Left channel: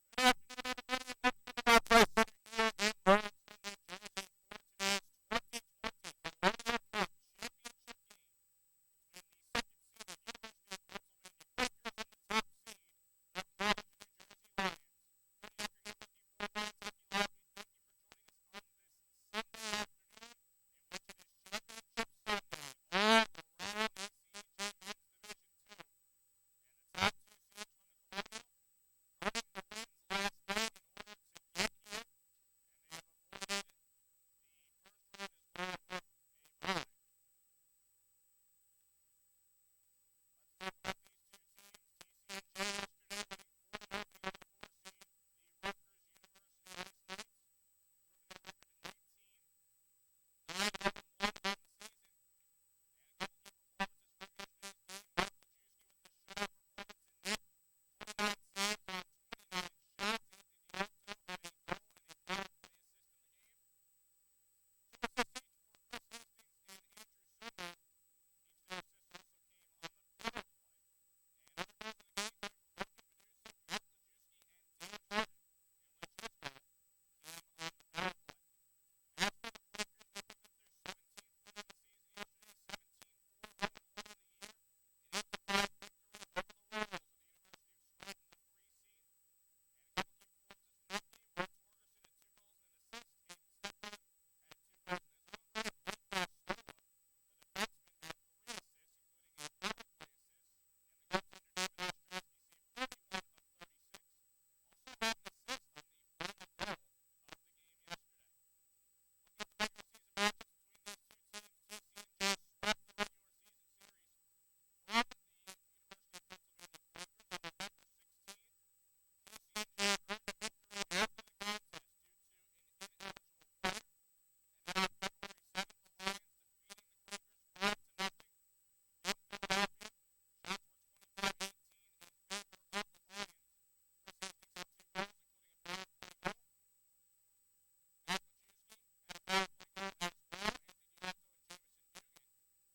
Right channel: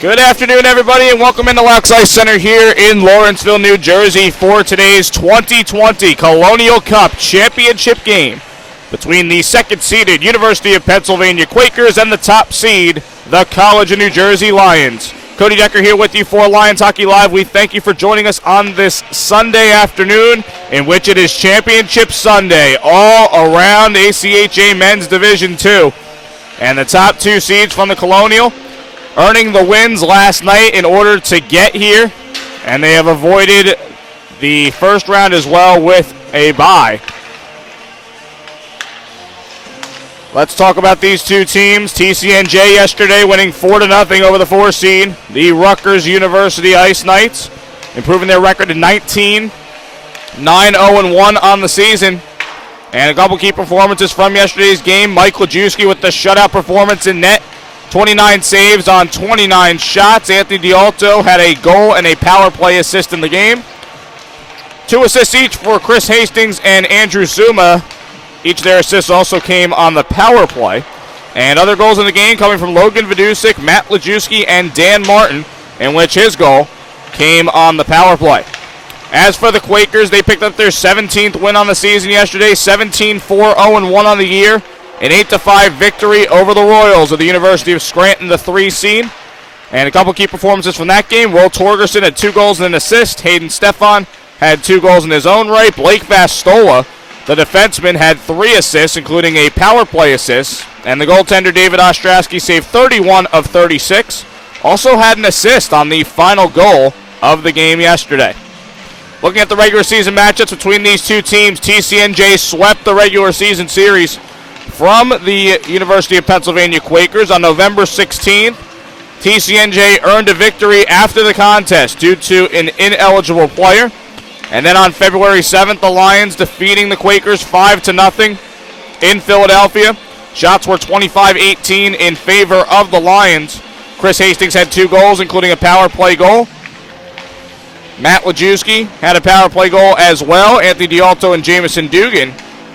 Good afternoon, everybody, and welcome into Loucks Ice Center here in Lawrenceville, New Jersey for today's 2020 Colonial Cup Championship game between the second-seeded University of Pennsylvania Quakers and the top seed, the College of New Jersey Lions. Cody Decker here with you for Lions Hockey Live. We thank you for joining us on this Sunday afternoon, in which it is Championship Sunday all around ACHA Men's Division II. And the top two seeds from the Colonial earning the wins last night in order to get here, and they have avoided the first round as well with a bye. Let's talk about these two teams. TCNJ yesterday winning 4-0 over the 4 seed, the Rutgers University Ice Knights, improving their record to 19, 9-0-1 on the season. And a couple key performances from yesterday's game. Mike Lajewski with the shutout performance in net. 29 saves on 29 shots. Anthony D'Alto had a goal and a power play assist in the game. 2 assists each for Chris Hastings and Andrew Zuma. Each of their assists also came on the power play. And other goals in the game coming from Logan Vidusik, Matt Lajewski, and Dan Martin, in which his goal came on the power play. As for the Quakers, they picked up their 17th win on the season yesterday, 17-4-0-1 on the year. An 8-5 victory over the Royals of the University of Scranton, the 3 seed. And a couple key performances from that game. Will Torgerson had 2 goals and an assist. Hayden Stefan had 2 goals in his own right. Blake Vastola, the defenseman, had 3 assists, including a power play assist. And the goaltender, David Ostrowski, saved 31 of 36. Also had an assist on the final goal of the game yesterday. Looking at the regular season matchups between these two teams, TCNJ swept the regular season series from the University of Pennsylvania Quakers on November 16th. TCNJ earned a victory after the contest due to an ineligible player. And then on February 7th, the Lions defeating the Quakers 5-0 in Philadelphia. Shots were 25-18 in favor of the Lions. Chris Hastings had 2 goals, including a power play goal. Matt Lajewski had a power play goal as well. Anthony D'Alto and Jamison Dugan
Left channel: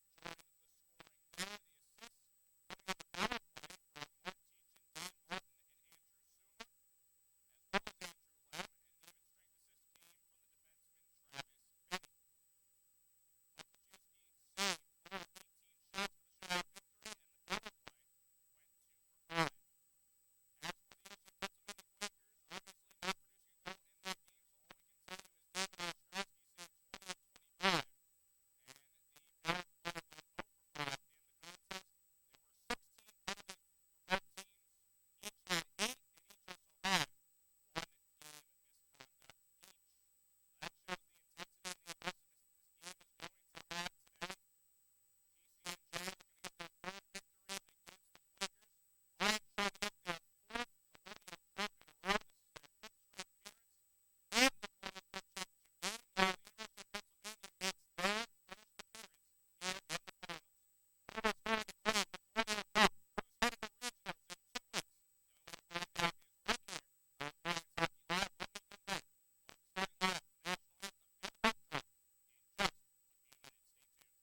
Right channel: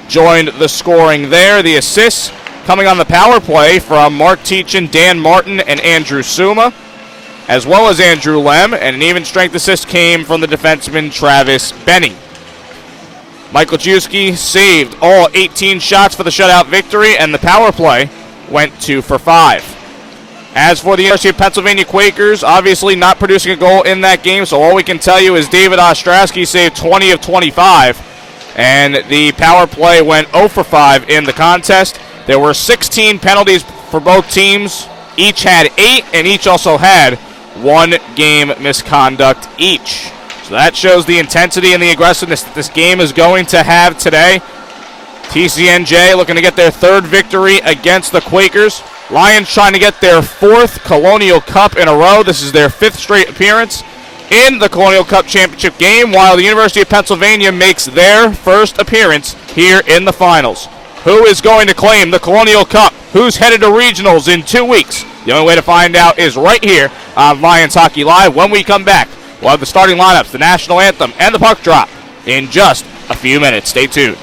joined the scoring there. The assists coming on the power play from Mark Teachin, Dan Martin, and Andrew Zuma, as well as Andrew Lem, and an even strength assist came from the defenseman Travis Benny. Mike Lajewski saved all 18 shots for the shutout victory, and the power play went 2 for 5. As for the University of Pennsylvania Quakers, obviously not producing a goal in that game, so all we can tell you is David Ostrowski saved 20 of 25, and the power play went 0 for 5 in the contest. There were 16 penalties for both teams. Each had 8, and each also had 1 game misconduct each. So that shows the intensity and the aggressiveness that this game is going to have today. TCNJ looking to get their 3rd victory against the Quakers. Lions trying to get their 4th Colonial Cup in a row. This is their 5th straight appearance in the Colonial Cup Championship game, while the University of Pennsylvania makes their 1st appearance here in the finals. Who is going to claim the Colonial Cup? Who's headed to regionals in 2 weeks? The only way to find out is right here on Lions Hockey Live. When we come back, we'll have the starting lineups, the national anthem, and the puck drop in just a few minutes. Stay tuned.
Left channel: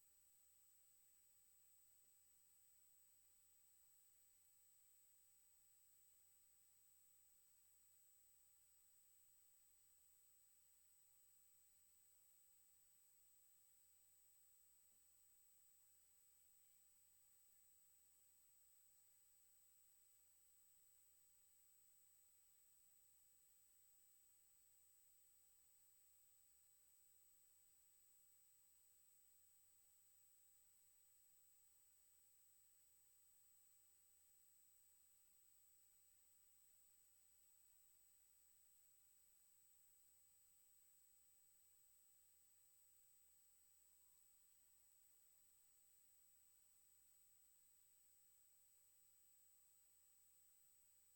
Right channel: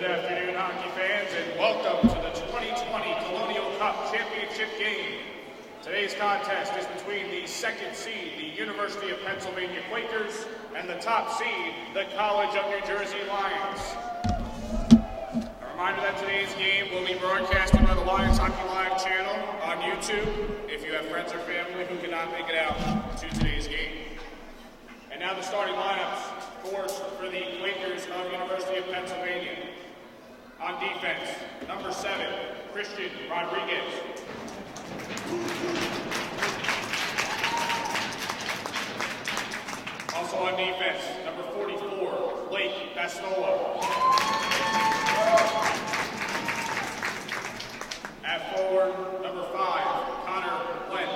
Good afternoon, hockey fans, and welcome to the 2020 Colonial Cup Championship game. Today's contest is between the second seed, the University of Pennsylvania Quakers, and the top seed, the College of New Jersey Lions. A reminder that today's game will be broadcasted by the Lions Hockey Live channel on YouTube if you have friends or family who cannot make it out to today's game. And now the starting lineups for the Quakers of University of Pennsylvania. On defense, number 7, Christian Rodriguez. Also on defense, number 44, Blake Bastola. At forward, number 5, Connor Glenn.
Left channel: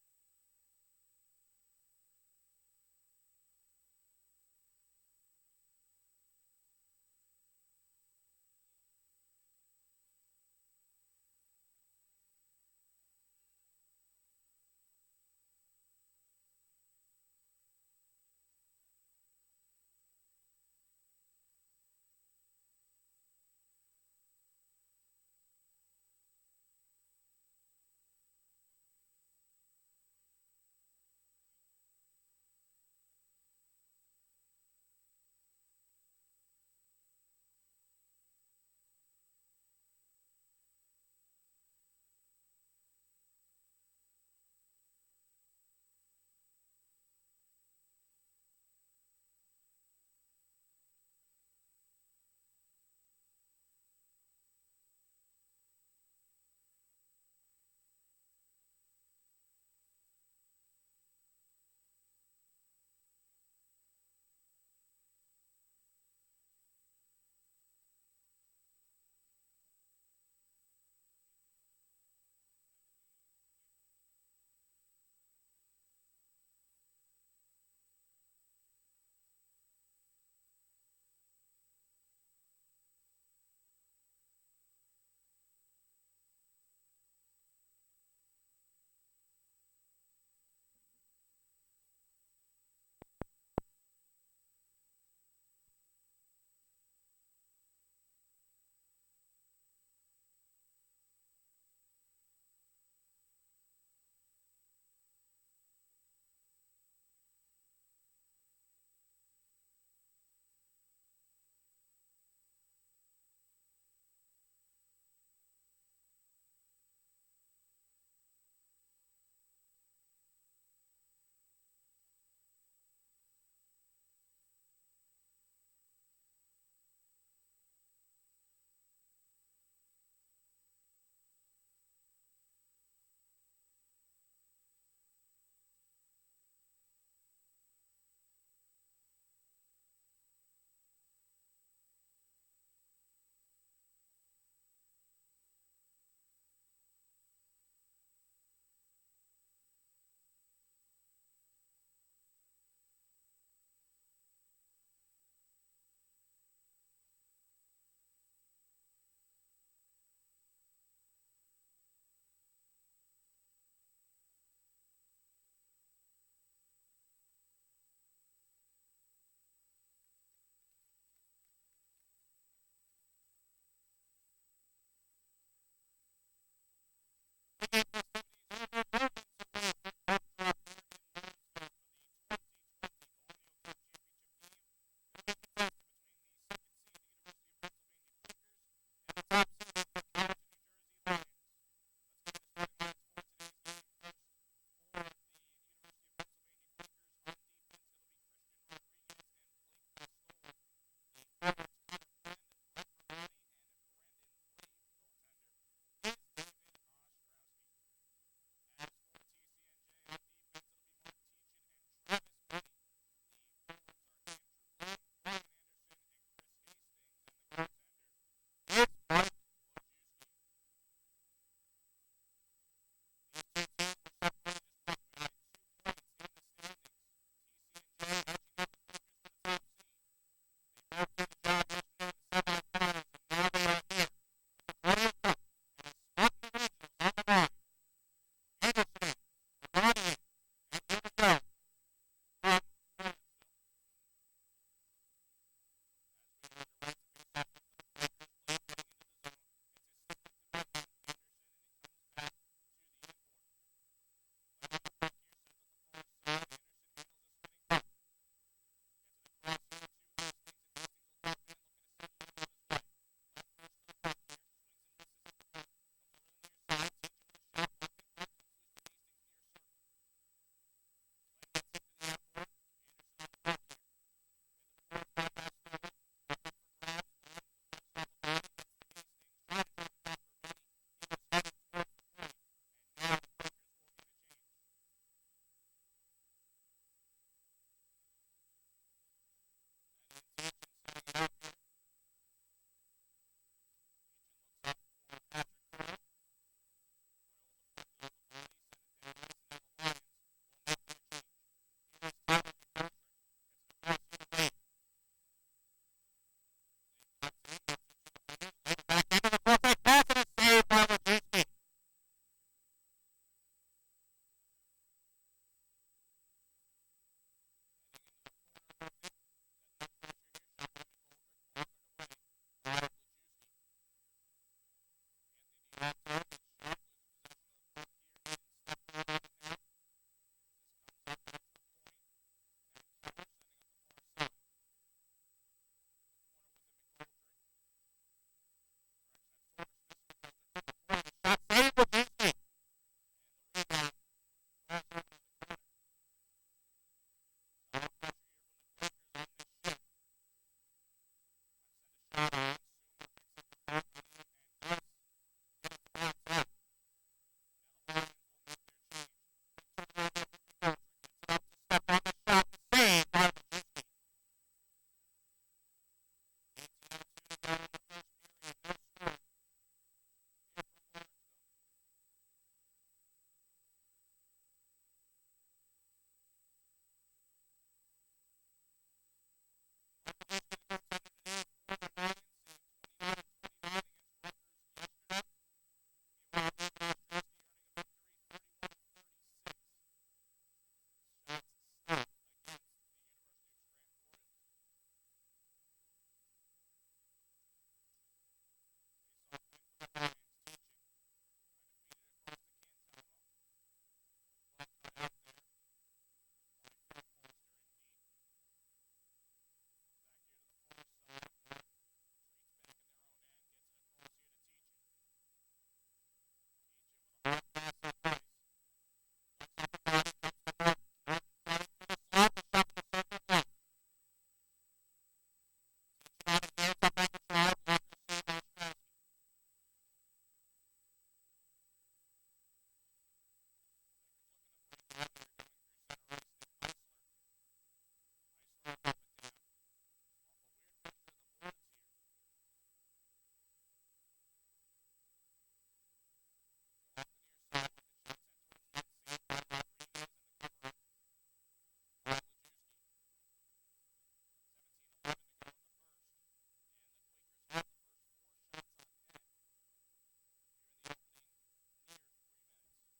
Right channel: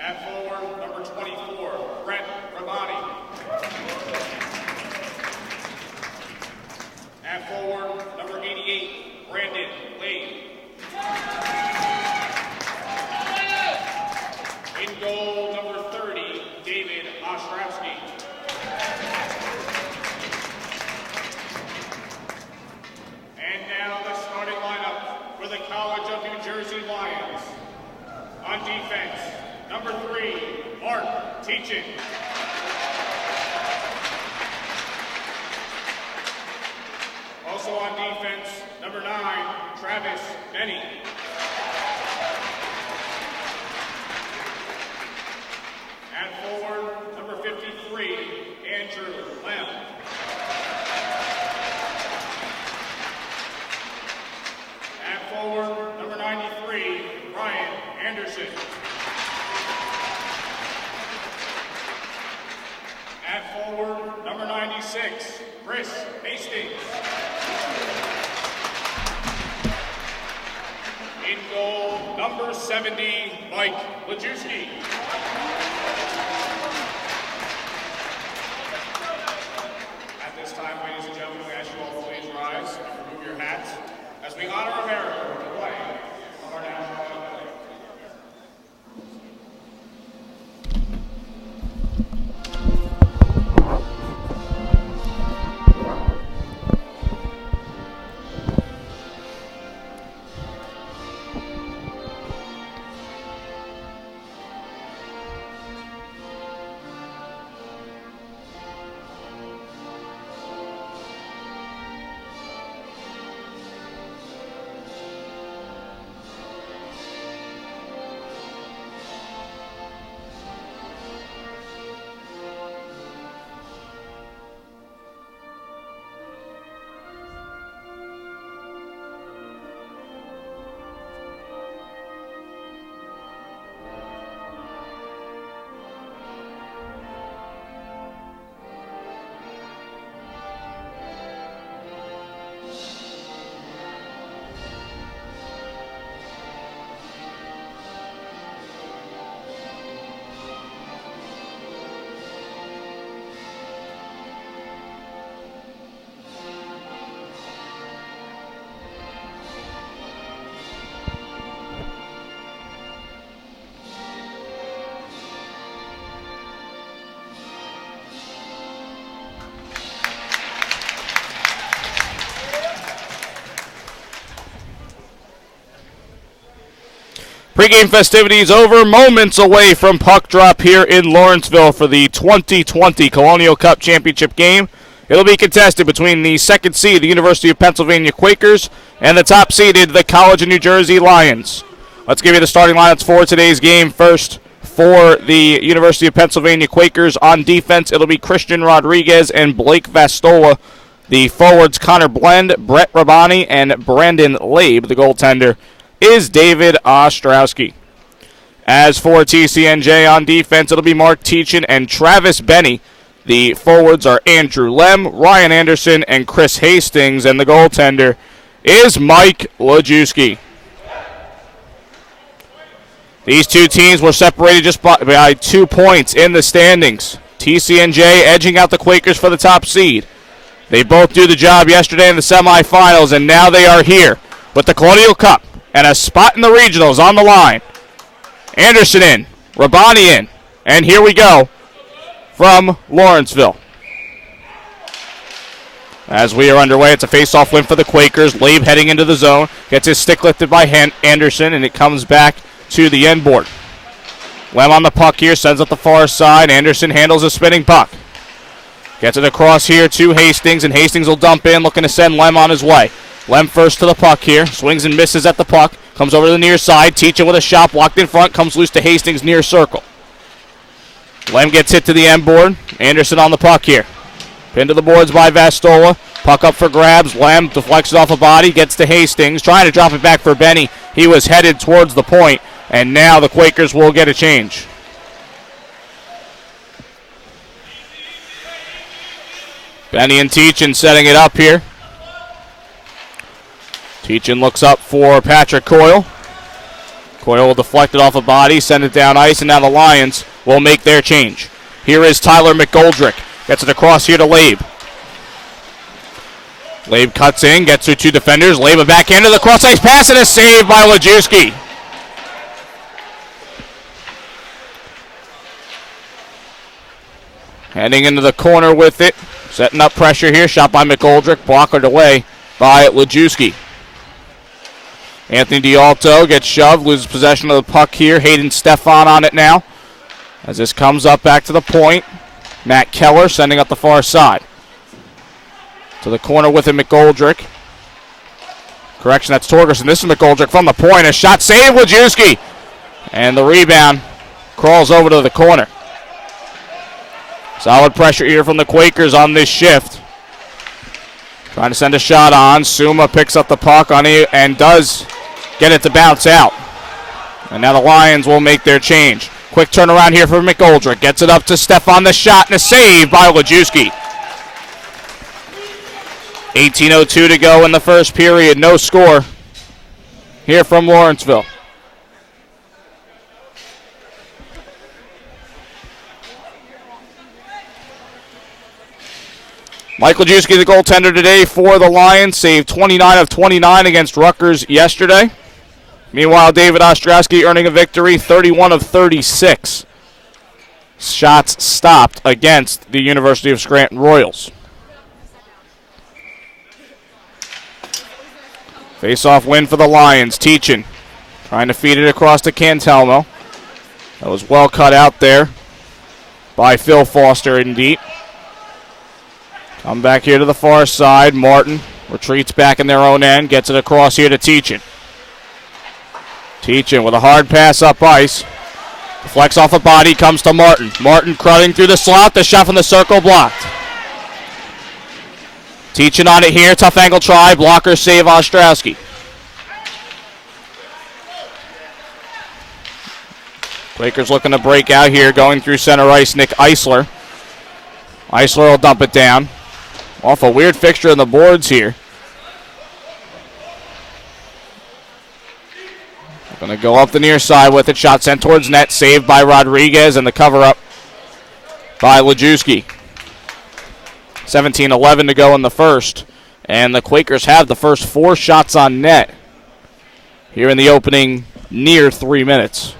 At forward, number 24, Brett Rabani. At forward, number 88, Brandon Lade. In goal, number 30, David Ostrowski. And now the starting lineup for the College of New Jersey Lions. On defense, number 3, Mark Teachin. Also on defense, number 9, Travis Benny. At forward, number 53, Andrew Lem. At forward, number 93, Ryan Anderson. At forward, number 96, Chris Hastings. In goal, number 70, Mike Lajewski. At this time, ladies and gentlemen, we ask you all to please rise and remove your hats as we honor America with the flag of our national anthem. Pre-game festivities over, moments away from puck drop here in Lawrenceville for the 2020 Colonial Cup Championship game. It'll be contested between the second seed, the University of Pennsylvania Quakers, and the top seeded, the College of New Jersey Lions. Let's give you the starting lineups for today's game. First, for the University of Pennsylvania Quakers on defense, it'll be Christian Rodriguez and Blake Vastola. The forwards, Connor Blend, Brett Rabani, and Brandon Labe. The goaltender is David Ostrowski. As for TCNJ on defense, it'll be Mark Teachin and Travis Benny. The forwards are Andrew Lem, Ryan Anderson, and Chris Hastings, and the goaltender is Mike Lajewski. These two teams were separated just by 2 points in the standings. TCNJ edging out the Quakers for the top seed. They both do the job yesterday in the semifinals, and now they are here with the Colonial Cup and a spot in the regionals on the line. Anderson in, Rabani in, and here we go from Lawrenceville. As we are underway, it's a face-off win for the Quakers. Labe heading into the zone. Gets his stick lifted by Anderson, and it comes back to the end board. Lem on the puck here, sends up the far side. Anderson handles a spinning puck. Gets it across here to Hastings, and Hastings will dump in, looking to send Lem on his way. Lem first to the puck here. Swings and misses at the puck. Comes over to the near side. Teachin with a shot blocked in front. Comes loose to Hastings near circle. Lem gets hit to the end board. Anderson on the puck here. Pinned to the boards by Vastola. Puck up for grabs. Lem deflects it off a body. Gets to Hastings. Trying to drop it back for Benny. He was headed towards the point. And now the Quakers will get a change. Benny and Teachin setting it up here. Teachin looks up for Patrick Coyle. Coyle will deflect it off a body, send it down ice, and now the Lions will make their change. Here is Tyler McGoldrick. Gets it across here to Labe. Labe cuts in, gets through two defenders. Labe a backhand to the cross ice pass, and a save by Lajewski. Heading into the corner with it. Setting up pressure here. Shot by McGoldrick. Blockered away by Lajewski. Anthony D'Alto gets shoved. Loses possession of the puck here. Hayden Stefan on it now. As this comes up back to the point. Matt Keller sending up the far side. To the corner with it, McGoldrick. Correction, that's Torgerson. This is McGoldrick from the point. A shot save, Lajewski. And the rebound crawls over to the corner. Solid pressure here from the Quakers on this shift. Trying to send a shot on. Suma picks up the puck on it and does get it to bounce out. And now the Lions will make their change. Quick turnaround here for McGoldrick. Gets it up to Stefan, the shot, and a save by Lajewski. 18:02 to go in the first period. No score here from Lawrenceville. Mike Lajewski, the goaltender today for the Lions, saved 29 of 29 against Rutgers yesterday. Meanwhile, David Ostrowski earning a victory, 31 of 36. Shots stopped against the University of Scranton Royals. Face-off win for the Lions. Teachin trying to feed it across to Cantelmo. That was well cut out there by Phil Foster indeed. Come back here to the far side. Martin retreats back in their own end. Gets it across here to Teachin. Teachin with a hard pass up ice. Deflects off a body. Comes to Martin. Martin crowding through the slot. The shot from the circle blocked. Teachin on it here. Tough angle try. Blocker save Ostrowski. Quakers looking to break out here. Going through center ice. Nick Eisler. Eisler will dump it down. Off a weird fixture on the boards here. Going to go up the near side with it. Shot sent towards net. Saved by Rodriguez, and the cover-up by Lajewski. 17:11 to go in the first. And the Quakers have the first 4 shots on net here in the opening near 3 minutes.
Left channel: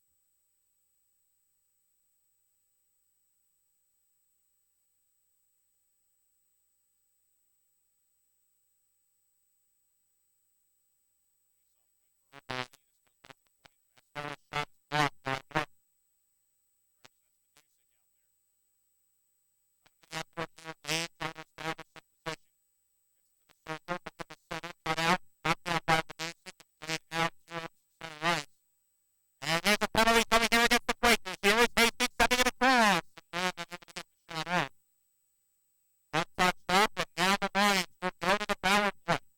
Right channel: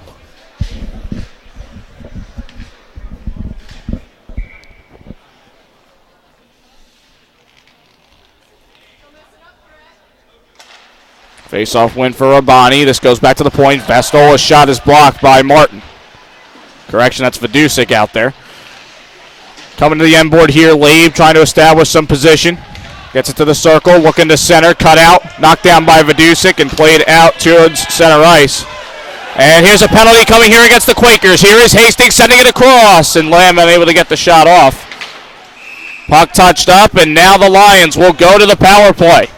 Face-off win for Rabani. This goes back to the point. Vastola's shot is blocked by Martin. Correction, that's Vidusik out there. Coming to the end board here, Labe trying to establish some position. Gets it to the circle, looking to center, cut out, knocked down by Vidusik and played out towards center ice. And here's a penalty coming here against the Quakers. Here is Hastings sending it across, and Lamb unable to get the shot off. Puck touched up, and now the Lions will go to the power play.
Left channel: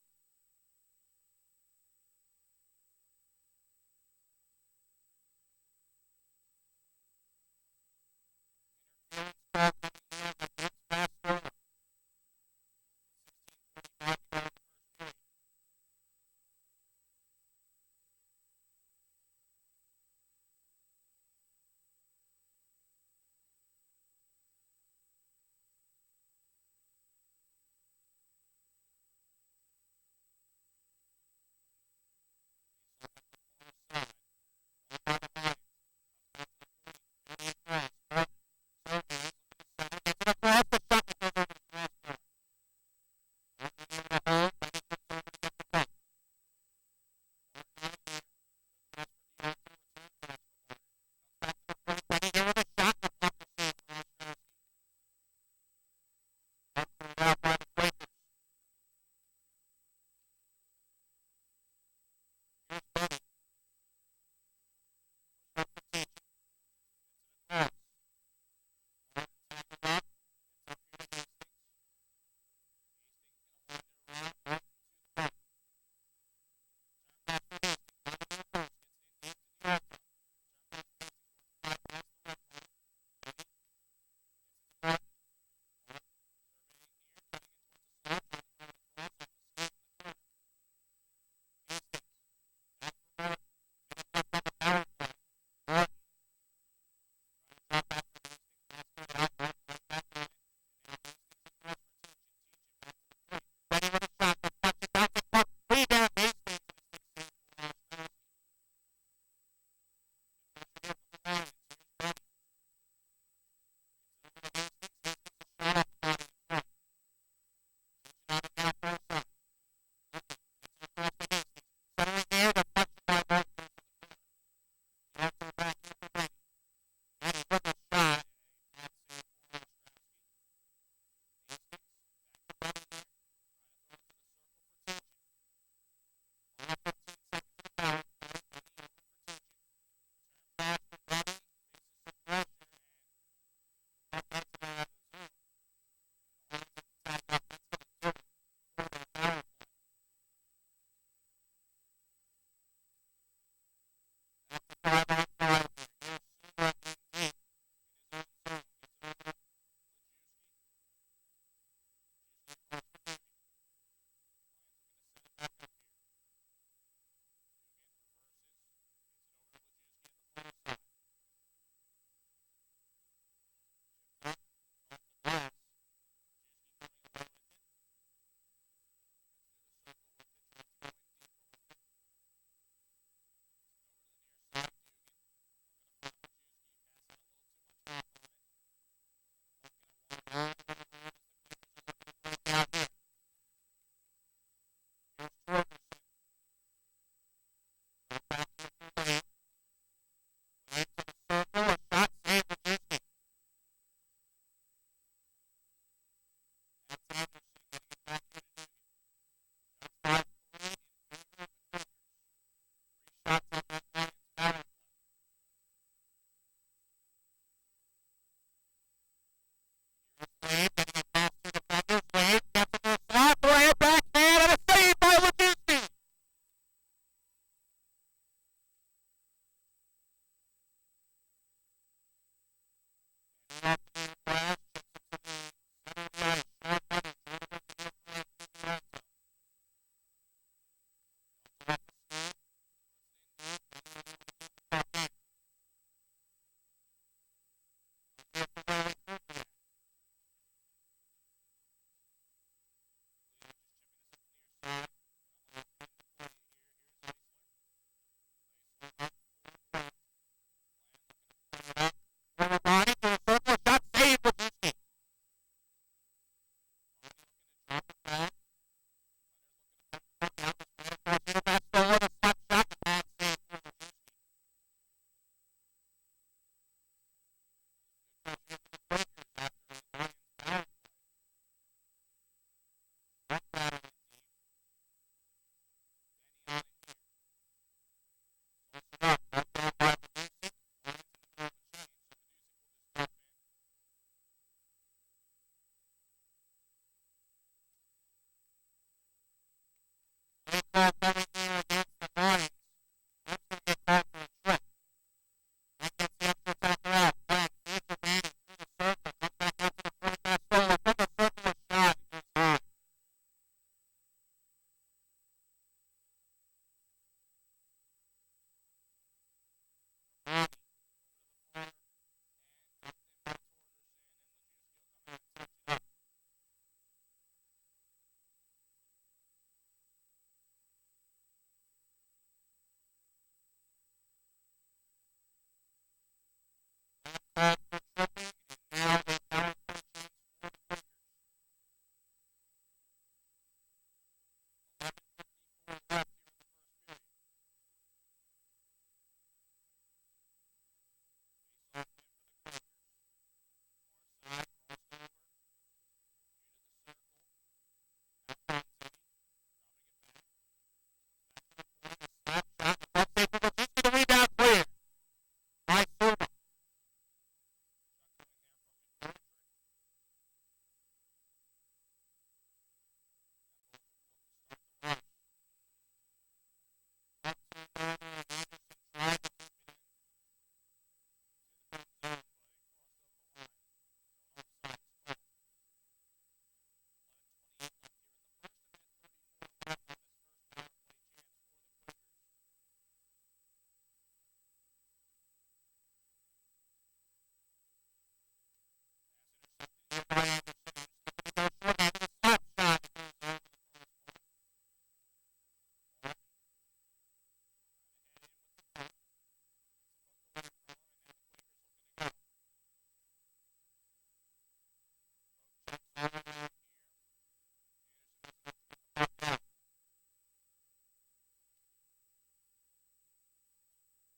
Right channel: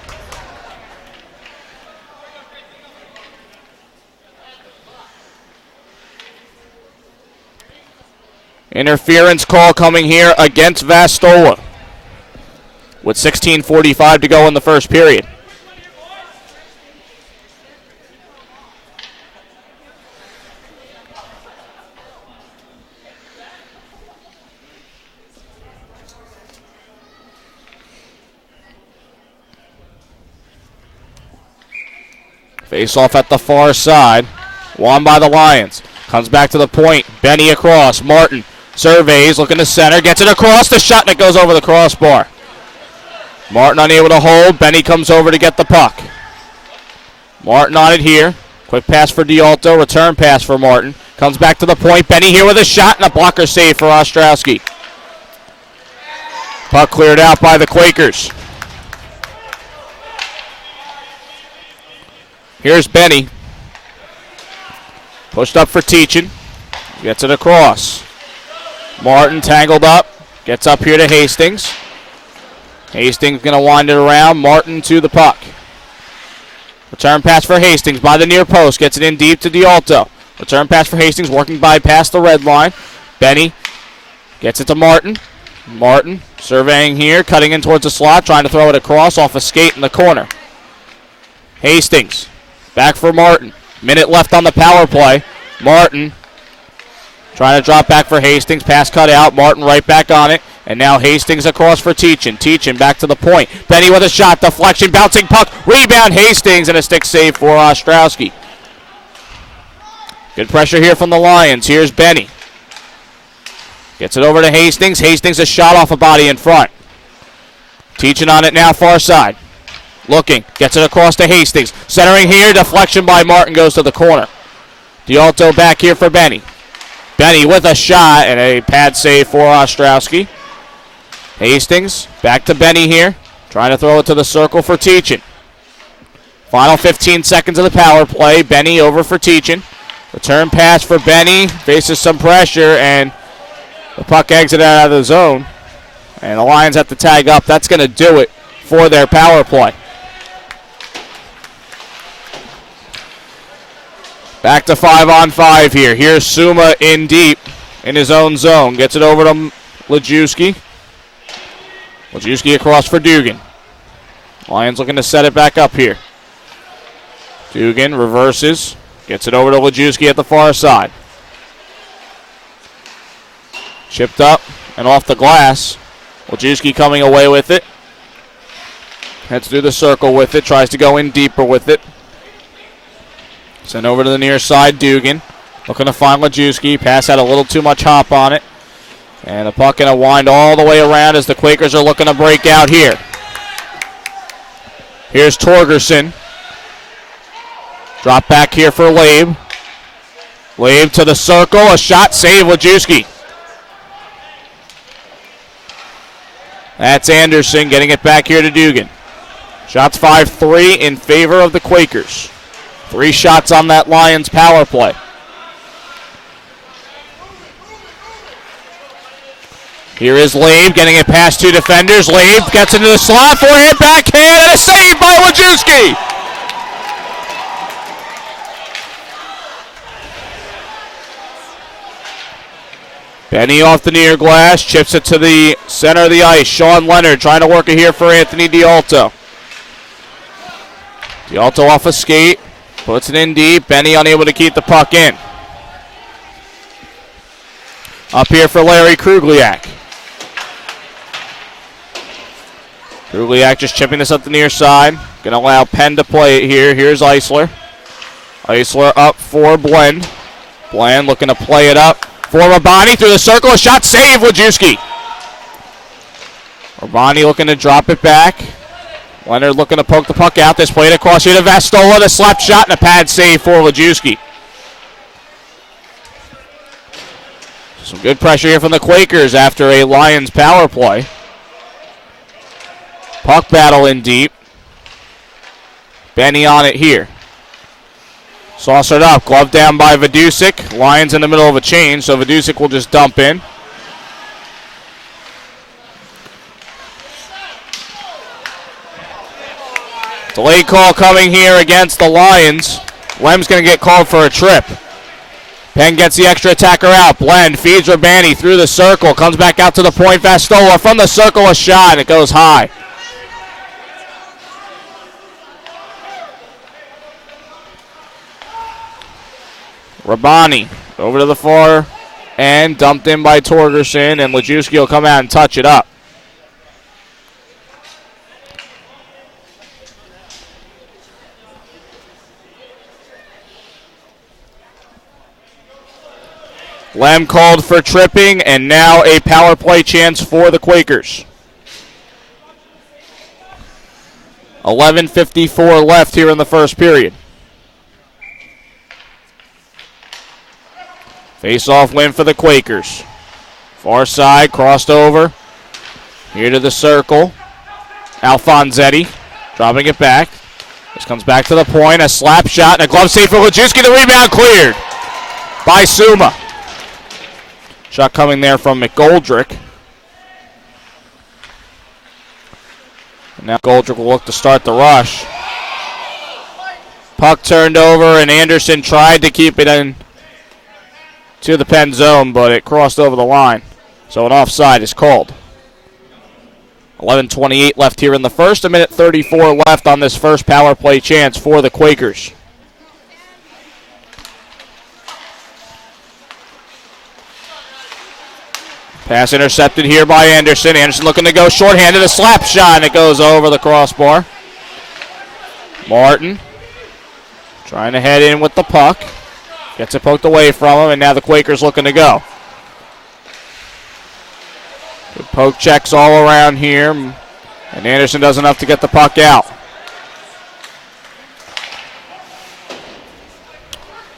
Interference call coming here against Vastola with 16:45 to go in the first period. Face off at the far side. Won by the Lions. Comes back to the point. Benny across. Martin surveys, looking to center. Gets it across. The shot, and it goes over the crossbar. Martin unable to hold. Benny comes over to get the puck. Martin on it here. Quick pass for D'Alto. Return pass for Martin. Comes back to the point. Benny here with a shot and a blocker save for Ostrowski. Puck cleared out by the Quakers. Here's Benny. Pushed up for Teachin. Gets it across. Martin tangled up. Gets up here to Hastings. Hastings going to wind it around. Martin to the puck. Return pass for Hastings by the near post. Gets it in deep to D'Alto. Return pass for Hastings, working by past the red line. Benny gets it to Martin. Martin surveying here, cutting in towards the slot, trying to throw it across off a skate in the corner. Hastings back for Martin. Minute left on the power play. Martin trying to drop back for Hastings. Pass cut out. Martin right back on it. And now Hastings across for Teachin. Teachin back to the point. Benny with a shot. Deflection. Bouncing puck. Rebound Hastings and a stick save for Ostrowski. Good pressure here from the Lions. Here's Benny. Gets it over to Hastings. Hastings a shot off a body in front. Teachin on it now far side. Looking. Gets it across to Hastings. Centering here. Deflection by Martin goes to the corner. D'Alto back here for Benny. Benny with a shot and a pad save for Ostrowski. Hastings back to Benny here. Trying to throw it to the circle for Teachin. Final 15 seconds of the power play. Benny over for Teachin. Return pass for Benny. Faces some pressure and the puck exited out of the zone. And the Lions have to tag up. That's going to do it for their power play. Back to 5-on-5 here. Here's Suma in deep in his own zone. Gets it over to Lajewski. Lajewski across for Dugan. Lions looking to set it back up here. Dugan reverses. Gets it over to Lajewski at the far side. Chipped up and off the glass. Lajewski coming away with it. Heads through the circle with it. Tries to go in deeper with it. Sent over to the near side, Dugan. Looking to find Lajewski. Pass had a little too much hop on it. And the puck going to wind all the way around as the Quakers are looking to break out here. Here's Torgerson. Drop back here for Labe. Labe to the circle. A shot save, Lajewski. That's Anderson getting it back here to Dugan. Shots 5-3 in favor of the Quakers. 3 shots on that Lions power play. Here is Labe getting it past 2 defenders. Labe gets into the slot, forehand, backhand, and a save by Lajewski. Benny off the near glass, chips it to the center of the ice. Sean Leonard trying to work it here for Anthony D'Alto. D'Alto off a skate, puts it in deep. Benny unable to keep the puck in. Up here for Larry Krugliak. Krugliak just chipping this up the near side. Going to allow Penn to play it here. Here's Eisler. Eisler up for Blend. Blend looking to play it up for Rabani through the circle. A shot save, Lajewski. Rabani looking to drop it back. Leonard looking to poke the puck out. This played across here to Vastola. The slap shot and a pad save for Lajewski. Some good pressure here from the Quakers after a Lions power play. Puck battle in deep. Benny on it here. Saucered up. Glove down by Vidusik. Lions in the middle of a change, so Vidusik will just dump in. Delay call coming here against the Lions. Lem's going to get called for a trip. Penn gets the extra attacker out. Blend feeds Rabani through the circle. Comes back out to the point. Vastola from the circle, a shot, and it goes high. Rabani over to the far end, dumped in by Torgerson, and Lajewski will come out and touch it up. Lem called for tripping, and now a power play chance for the Quakers. 11:54 left here in the first period. Face-off win for the Quakers. Far side, crossed over. Here to the circle. Alfonsetti dropping it back. This comes back to the point. A slap shot and a glove save for Lajewski. The rebound cleared by Suma. Shot coming there from McGoldrick. And now McGoldrick will look to start the rush. Puck turned over and Anderson tried to keep it in to the Penn zone, but it crossed over the line. So an offside is called. 11:28 left here in the first. 1:34 left on this first power play chance for the Quakers. Pass intercepted here by Anderson. Anderson looking to go shorthanded. A slap shot, and it goes over the crossbar. Martin trying to head in with the puck. Gets it poked away from him, and now the Quakers looking to go. Good poke checks all around here, and Anderson does enough to get the puck out.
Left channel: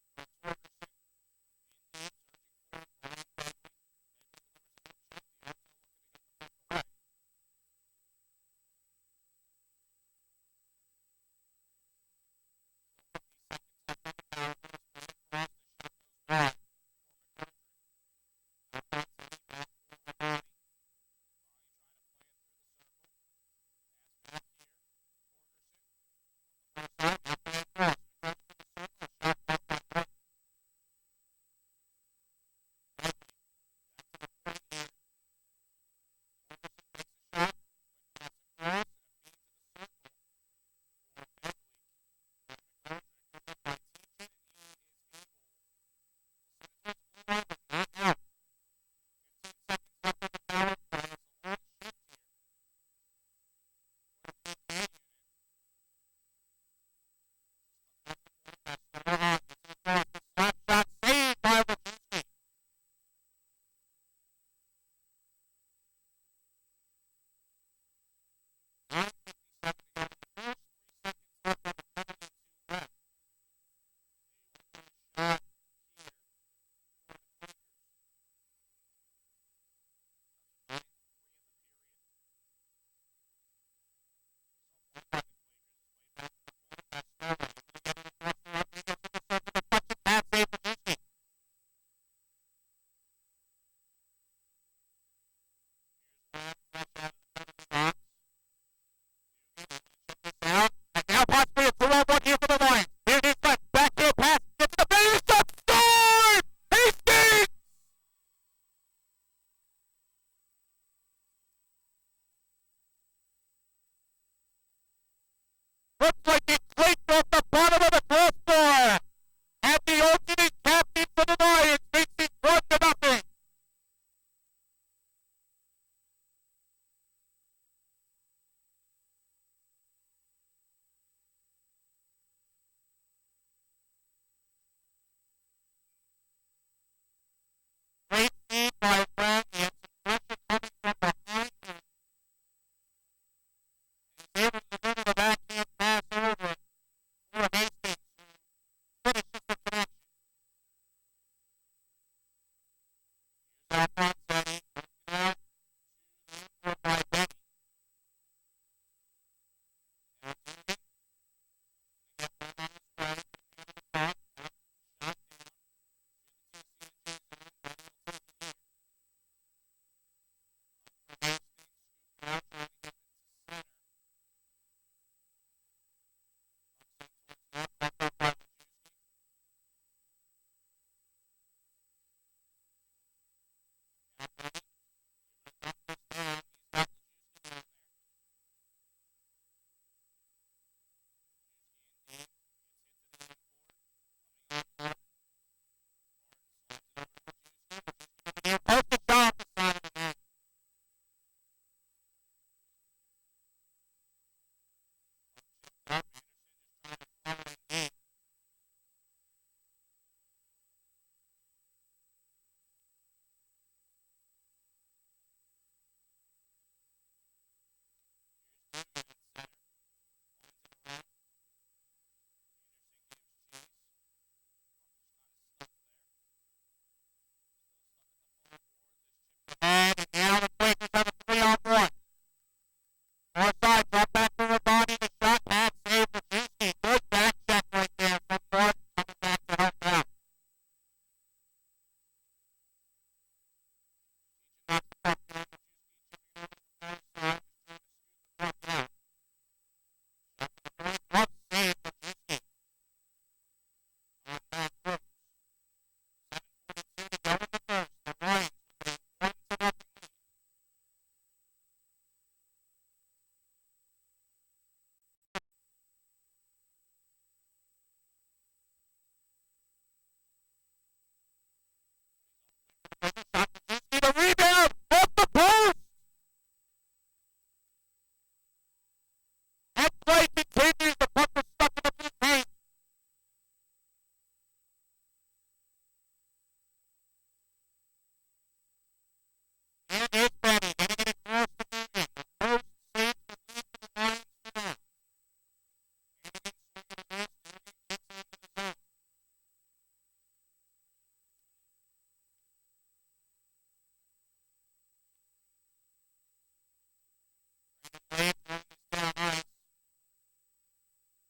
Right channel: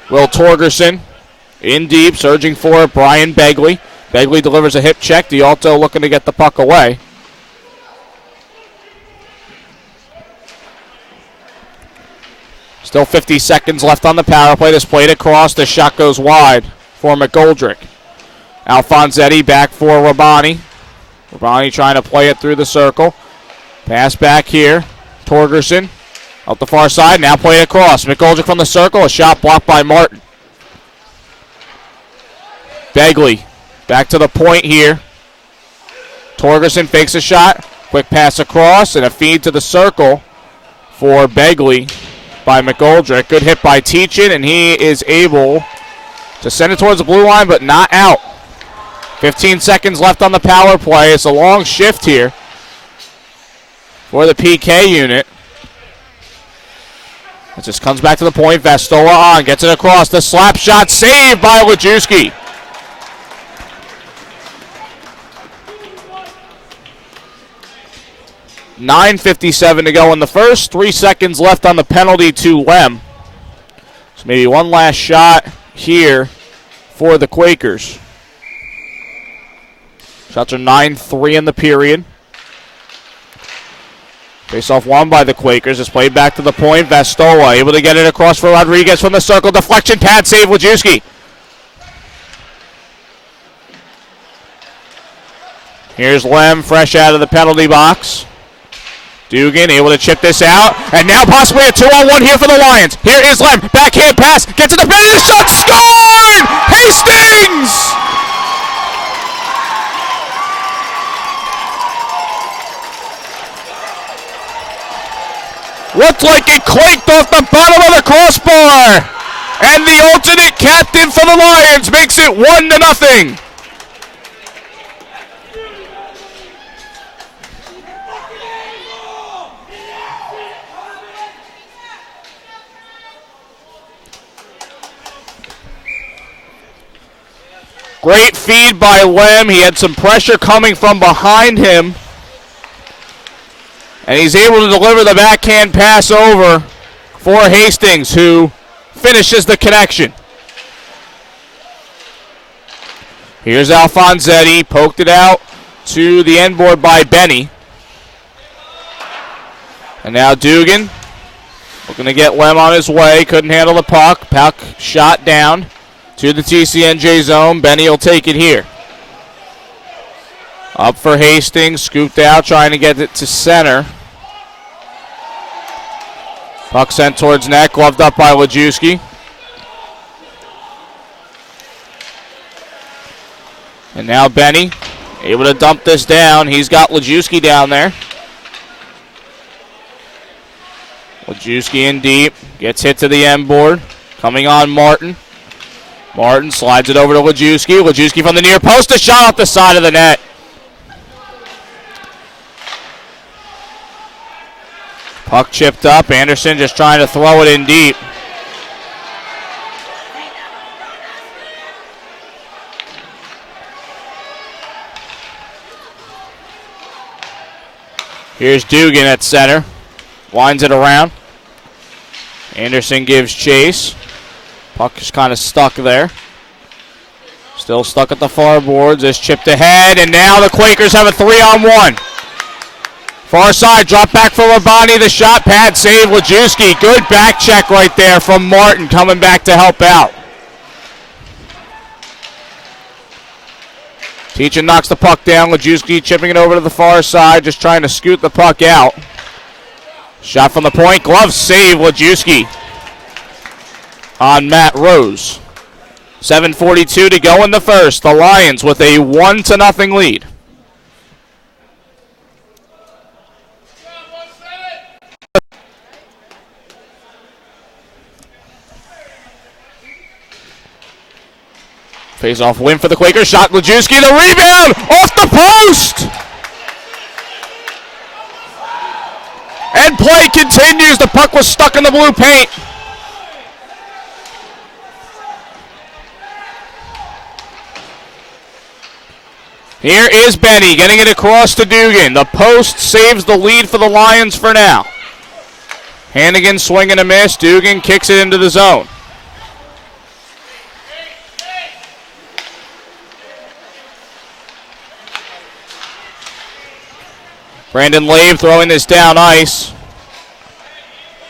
Will Torgerson in deep, surging for it, Brian Begley. Begley delivers a hip check. D'Alto looking to get the puck away. Still 50 seconds left on the power play. This played across. The shot goes wide for McGoldrick. Alfonsetti back for Rabani. Rabani trying to play it through the circle. Pass back here. Torgerson out the far side. Now play it across. McGoldrick from the circle. A shot blocked by Martin. Begley back to the point here. Torgerson fakes a shot. Quick pass across and a feed to the circle for Begley by McGoldrick. Good hit by Teachin, and he is able to send it towards the blue line, but not out. 15 seconds left on the power play. It's a long shift here for the PK unit. It just comes back to the point. Vastola on, gets it across. The slap shot saved by Lajewski. $9:57 to go in the first. 3 seconds left on the penalty to Lem. So maybe one last shot here for the Quakers. Shots are 9-3 in the period. Face-off won by the Quakers. It's played back to the point. Vastola able to get it across for Rodriguez from the circle. Deflection, pad save, Lajewski. Here's Lem, fresh out of the penalty box. Dugan able to chip this out, and now possibly a 2-on-1 here for the Lions. Here is Lem, backhand pass, gets to the penalty, the shot scored! Hastings! Looked like it clanked off the bottom of the crossbar, and the alternate captain for the Lions makes it 1-0. Great feed by Lem. He had some pressure coming from behind him. And he's able to deliver the backhand pass over for Hastings, who finishes the connection. Here's Alfonsetti. Poked it out to the end board by Benny. And now Dugan looking to get Lem on his way. Couldn't handle the puck. Puck shot down to the TCNJ zone. Benny will take it here. Up for Hastings, scooped out, trying to get it to center. Puck sent towards net, gloved up by Lajewski. And now Benny able to dump this down. He's got Lajewski down there. Lajewski in deep, gets hit to the end board. Coming on Martin. Martin slides it over to Lajewski. Lajewski from the near post, a shot off the side of the net. Puck chipped up. Anderson just trying to throw it in deep. Here's Dugan at center. winds it around. Anderson gives chase. Puck is kind of stuck there. Still stuck at the far boards. It's chipped ahead, and now the Quakers have a 3-on-1. Far side, drop back for Labonte. The shot pad save, Lajewski. Good back check right there from Martin coming back to help out. Teachin knocks the puck down. Lajewski chipping it over to the far side, just trying to scoot the puck out. Shot from the point, glove save, Lajewski on Matt Rose. 7:42 to go in the first. The Lions with a 1-0 lead. Face-off win for the Quakers. Shot Lajewski. The rebound off the post. And play continues. The puck was stuck in the blue paint. Here is Benny getting it across to Dugan. The post saves the lead for the Lions for now. Hannigan swing and a miss. Dugan kicks it into the zone. Brandon Lave throwing this down ice.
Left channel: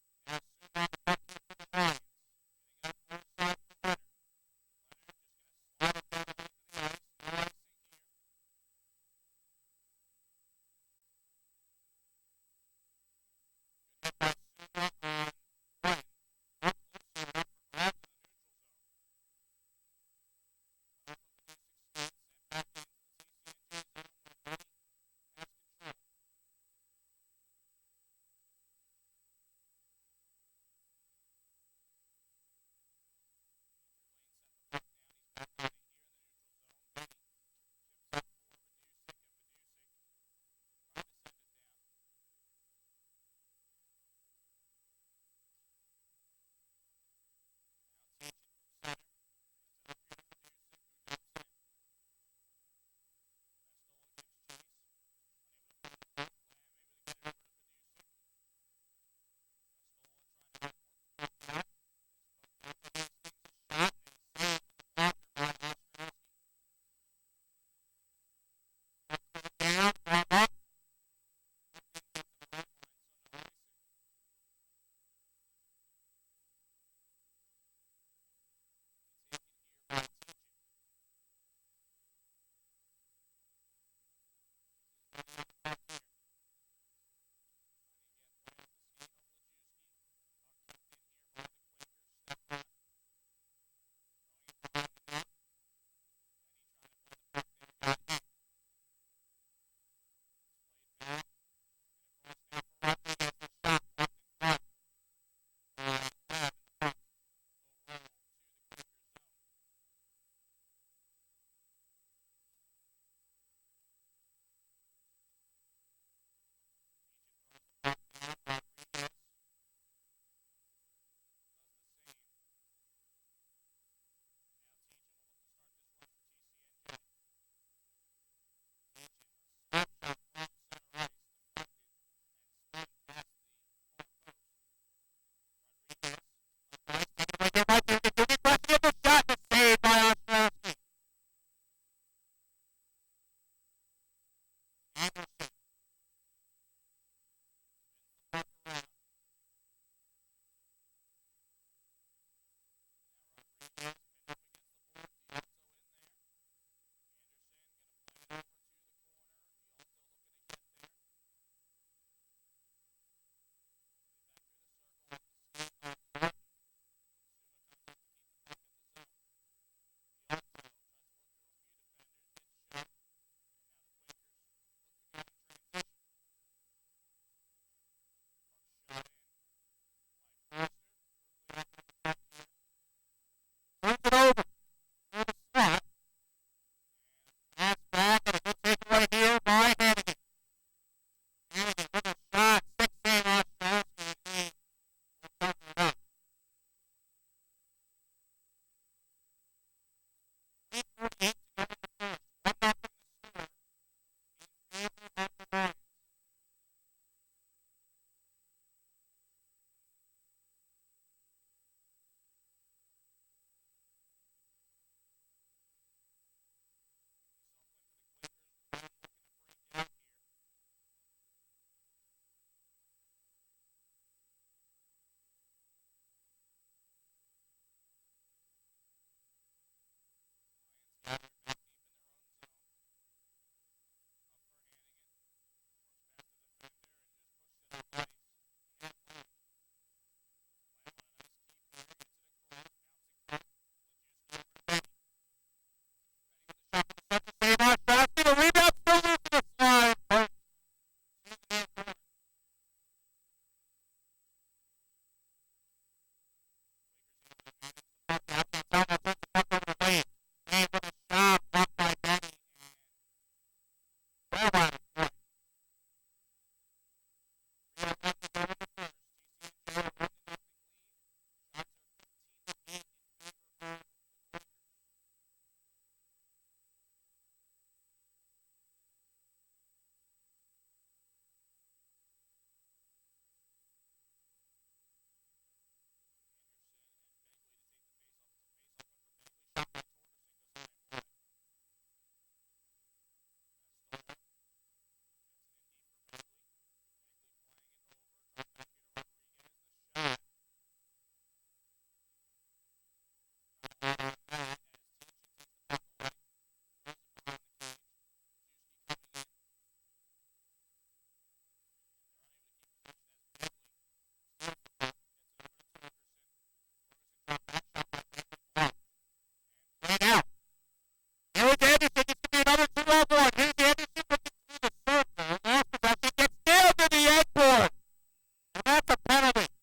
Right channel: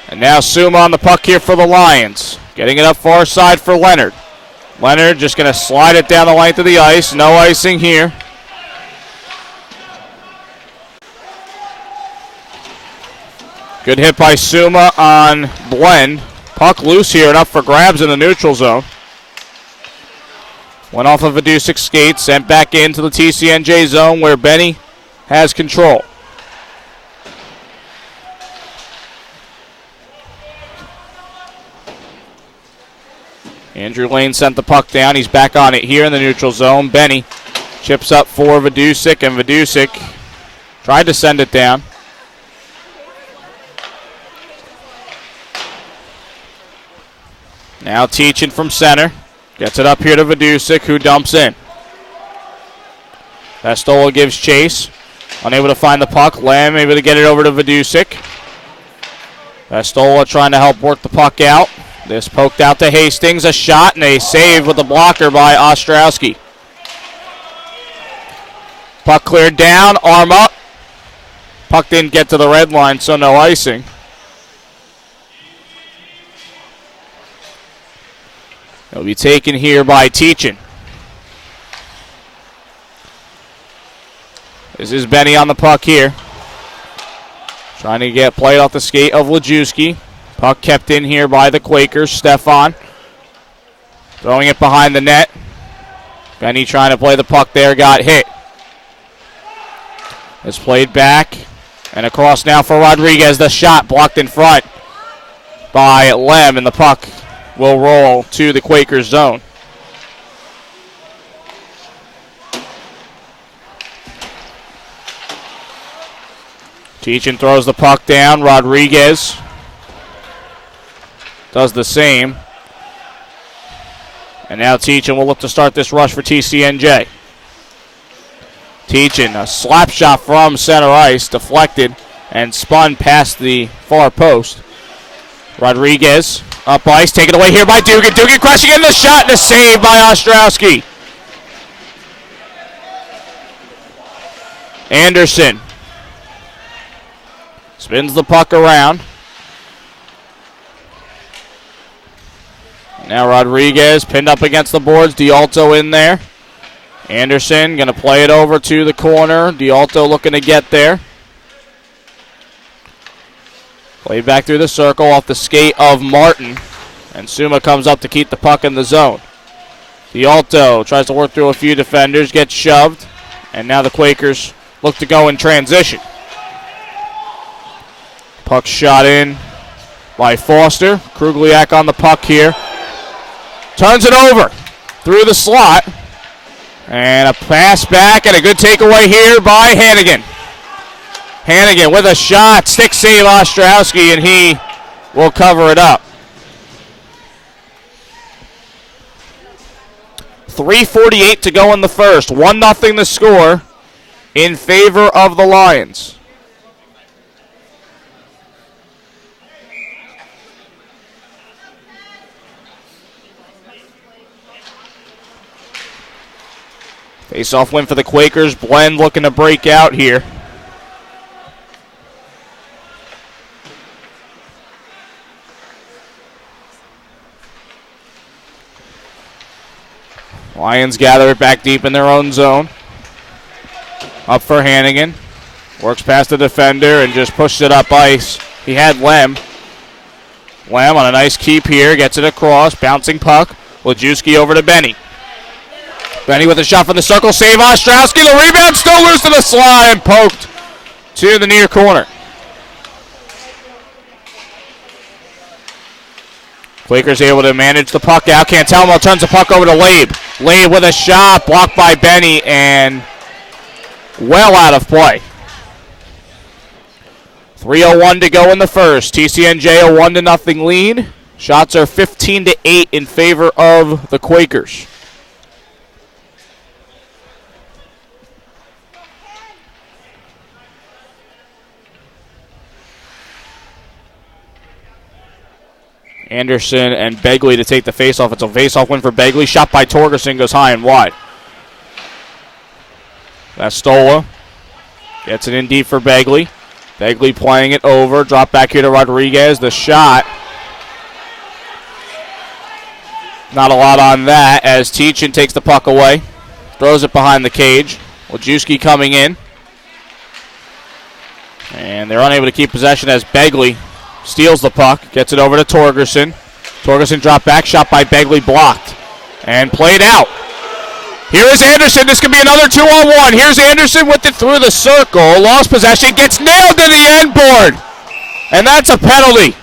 And now Suma on the puck here for the Lions. Getting it up far side for Leonard. Leonard just going to slide it down the length of the ice. No icing here. Good hit by Suma on Blend. Puck loose here and up for grabs in the neutral zone. Went off of Vidusic's skate, sent back into the TCNJ zone where Benny has control. Andrew Lane sent the puck down. He's back on it here in the neutral zone. Benny chips up for Vidusic, and Vidusic tried to send it down. Now Teachin from center. Gets it up here to Vidusic, who dumps in. Pastola gives chase. Unable to find the puck. Lamb able to get it over to Vidusic. Pastola trying to help work the puck out. This poked out to Hastings. A shot and a save with the blocker by Ostrowski. Puck cleared down. Arm up. Puck didn't get to the red line, so no icing. It'll be taken here by Teachin. This is Benny on the puck here. Trying to get played off the skate of Lajewski. Puck kept in here by the Quakers. Stefan throwing it behind the net. Benny trying to play the puck there, got hit. It's played back and across now for Rodriguez. The shot blocked in front by Lem, and the puck will roll to the Quakers zone. Teachin throws the puck down. Rodriguez does the same. And now Teachin will look to start this rush for TCNJ. Teachin, a slap shot from center ice, deflected and spun past the far post. Rodriguez up ice, taken away here by Dugan. Dugan crashing in the shot and a save by Ostrowski. Anderson spins the puck around. Now Rodriguez pinned up against the boards. D'Alto in there. Anderson going to play it over to the corner. D'Alto looking to get there. Played back through the circle off the skate of Martin. And Suma comes up to keep the puck in the zone. D'Alto tries to work through a few defenders, gets shoved. And now the Quakers look to go in transition. Puck shot in by Foster. Krugliak on the puck here. Turns it over through the slot. And a pass back and a good takeaway here by Hannigan. Hannigan with a shot. Stick save Ostrowski, and he will cover it up. 3:48 to go in the first. 1-0 the score in favor of the Lions. Face-off win for the Quakers. Blend looking to break out here. Lions gather it back deep in their own zone. Up for Hannigan. Works past the defender and just pushes it up ice. He had Lem. Lem on a nice keep here. Gets it across. Bouncing puck. Lajewski over to Benny. Benny with a shot from the circle. Save Ostrowski. The rebound still loose to the slide and poked to the near corner. Quakers able to manage the puck out. Cantelmo turns the puck over to Labe. Labe with a shot. Blocked by Benny and well out of play. 3:01 to go in the first. TCNJ a 1-0 lead. Shots are 15-8 in favor of the Quakers. Anderson and Begley to take the faceoff. It's a faceoff win for Begley. Shot by Torgerson goes high and wide. Vastola gets it in deep for Begley. Begley playing it over. Drop back here to Rodriguez. The shot. Not a lot on that as Teachin takes the puck away. Throws it behind the cage. Lajewski coming in. And they're unable to keep possession as Begley steals the puck. Gets it over to Torgerson. Torgerson drop back. Shot by Begley blocked. And played out. Here is Anderson. This could be another 2-on-1. Here's Anderson with it through the circle. Lost possession. Gets nailed to the end board. And that's a penalty.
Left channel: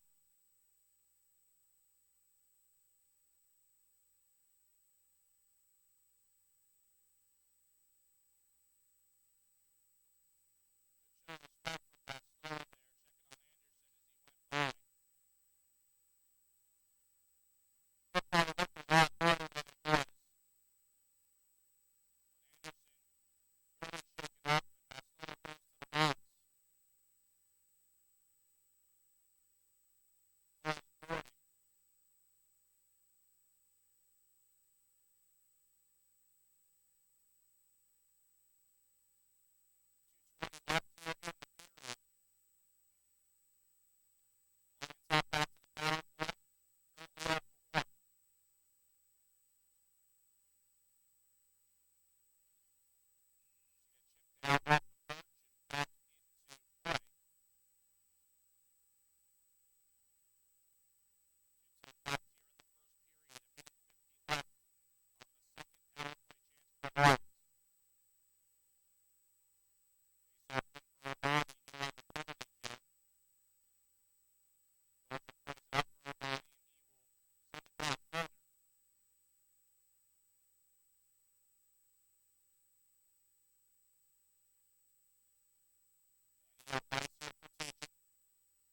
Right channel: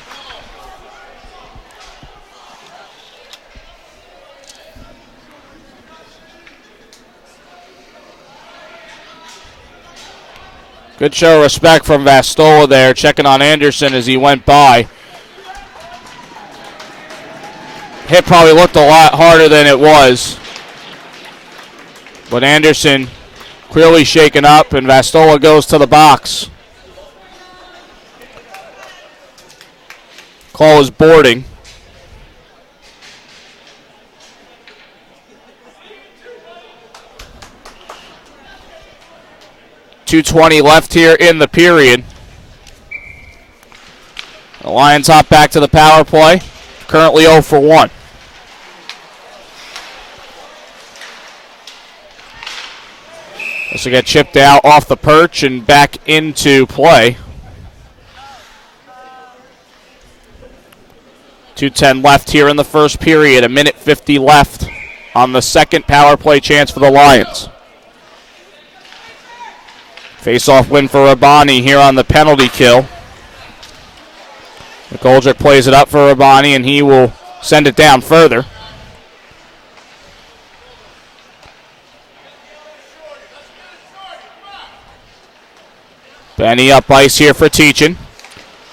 Good show of respect from Vastola there, checking on Anderson as he went by. Hit probably looked a lot harder than it was. But Anderson clearly shaken up, and Vastola goes to the box. Call is boarding. .220 left here in the period. The Lions hop back to the power play. Currently 0 for 1. This will get chipped out off the perch and back into play. 2:10 left here in the first period. 1:50 left on the second power play chance for the Lions. Face-off win for Rabani here on the penalty kill. McGoldrick plays it up for Rabani, and he will send it down further. Benny up ice here for Teachin.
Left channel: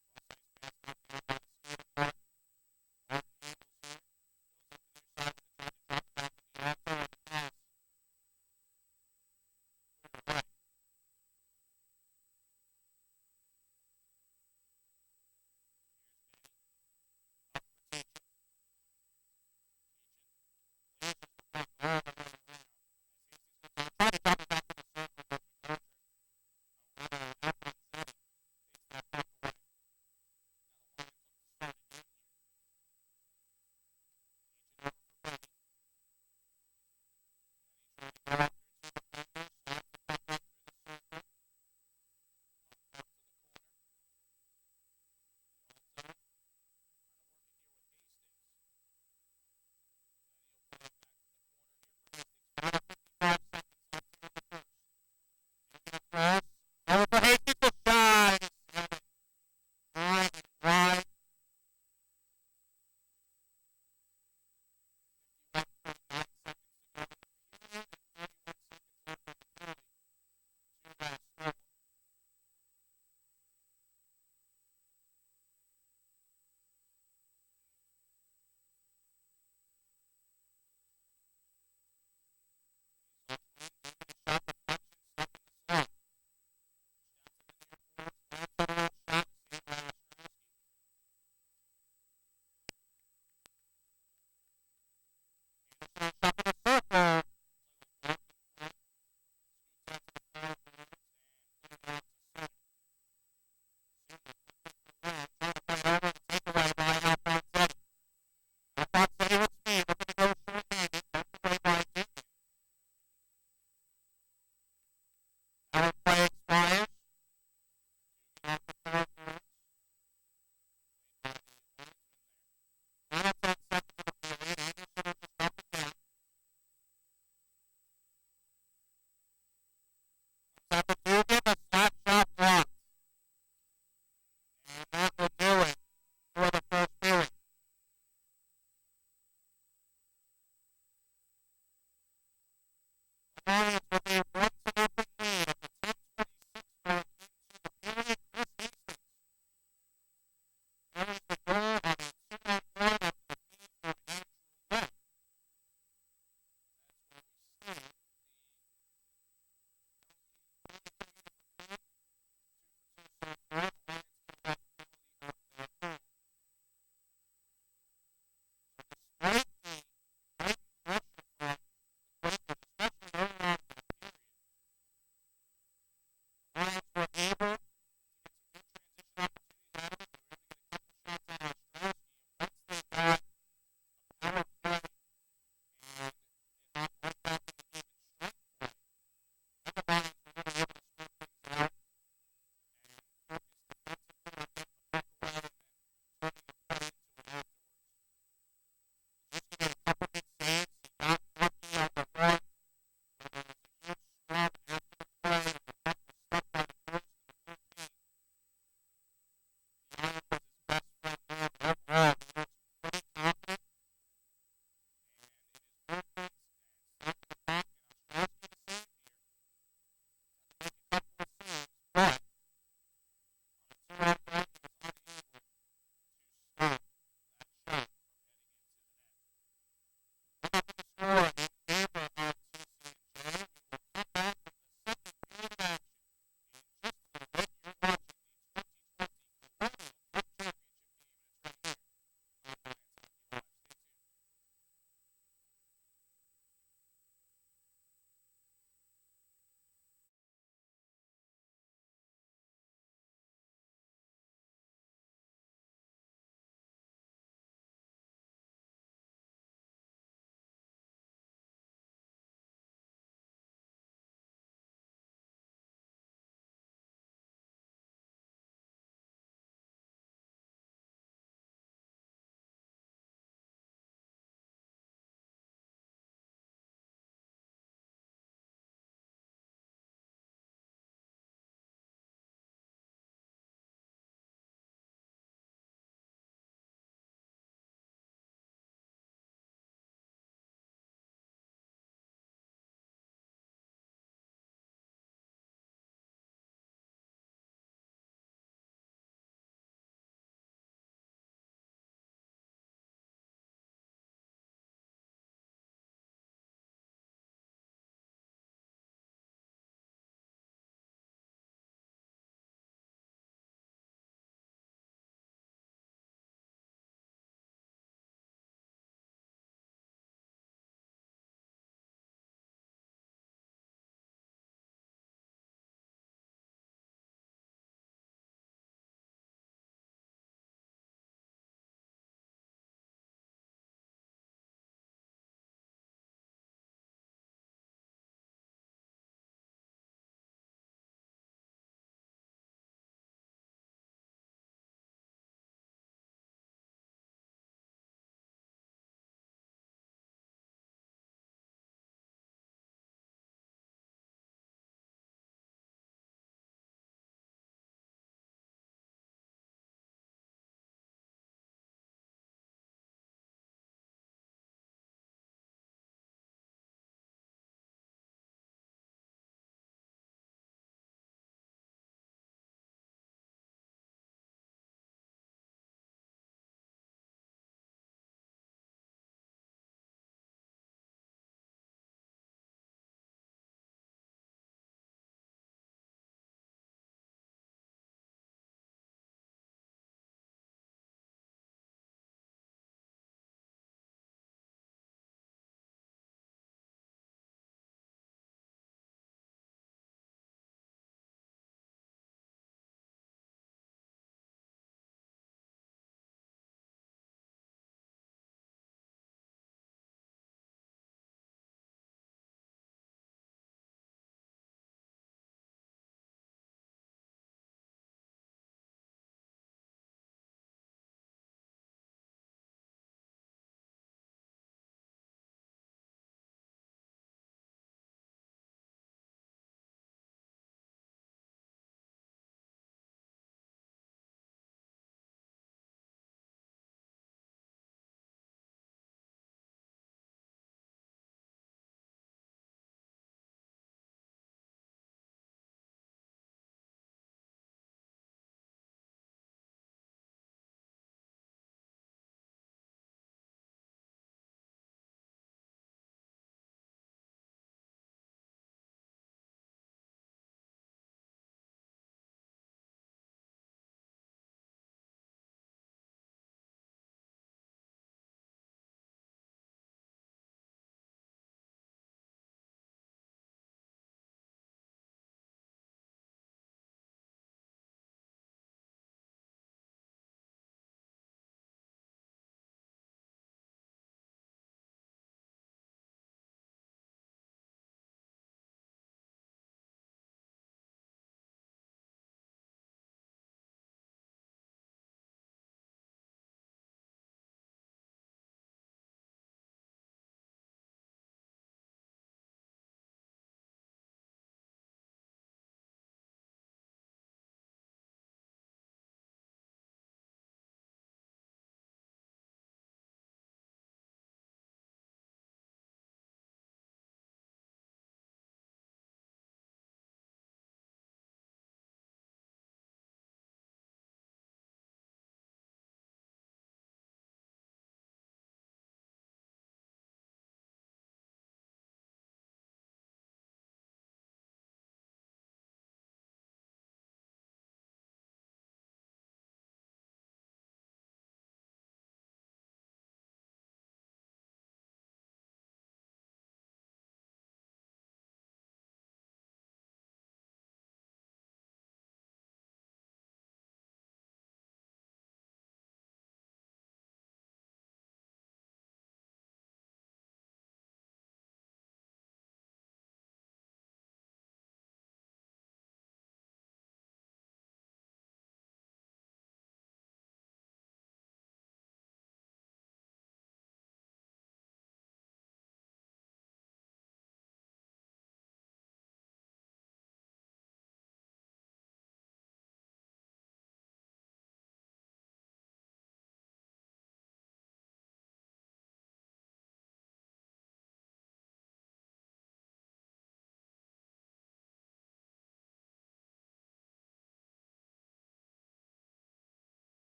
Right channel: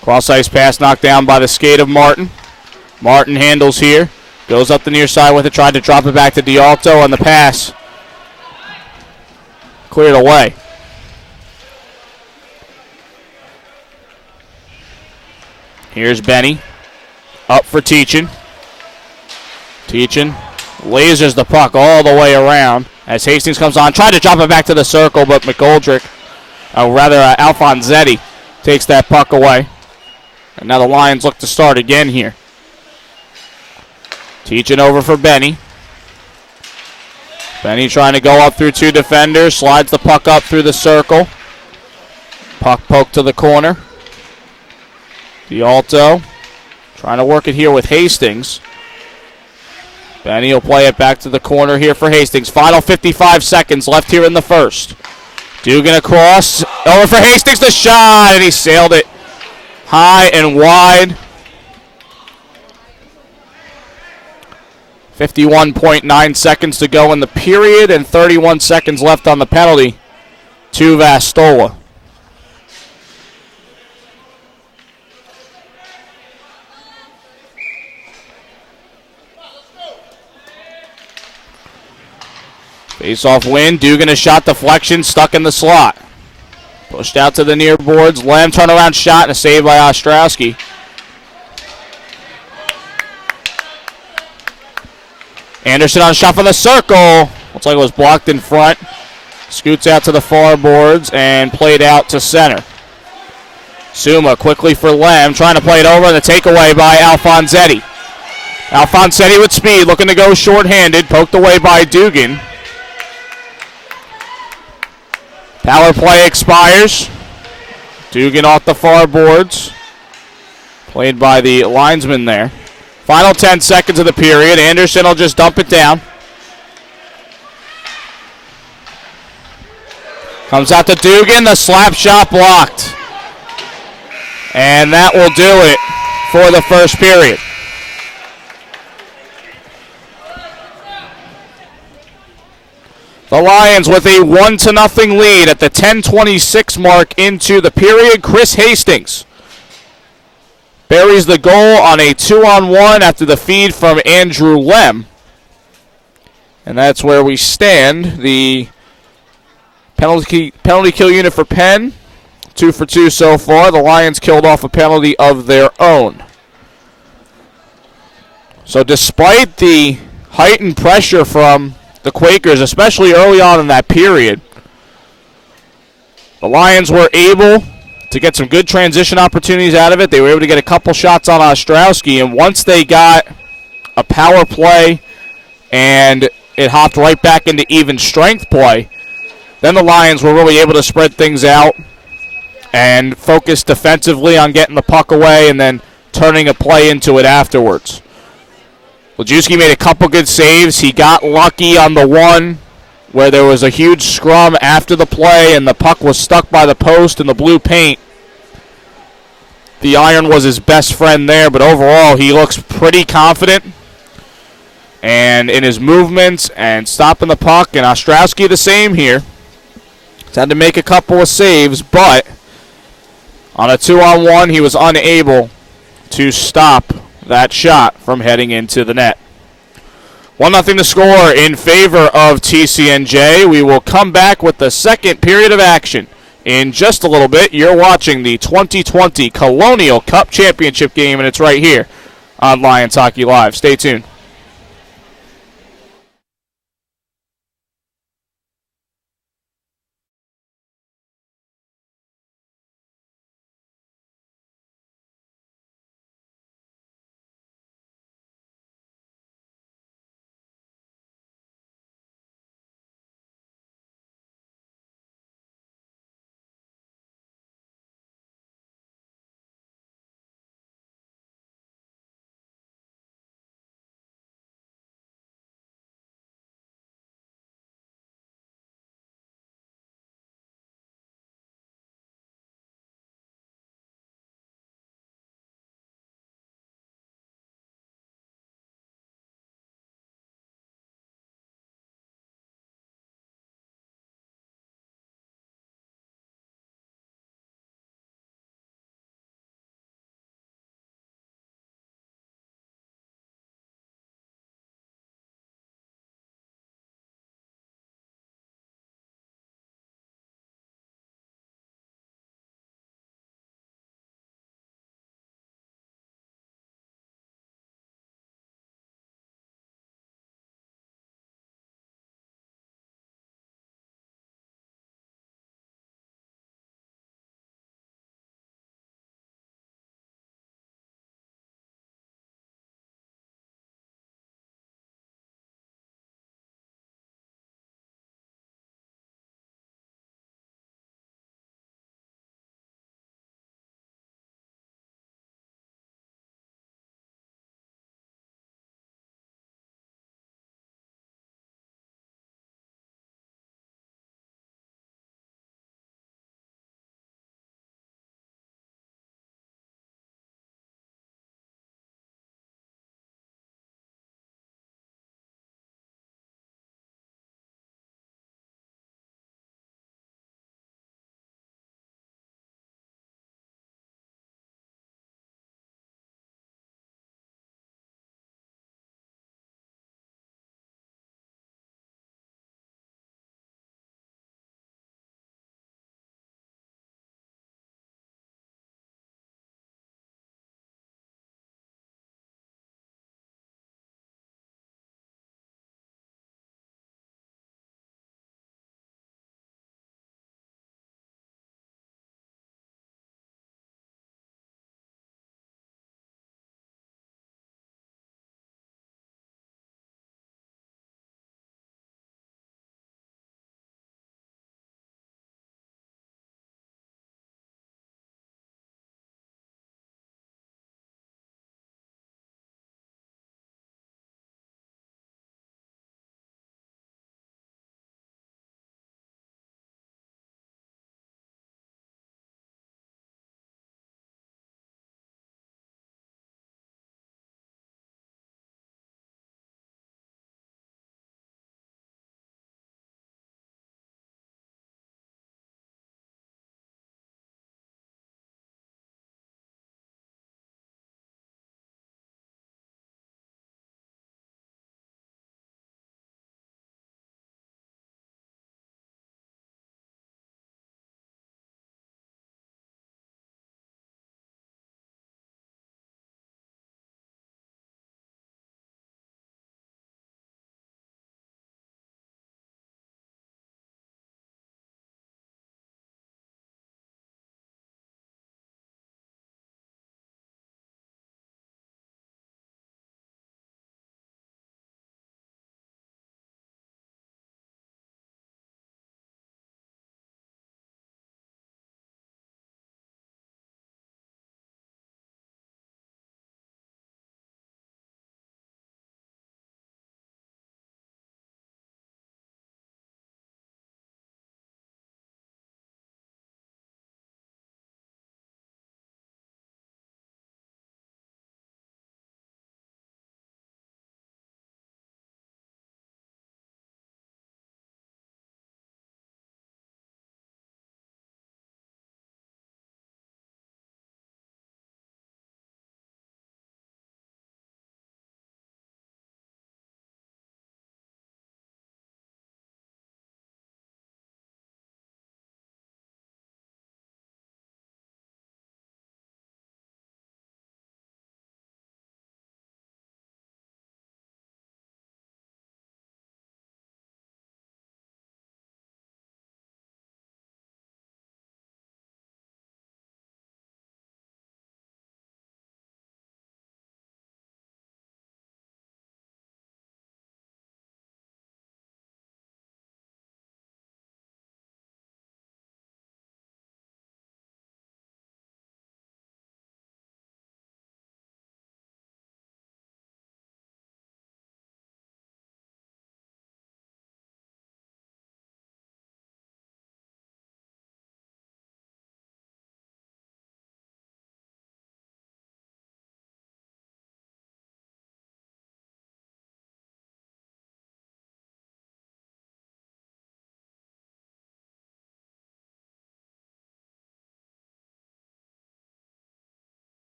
Cross-ice pass knocked down by the skate of Martin. Martin handles here. Goes up the near side with it. Tried to drop it back to D'Alto, and the pass cleared away. Here's Benny. Up for Teachin. Teachin lasers the puck all the way around as Hastings comes on. Tried to drop it back to the circle, but McGoldrick, Alfonsetti, takes that puck away. And now the Lions look to start again here. Teachin over for Benny. Benny trying to go up through two defenders. Slides the puck up through the circle. Puck poked to the corner. D'Alto trying to work it here with Hastings. Benny will play it back to the corner here for Hastings. Final 55 seconds left here in the first. Dugan across. Over for Hastings, the shot, and he sailed it high and wide. 51.9 seconds to go in the period and 31 seconds left on the penalty to Vastola. Face-off win. Dugan a shot deflection, stuck in the slot. Pushed out to the near boards. Lem turnaround shot and a save by Ostrowski. Anderson on a shot from the circle. Will Looks like it was blocked in front. Scoots out to the far boards and played out to center. Suma quickly for Lem, trying to play it over, and the takeaway by Alfonsetti. Alfonsetti with speed, looking to go shorthanded, poked away by Dugan. Power play expires. Dugan off the far boards. Played by the linesman there. Final 10 seconds of the period. Anderson will just dump it down. Comes out to Dugan, the slap shot blocked. And that will do it for the first period. The Lions with a 1-0 lead at the 10:26 mark into the period. Chris Hastings buries the goal on a 2-on-1 after the feed from Andrew Lem. And that's where we stand. The penalty kill unit for Penn, 2 for 2 so far. The Lions killed off a penalty of their own. So despite the heightened pressure from the Quakers, especially early on in that period, the Lions were able to get some good transition opportunities out of it. They were able to get a couple shots on Ostrowski, and once they got a power play and it hopped right back into even strength play, then the Lions were really able to spread things out and focus defensively on getting the puck away and then turning a play into it afterwards. Lajewski made a couple good saves. He got lucky on the one where there was a huge scrum after the play and the puck was stuck by the post in the blue paint. The iron was his best friend there, but overall he looks pretty confident and in his movements and stopping the puck. And Ostrowski the same here. He's had to make a couple of saves, but on a 2-on-1 he was unable to stop that shot from heading into the net. 1-0 to score in favor of TCNJ. We will come back with the second period of action in just a little bit. You're watching the 2020 Colonial Cup Championship game, and it's right here on Lions Hockey Live. Stay tuned.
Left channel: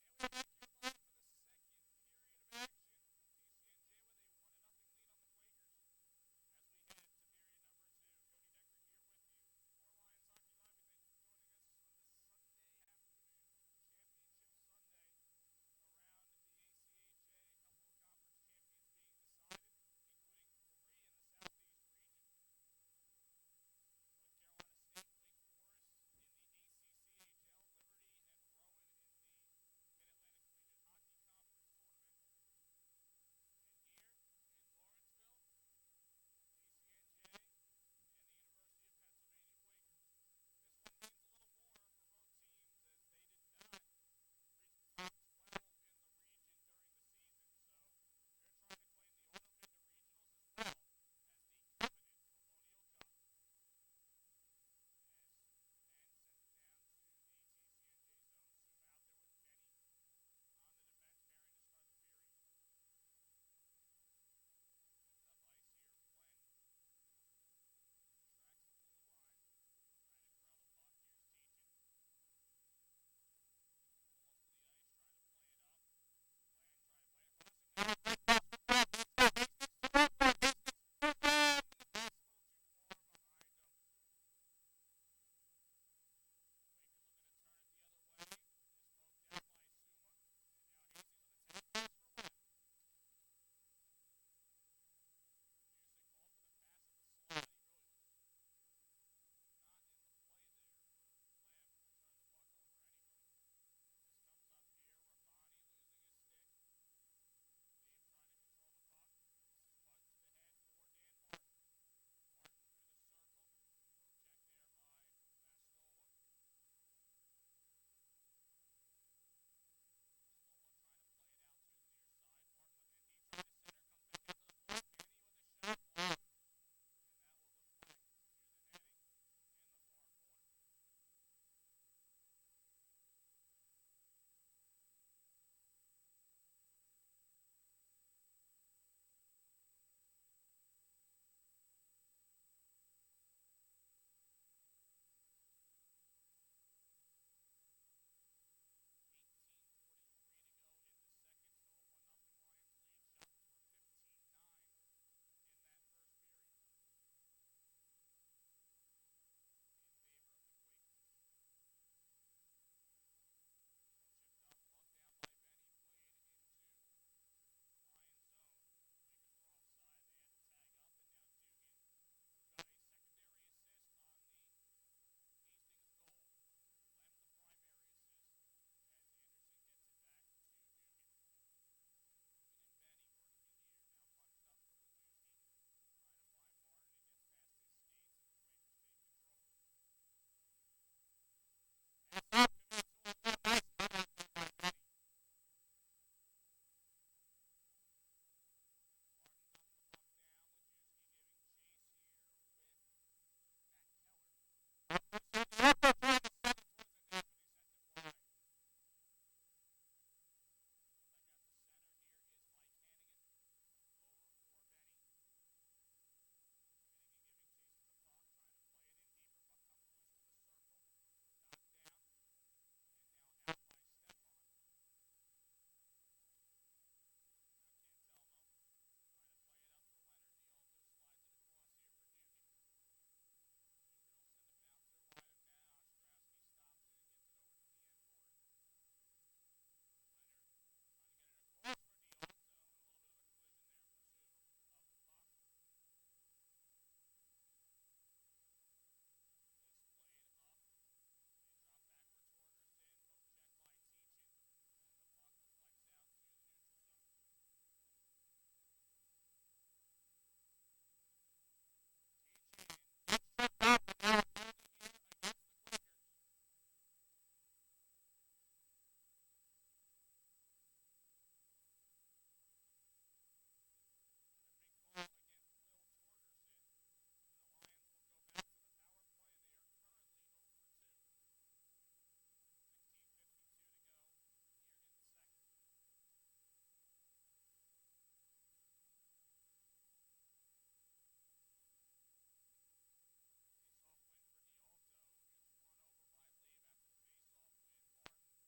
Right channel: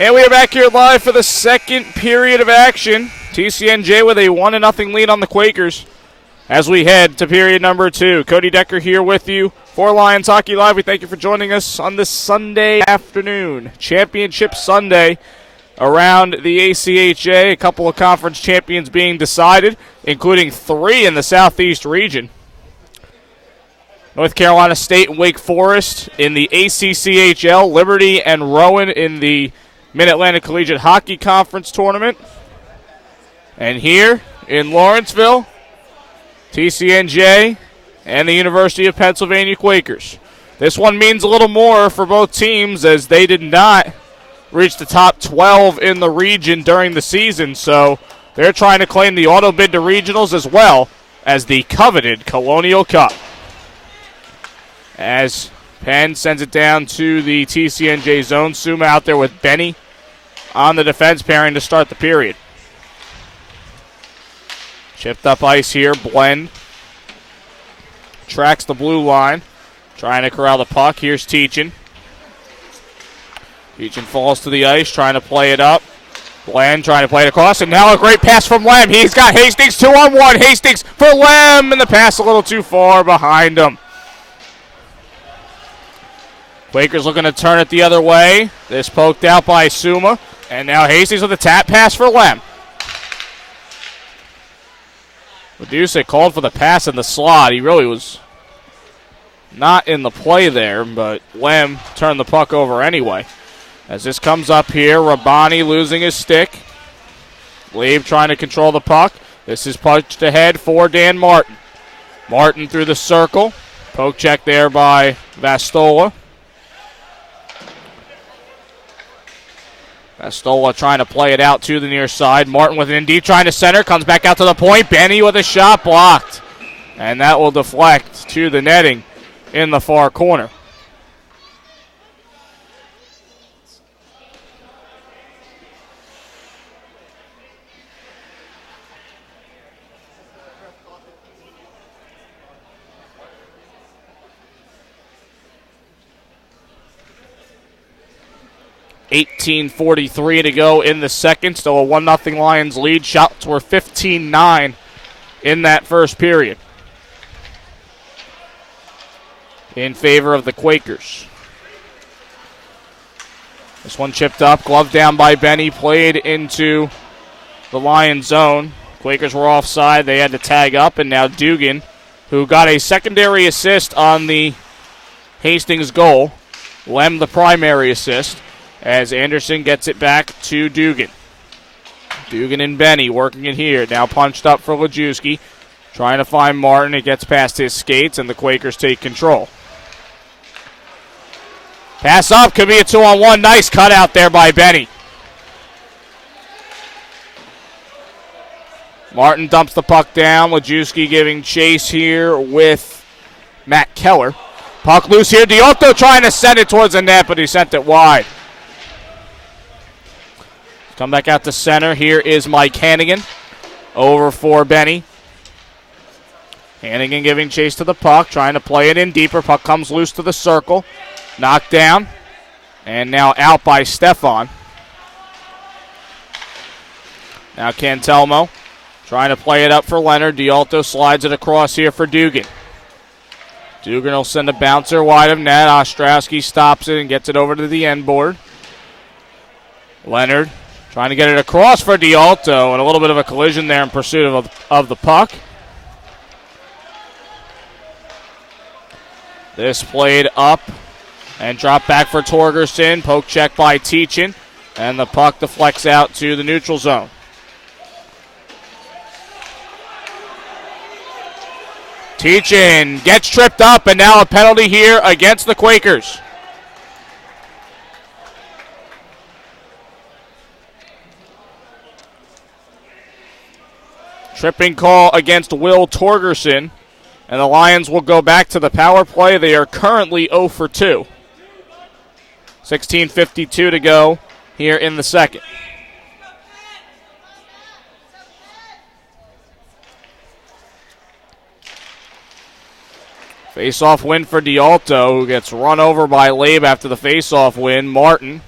And we are back here live for the second period of action. TCNJ with a 1-0 lead on the Quakers as we head to period number 2. Cody Decker here with you for Lions Hockey Live. We thank you for joining us on this Sunday afternoon. Championship Sunday around the ACHA. A couple of conference champions being decided, including 3 in the Southeast region. North Carolina State and Wake Forest in the ACCHL, Liberty and Rowan in the Mid-Atlantic Collegiate Hockey Conference Tournament. And here in Lawrenceville, TCNJ and the University of Pennsylvania Quakers. This one means a little more for both teams as they did not reach the top 12 in the region during the season, so they're trying to claim the auto bid to regionals as well as the coveted Colonial Cup. As Penn sends it down to the TCNJ zone. Suma out there with Benny on the defense pairing to start the period. Chipped up ice here. Blend tracks the blue line. Trying to corral the puck. Here's Teachin. Teachin falls to the ice, trying to play it up. Blend trying to play it across, and now a great pass from Lem. He's got Hastings 2-on-1. Hastings for Lem, and the pass a little too far behind him. Quakers looking to turn it the other way. This poked out by Suma. And now Hastings with a tap pass for Lem. Medusa called for the pass in the slot. He really was not in the play there, but Lem turned the puck over anyway. As this comes up here, Rabani losing his stick. Lieb trying to control the puck. This is punched ahead for Dan Martin. Martin through the circle. Poke check there by Vastola. Vastola trying to play it out to the near side. Martin with it in deep, trying to center. Comes back out to the point. Benny with a shot blocked. And that will deflect to the netting in the far corner. .18:43 to go in the second. Still a 1-0 Lions lead. Shots were 15-9 in that first period in favor of the Quakers. This one chipped up. Glove down by Benny. Played into the Lions zone. Quakers were offside. They had to tag up. And now Dugan, who got a secondary assist on the Hastings goal. Lem the primary assist. As Anderson gets it back to Dugan. Dugan and Benny working it here. Now punched up for Lajewski. Trying to find Martin. It gets past his skates, and the Quakers take control. Pass up. Could be a 2-on-1. Nice cut out there by Benny. Martin dumps the puck down. Lajewski giving chase here with Matt Keller. Puck loose here. Diotto trying to send it towards the net, but he sent it wide. Come back out to center. Here is Mike Hannigan. Over for Benny. Hannigan giving chase to the puck. Trying to play it in deeper. Puck comes loose to the circle. Knocked down. And now out by Stefan. Now Cantelmo. Trying to play it up for Leonard. Dialto slides it across here for Dugan. Dugan will send a bouncer wide of net. Ostrowski stops it and gets it over to the end board. Leonard trying to get it across for Dialto, and a little bit of a collision there in pursuit of the puck. This played up and dropped back for Torgerson. Poke check by Teachin, and the puck deflects out to the neutral zone. Teachin gets tripped up, and now a penalty here against the Quakers. Tripping call against Will Torgerson, and the Lions will go back to the power play. They are currently 0 for 2. 16:52 to go here in the second. Face-off win for Dialto, who gets run over by Labe after the face-off win. Martin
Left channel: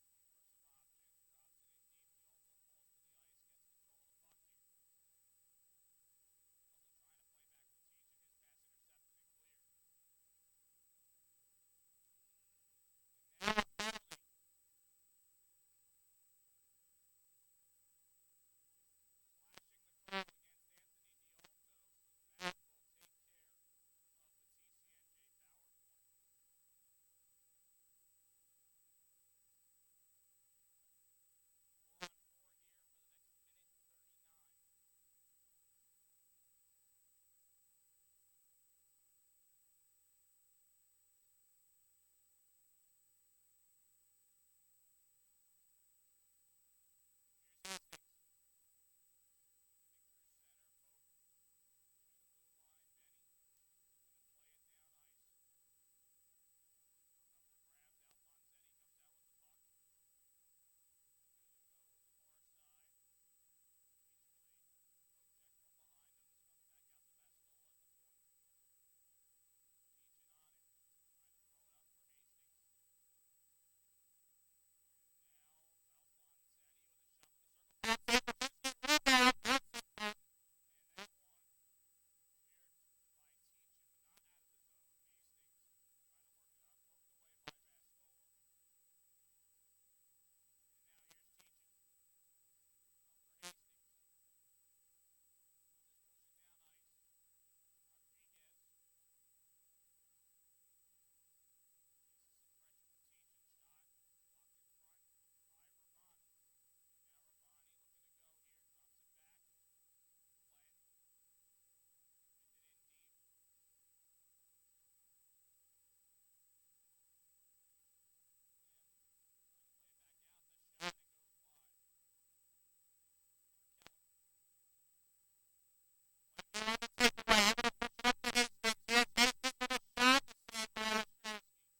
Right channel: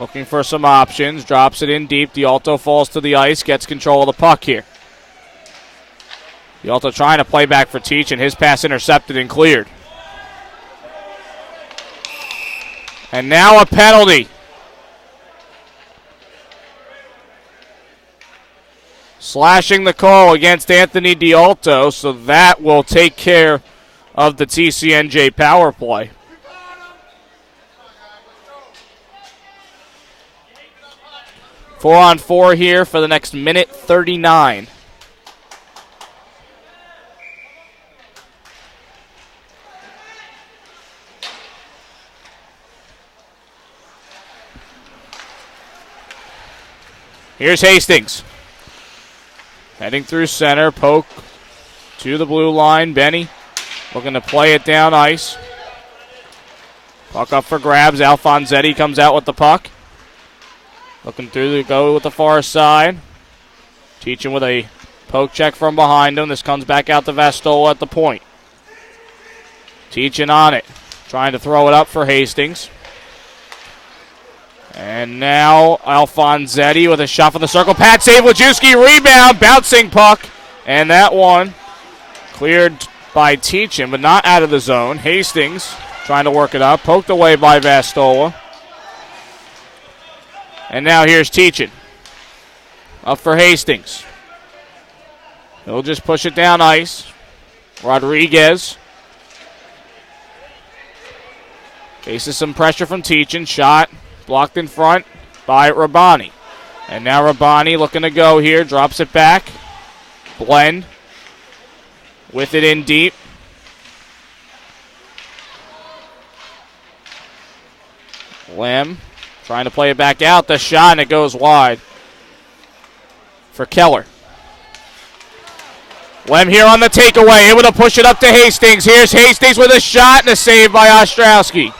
Looking for some options. Drops it in deep. D'Alto falls to the ice. Gets control of the puck here. D'Alto trying to play back for Teach, and his pass intercepted and cleared. And now a penalty. Slashing the call against Anthony D'Alto, so that will take care of the TCNJ power play. Four on four here for the next minute 39. Here's Hastings. Heading through center, poke to the blue line. Benny looking to play it down ice. Puck up for grabs. Alfonsetti comes out with the puck. Looking through the go with the far side. Teaching with a poke check from behind him. This comes back out to Vastola at the point. Teaching on it. Trying to throw it up for Hastings. And now Alfonsetti with a shot from the circle. Pat save, Lajewski rebound, bouncing puck. And that one cleared by Teachin, but not out of the zone. Hastings trying to work it up. Poked away by Vastola. And now here's Teachin. Up for Hastings. He'll just push it down ice. Rodriguez faces some pressure from Teachin. Shot blocked in front by Rabani. And now Rabani looking to go here. Drops it back. Blend with it in deep. Lem trying to play it back out. The shot, and it goes wide for Keller. Lem here on the takeaway. Able to push it up to Hastings. Here's Hastings with a shot and a save by Ostrowski.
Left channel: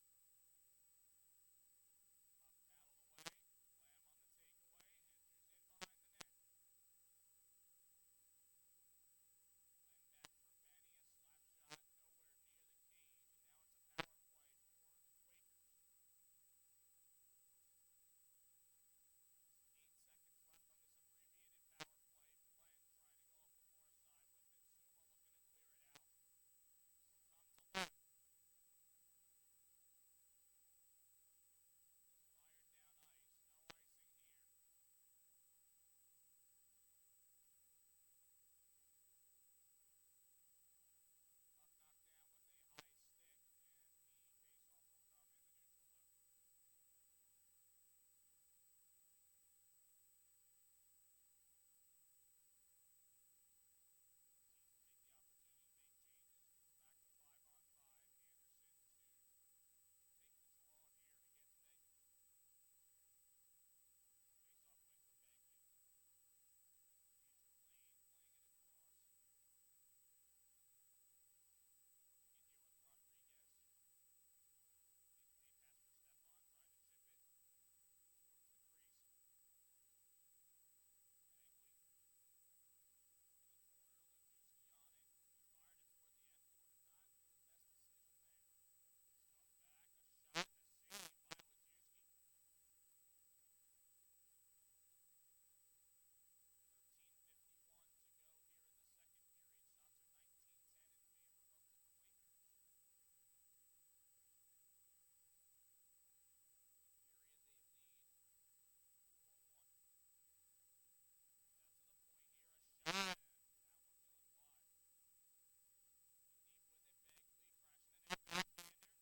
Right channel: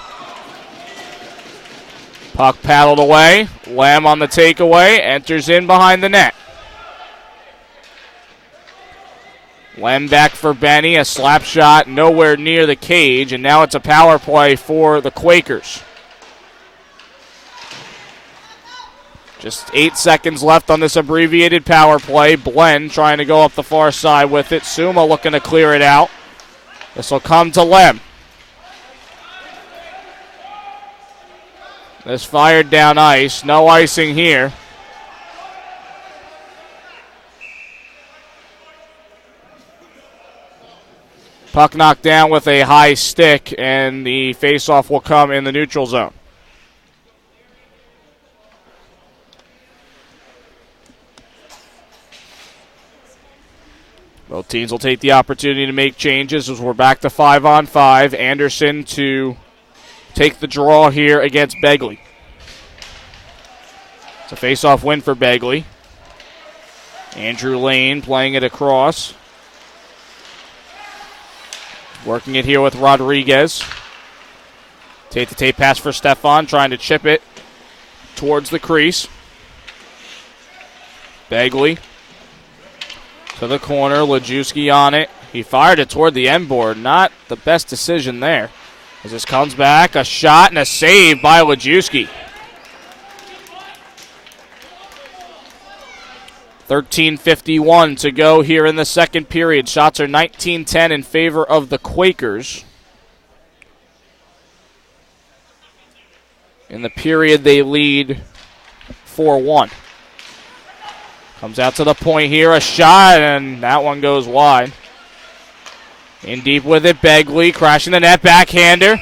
Puck paddled away. Lem on the takeaway. Enters in behind the net. Lem back for Benny. A slap shot nowhere near the cage. And now it's a power play for the Quakers. Just 8 seconds left on this abbreviated power play. Blend trying to go up the far side with it. Suma looking to clear it out. This will come to Lem. This fired down ice. No icing here. Puck knocked down with a high stick, and the faceoff will come in the neutral zone. Both teams will take the opportunity to make changes as we're back to 5-on-5. Anderson to take the draw here against Begley. It's a face-off win for Begley. Andrew Lane playing it across. Working it here with Rodriguez. Tape-to-tape pass for Stefan, trying to chip it towards the crease. Begley to the corner, Lajewski on it. He fired it toward the end board. Not the best decision there. As this comes back, a shot and a save by Lajewski. 13:51 to go here in the second period. Shots are 19-10 in favor of the Quakers. In the period, they lead 4-1. Comes out to the point here, a shot, and that one goes wide. In deep with it, Begley, crashing the net, backhander.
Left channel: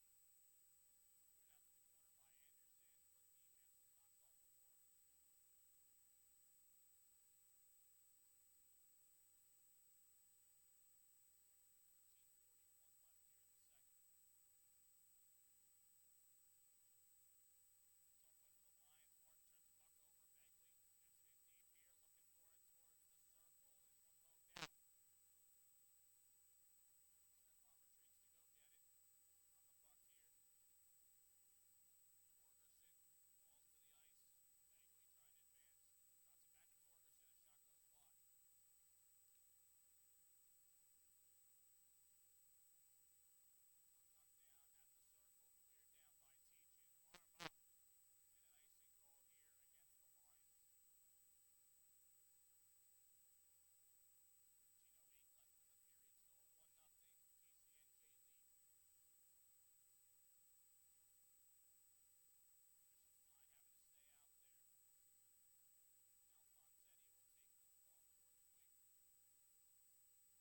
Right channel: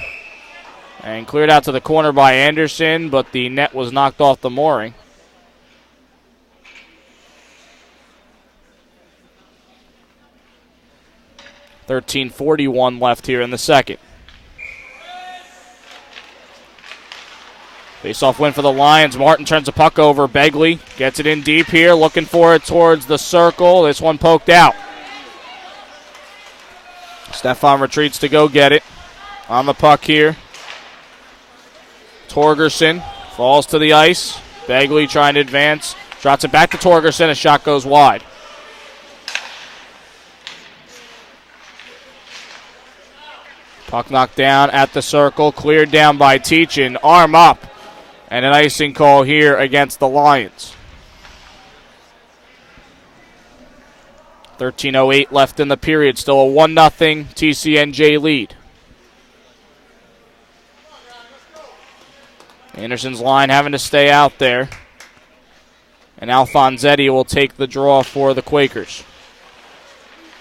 And cleared out to the corner by Anderson, but the net was knocked off the mooring. .41 left here in the second. Face-off win for the Lions. Martin turns the puck over. Begley gets it in deep here, looking for it towards the circle. This one poked out. Stefan retreats to go get it. On the puck here. Torgerson falls to the ice. Begley trying to advance. Drops it back to Torgerson. A shot goes wide. Puck knocked down at the circle. Cleared down by Teachin. Arm up And an icing call here against the Lions. 13:08 left in the period. Still a 1-0 TCNJ lead. Anderson's line having to stay out there. And Alfonsetti will take the draw for the Quakers.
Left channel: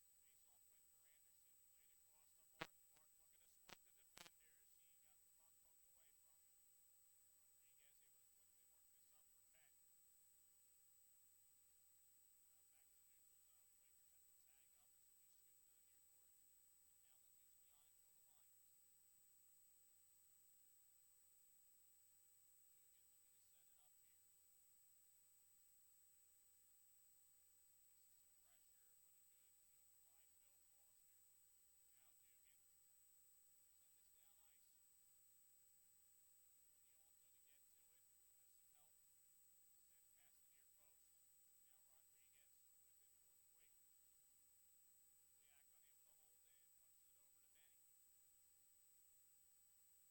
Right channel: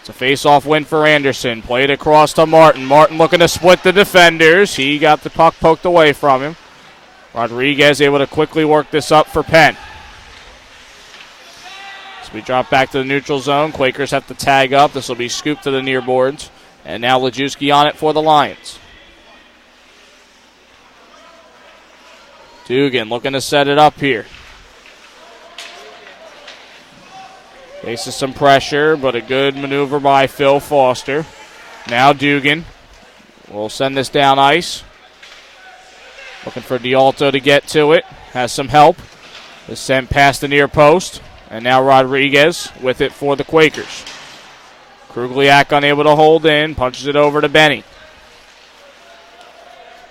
It's a face-off win for Anderson. Played across to Martin. Martin looking to split the defenders. He got the puck poked away from him. Rodriguez able to quickly work this up for Penn. So we drop back to the neutral zone. Quakers have to tag up. This will be scooped to the near boards. And now Lajewski on it for the Lions. Dugan looking to set it up here. Faces some pressure, but a good maneuver by Phil Foster. Now Dugan will send this down ice. Looking for D'Alto to get to it. Has some help. Is sent past the near post. And now Rodriguez with it for the Quakers. Krugliak unable to hold in. Punches it over to Benny.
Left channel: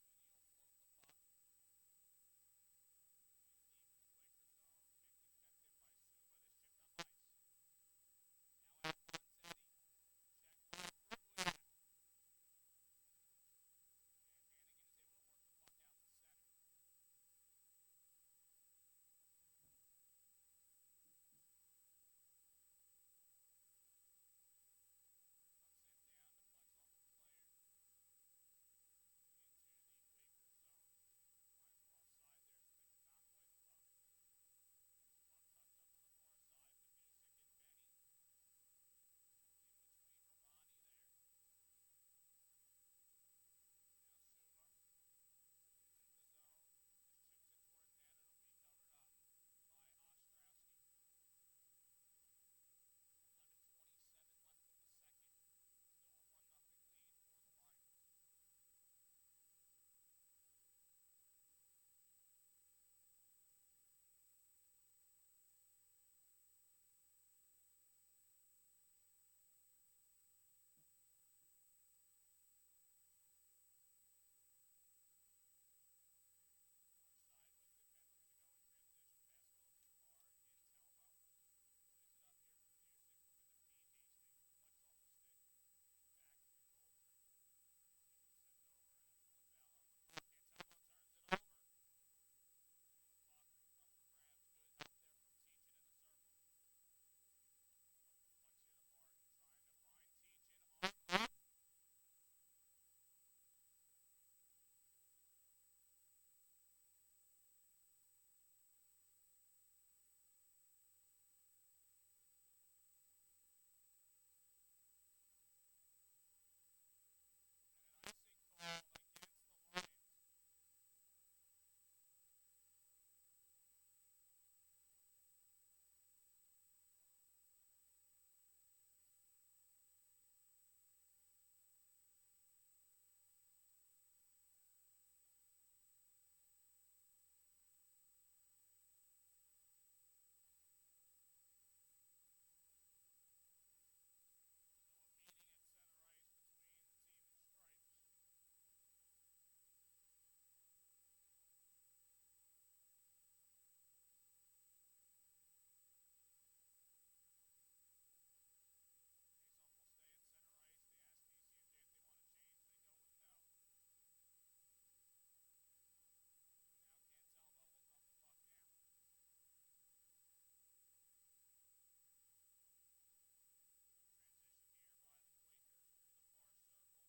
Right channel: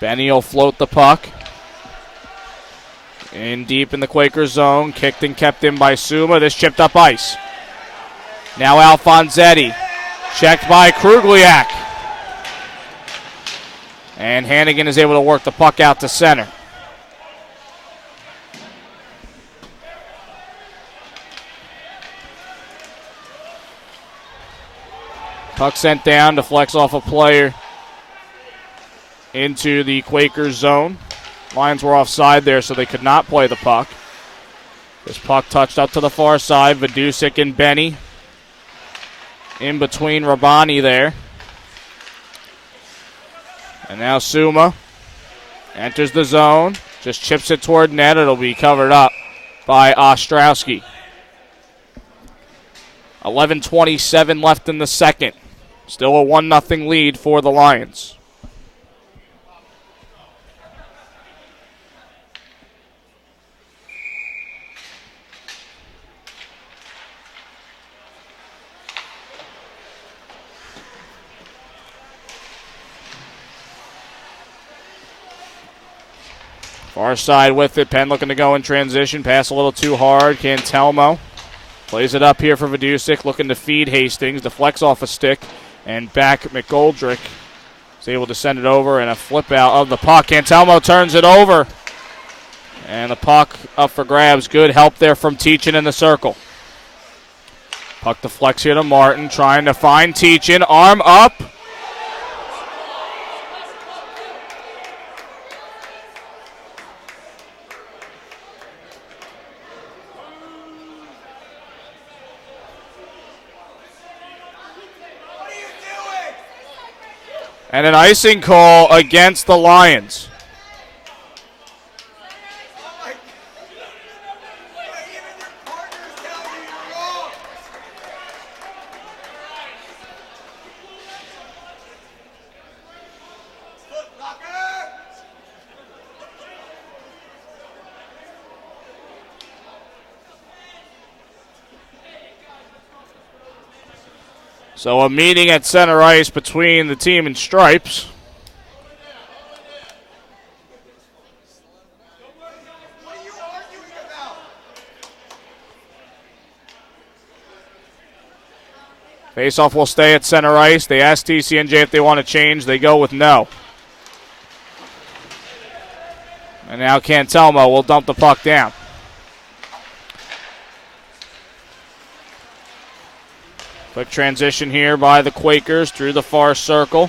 Benny will float the puck. In deep in the Quakers zone. Kicked and kept in by Suma. This chipped up ice. Now Alfonsetti. Checked by Krugliak. And Hannigan is able to work the puck out to center. Puck sent down, deflects off a player into the Quakers zone. Lions were offside there, so they could not play the puck. This puck touched up to the far side. Vidusik and Benny in between Rabani there. And now Suma enters the zone. Just chips it toward net. It'll be covered up by Ostrowski. 11:27 left in the second. Still a 1-0 lead for the Lions. Far side with it. Penn looking to go in transition. Pass a little too hard. Cantelmo plays it up here for Vidusik. Looking to feed Hastings. Deflects off a stick. And back McGoldrick is able to send it over. And a flip out of the puck. Cantelmo turns it over. And the puck up for grabs. Good help there from Teachin in the circle. Puck deflects here to Martin. Trying to find Teachin. Arm up. And an icing call against the Lions. So a meeting at center ice between the team in stripes. Faceoff will stay at center ice. They ask TCNJ if they want to change. They go with no. And now Cantelmo will dump the puck down. Quick transition here by the Quakers through the far circle.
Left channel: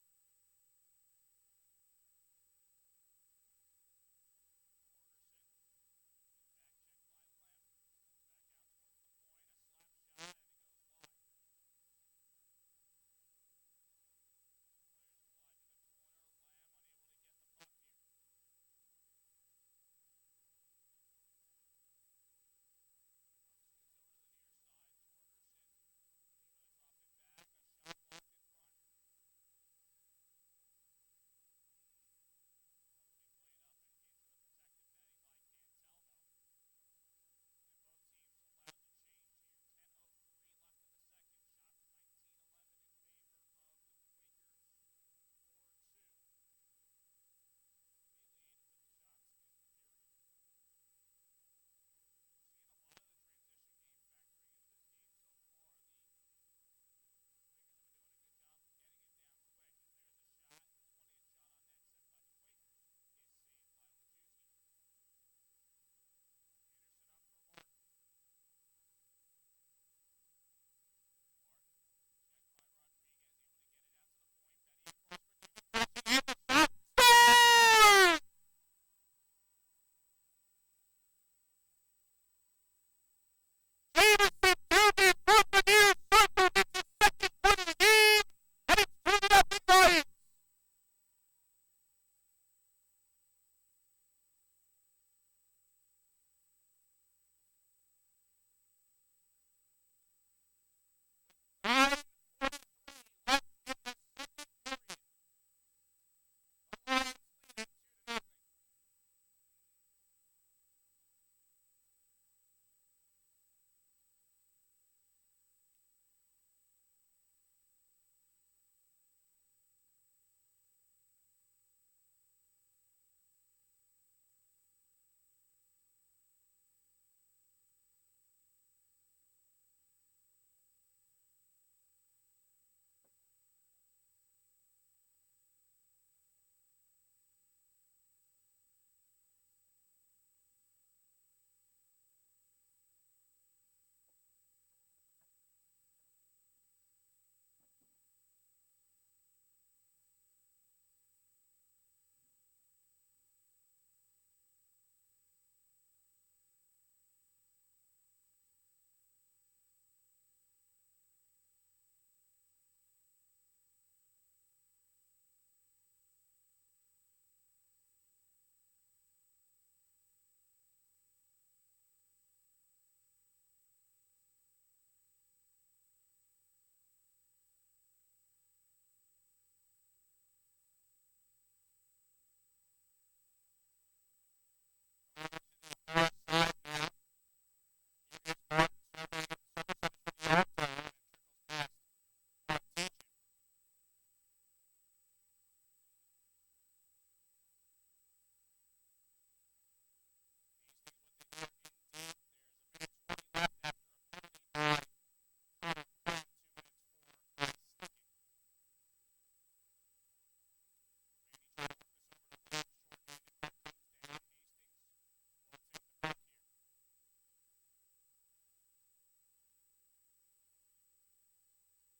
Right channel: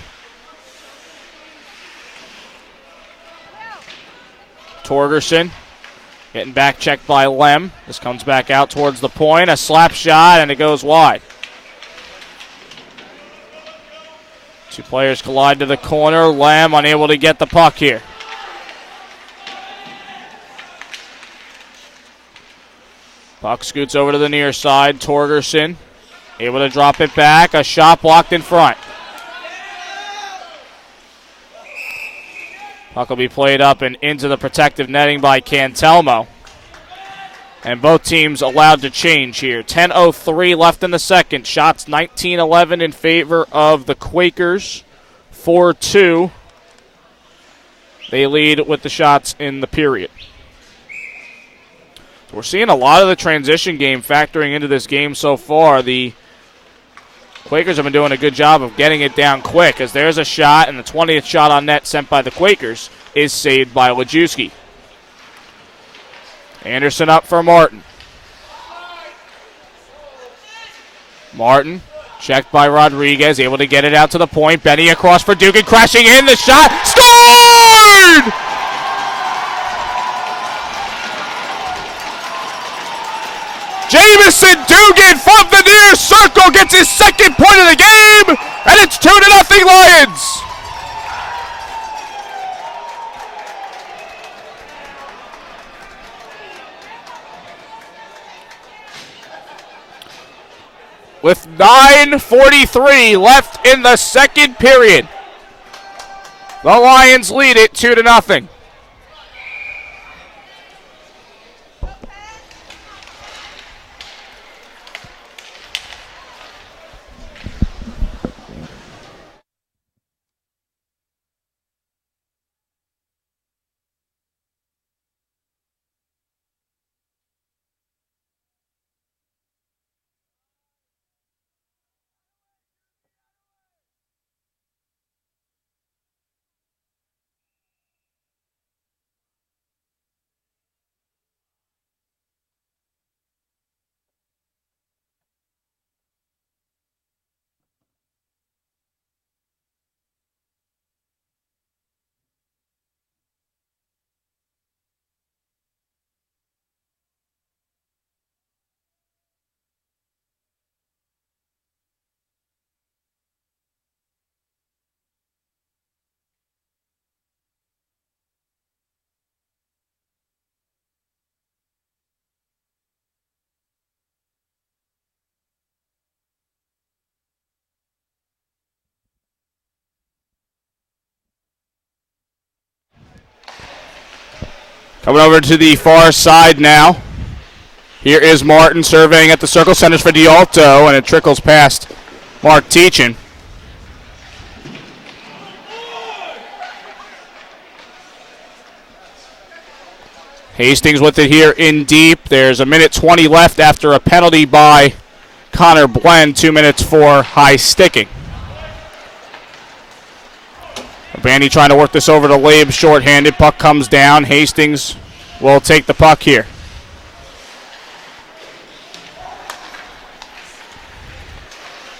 Torgerson getting back checked by Lem. This comes back out towards the point. A slap shot, and it goes wide. Two players collide to the corner. Lem unable to get the puck here. Puck scoots over to the near side. Torgerson able to drop it back. A shot blocked in front. Puck will be played up and into the protective netting by Cantelmo. And both teams allowed to change here. 10:03 left in the second. Shots 19-11 in favor of the Quakers. 4-2. They lead with the shots in the period. We're seeing a lot of the transition game factoring into this game so far. The Quakers have been doing a good job of getting it down quick, as there's a shot, and the 20th shot on net sent by the Quakers is saved by Lajewski. Anderson up for Martin. Martin, checked by Rodriguez, able to get it out to the point. Benny across for Dugan, crashing in, the shot, scored! Jamison Dugan from the near circle gets his second point of the game, and it's 2-0 Lions. With 9:43 left in the second period, the Lions lead it 2-0. Coming over to the far side now. Here is Martin surveying at the circle, centers for D'Alto, and it trickles past Mark Teachin. Hastings with it here in deep. There's 1:20 left after a penalty by Connor Blend, 2 minutes for high sticking. Bandy trying to work this over to Labe, shorthanded. Puck comes down. Hastings will take the puck here.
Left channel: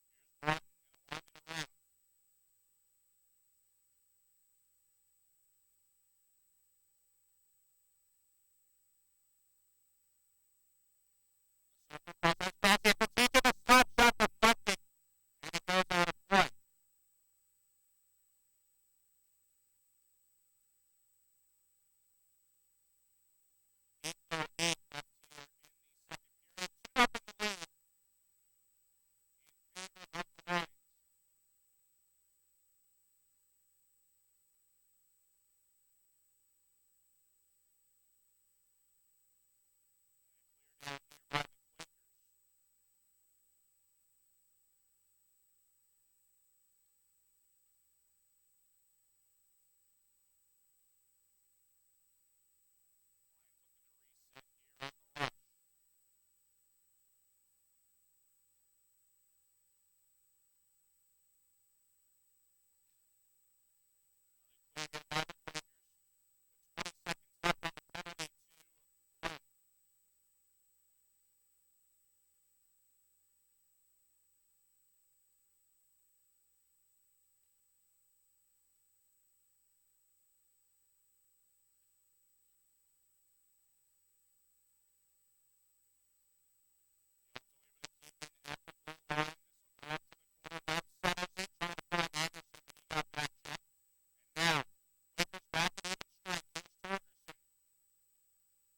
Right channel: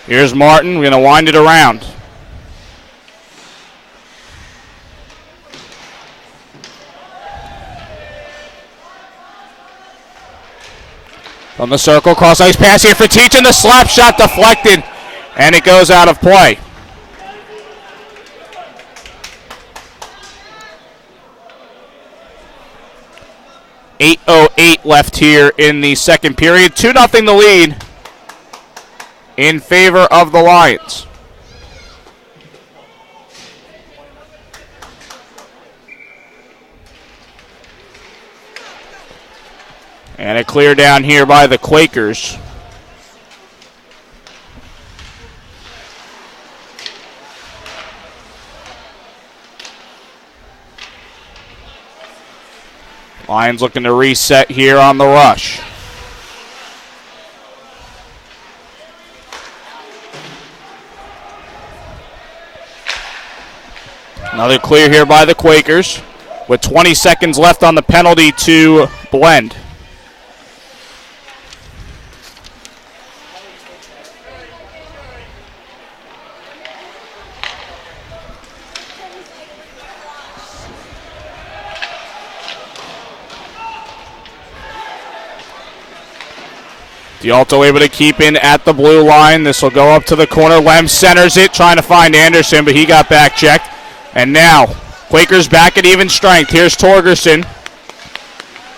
Here's Martin. We're going to wind it around. From the circle, cross ice pass here for Teachin. The slap shot deflected, and it goes out of play. .08 left here in the second period. 2-0 the lead in favor of the Lions. And a clear down here by the Quakers. Lions looking to reset here on the rush. Another clear here by the Quakers with 20 seconds left on the penalty to Blend. D'Alto able to keep in at the blue line. This will go up to the corner. Lem centers it, trying to find Anderson, but he got back checked. And now, Quakers back at even strength. Here's Torgerson.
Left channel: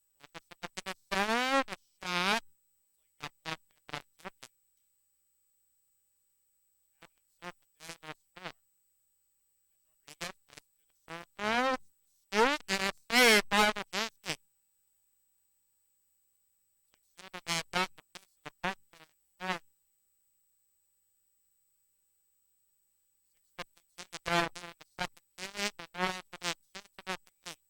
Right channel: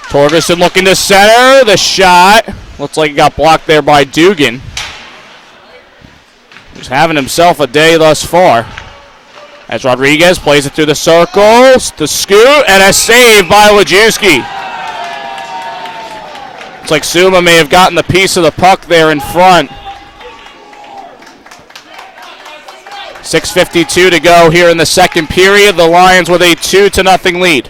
Torgerson looking to center. The shot looks like it got blocked there by Dugan. He's having himself a day thus far. As Rodriguez plays it through the circles, the scoot, and a save by Lajewski. Looks like Suma may have gotten the piece of the puck there in front. 6:52 to go here in the second period. The Lions with a 2-0 lead.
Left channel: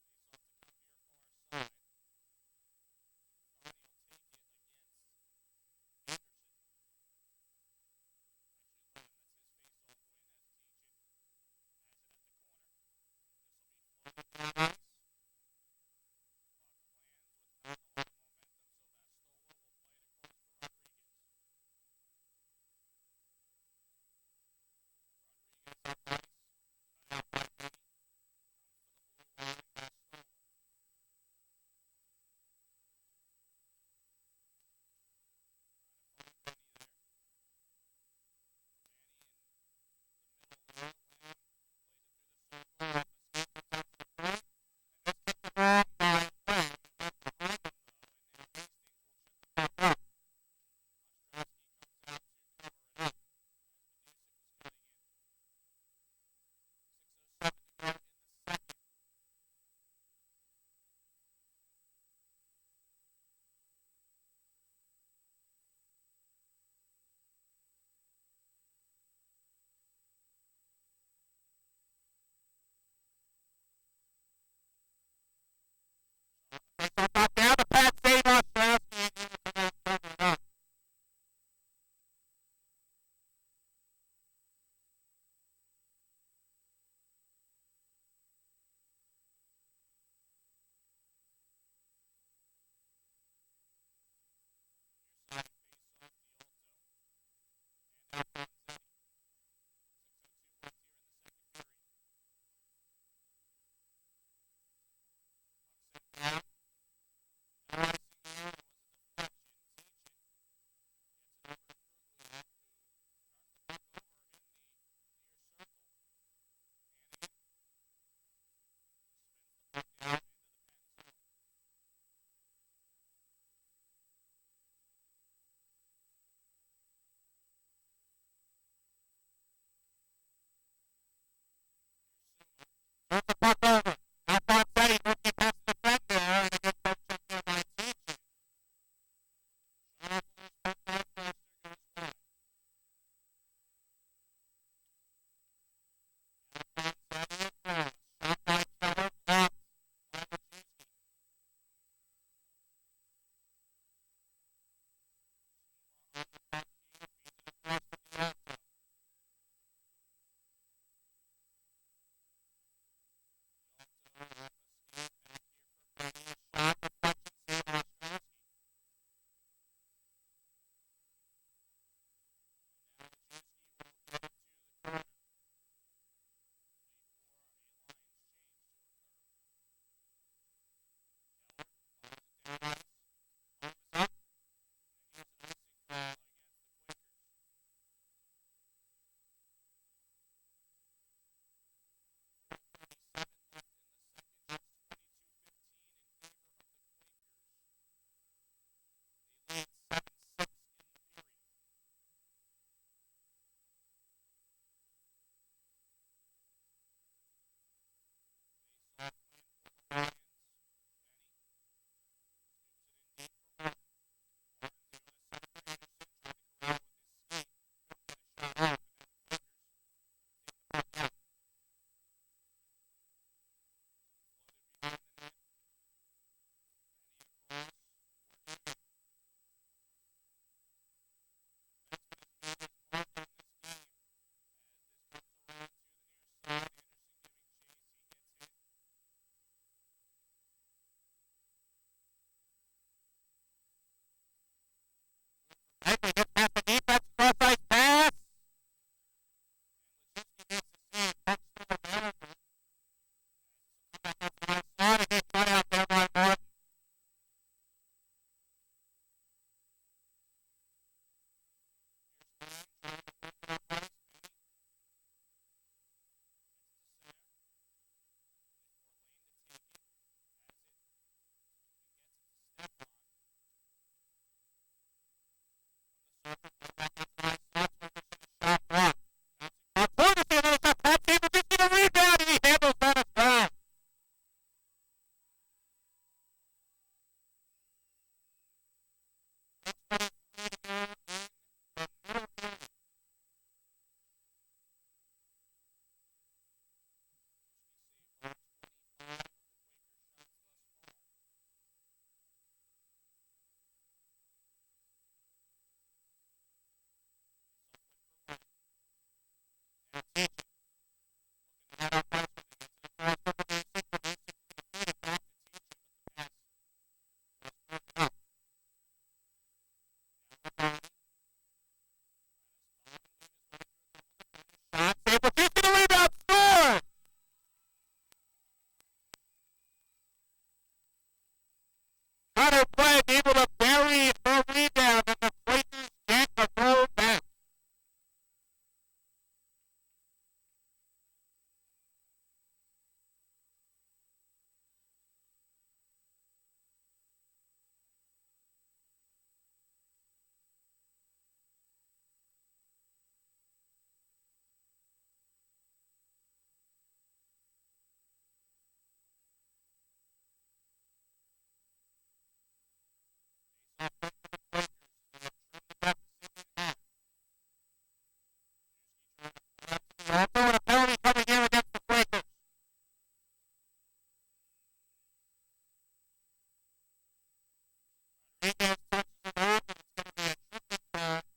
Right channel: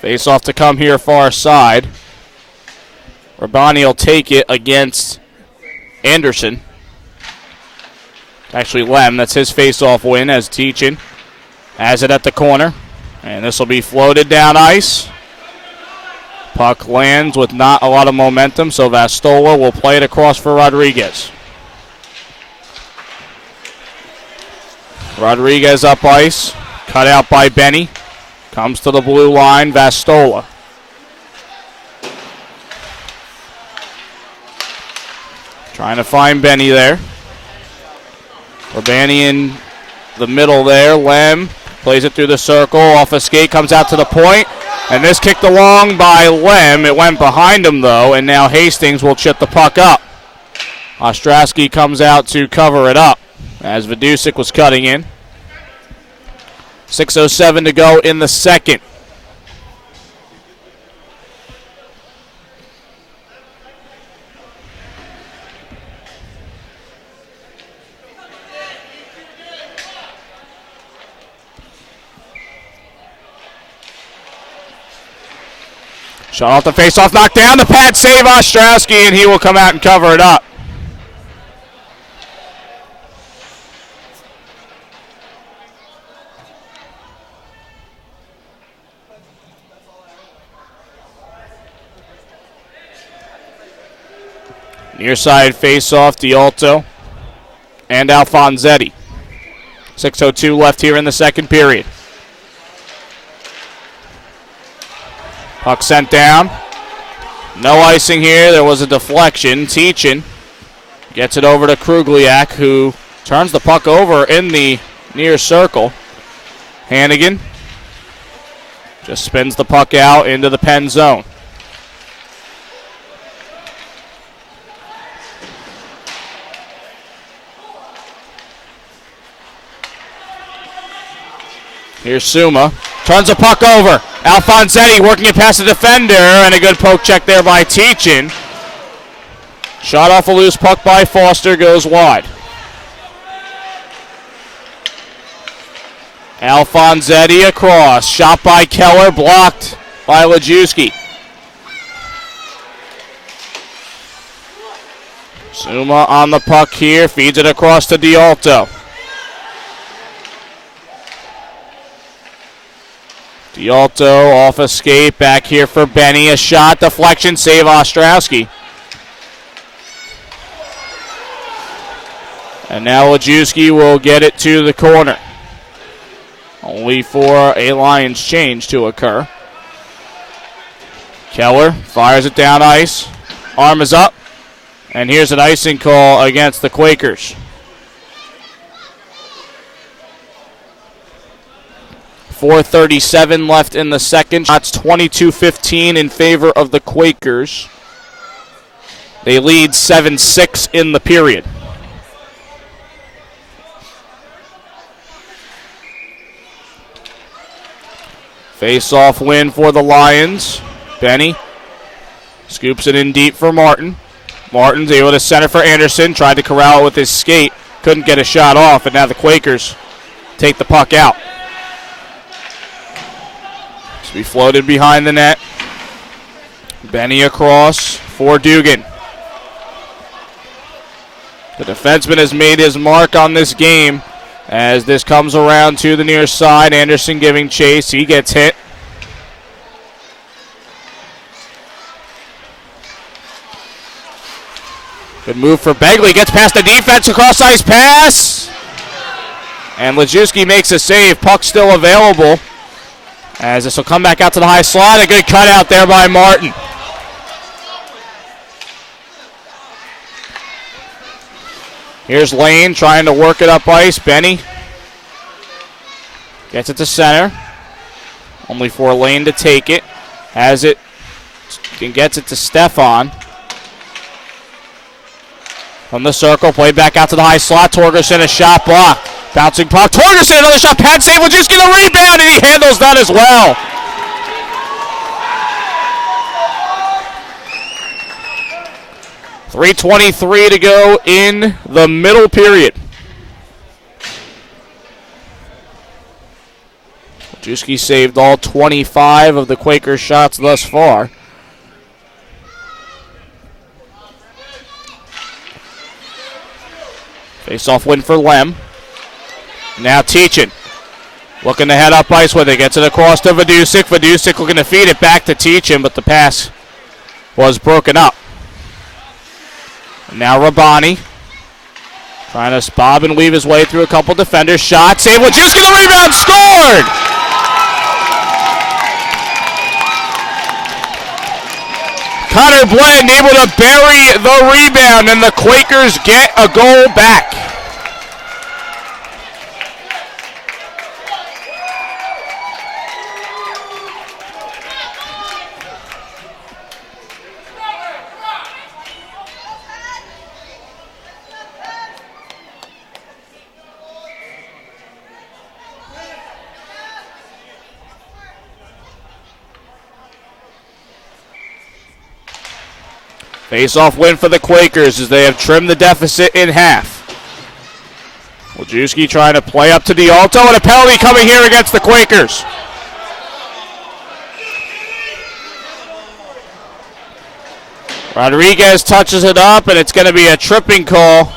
Face off to come here far side. Rabani will take it against Anderson. Actually, Lem, that's his face-off win as Teachin. Has it at the corner. And this will be floated down ice. Puck lands with not a lot of momentum, so Vastola will play it across for Rodriguez. Rodriguez up ice. Cut out by Benny. Comes to the blue line, Vastola. Trying to find Benny there. Rabani in the middle there. Lem plays it through the circle. Off a skate, comes out to the point. And this kicked along by Lem. It went behind him, though, and now Hastings will chip the puck up. Ostrowski comes out to cover it up as Vidusik was cutting in. 6:07 to go in the second. Shot off the face-off, knocked down. The pad save Ostrowski, and he will come out and cover it up. Near side face-off, Dialto and Alfonsetti. 6:02 left here in the second period. Puck sent down. No icing here. There was a deflection. Teachin gets it over to Krugliak, who turns the puck over in the near circle. Hannigan just spins the puck out into the Penn zone. Here's Suma. Turns the puck over. Alfonsetti working it past the defender, and a good poke check there by Teachin. Shot off a loose puck by Foster, goes wide. Alfonsetti across. Shot by Keller, blocked by Lajewski. Suma on the puck here, feeds it across to Dialto. Dialto off a skate, back here for Benny. A shot, deflection, save Ostrowski. And now Lajewski will get it to the corner. Only for a Lions change to occur. Keller fires it down ice. Arm is up. And here's an icing call against the Quakers. 4:37 left in the second. Shots 22-15 in favor of the Quakers. They lead 7-6 in the period. Face-off win for the Lions. Benny scoops it in deep for Martin. Martin's able to center for Anderson. Tried to corral it with his skate. Couldn't get a shot off, and now the Quakers take the puck out. To be floated behind the net. Benny across for Dugan. The defenseman has made his mark on this game as this comes around to the near side. Anderson giving chase. He gets hit. Good move for Begley. Gets past the defense. Across ice pass. And Lajewski makes a save. Puck still available. As this will come back out to the high slot. A good cutout there by Martin. Here's Lane trying to work it up ice. Benny gets it to center. Only for Lane to take it. Has it and gets it to Stefan. From the circle, played back out to the high slot. Torgerson, a shot block. Bouncing puck. Torgerson, another shot. Pad save. Lajewski the rebound, and he handles that as well. .323 to go in the middle period. Juski saved all 25 of the Quakers' shots thus far. Face-off win for Lem. Now Teachin. Looking to head up ice with it. Gets it across to Vidusik. Vidusik looking to feed it back to Teachin, but the pass was broken up. And now Rabani. Trying to bob and weave his way through a couple defenders. Shot, save, Wojcicki, the rebound, scored! Connor Blend able to bury the rebound, and the Quakers get a goal back. Face-off win for the Quakers as they have trimmed the deficit in half. Wojcicki trying to play up to D'Alto, and a penalty coming here against the Quakers. Rodriguez touches it up, and it's going to be a tripping call.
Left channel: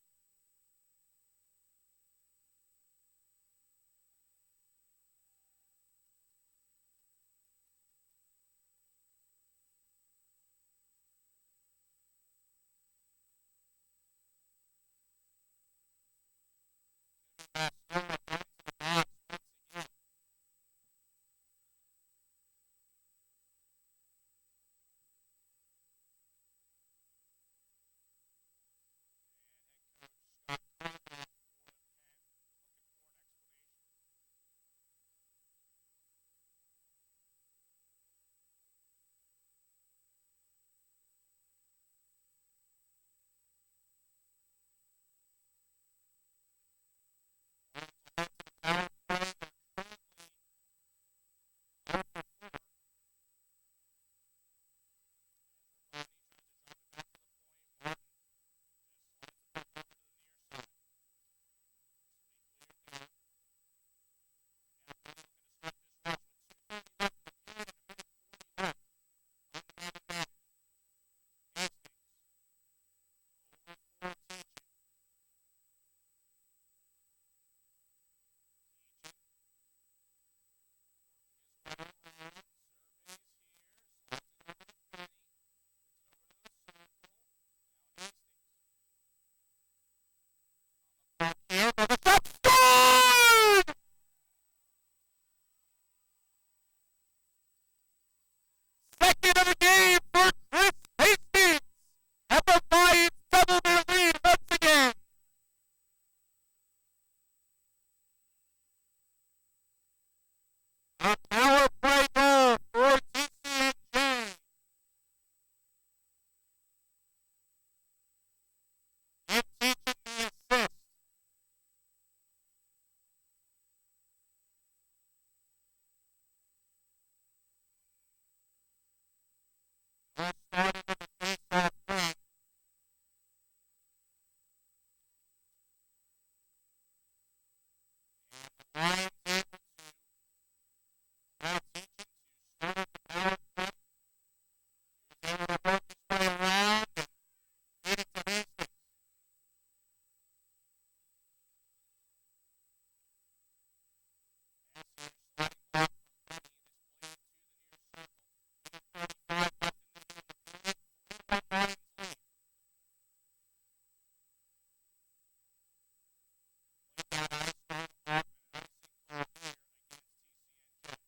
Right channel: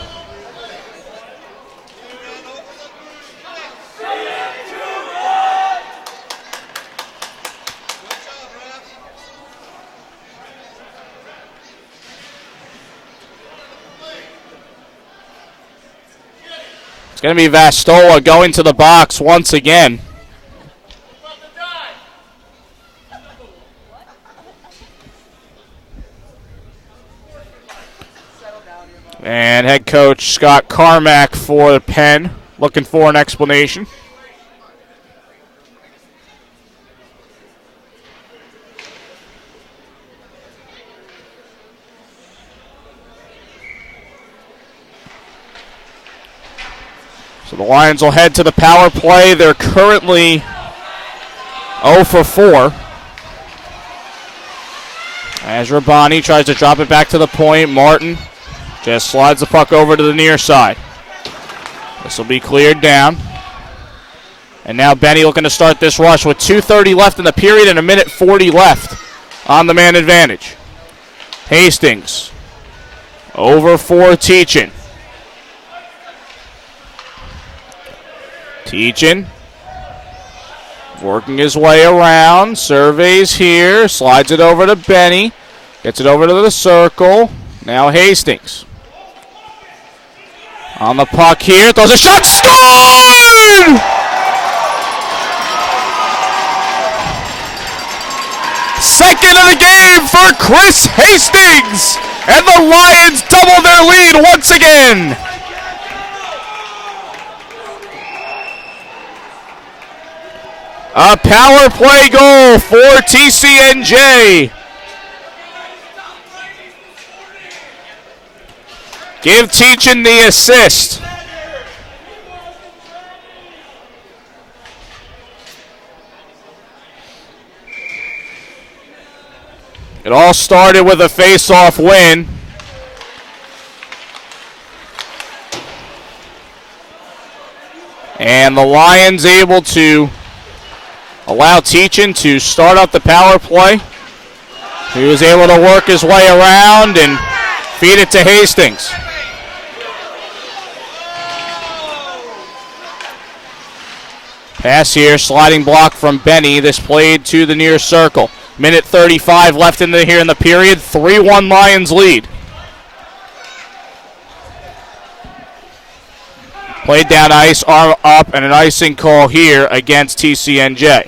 It's going to be Vastola going to the box once again. And head coach Scott Carmack for Penn looking for an explanation. So the Lions will head to the power play. They're currently 0 for 4. As Rabani tries to drop it back to the point, Martin just slides the puck over to the near side. This will be cleared down. And now Benny looking to start this rush with 2:30 left in the period and 1:40 left on the man advantage. Hastings over for Teachin. Teachin working his way around, surveys here, slides it over to Benny, gets it over to the circle. Now Hastings on the puck here, throws a shot, scored! Second of the game for Chris Hastings, and the Lions double their lead once again. A power play goal for TCNJ. Give Teachin the assist. It all started with a face-off win. And the Lions able to allow Teachin to start up the power play. He was able to work his way around and feed it to Hastings. Pass here, sliding block from Benny. This played to the near circle. 1:35 left here in the period. 3-1 Lions lead. Played down ice, arm up, and an icing call here against TCNJ.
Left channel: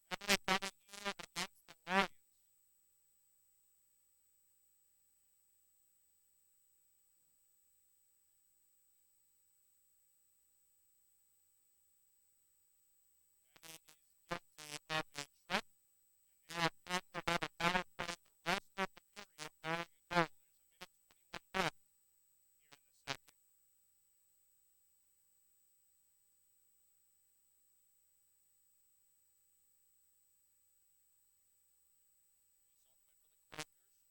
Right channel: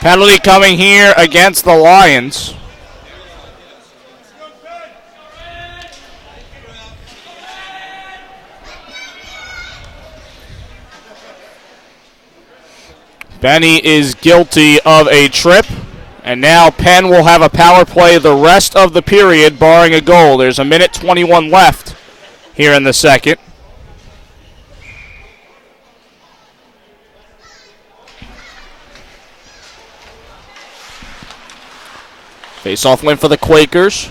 Penalty coming here against the Lions. Benny is guilty of a trip, And now Penn will have a power play the rest of the period, barring a goal. There's 1:21 left here in the second. Face-off win for the Quakers.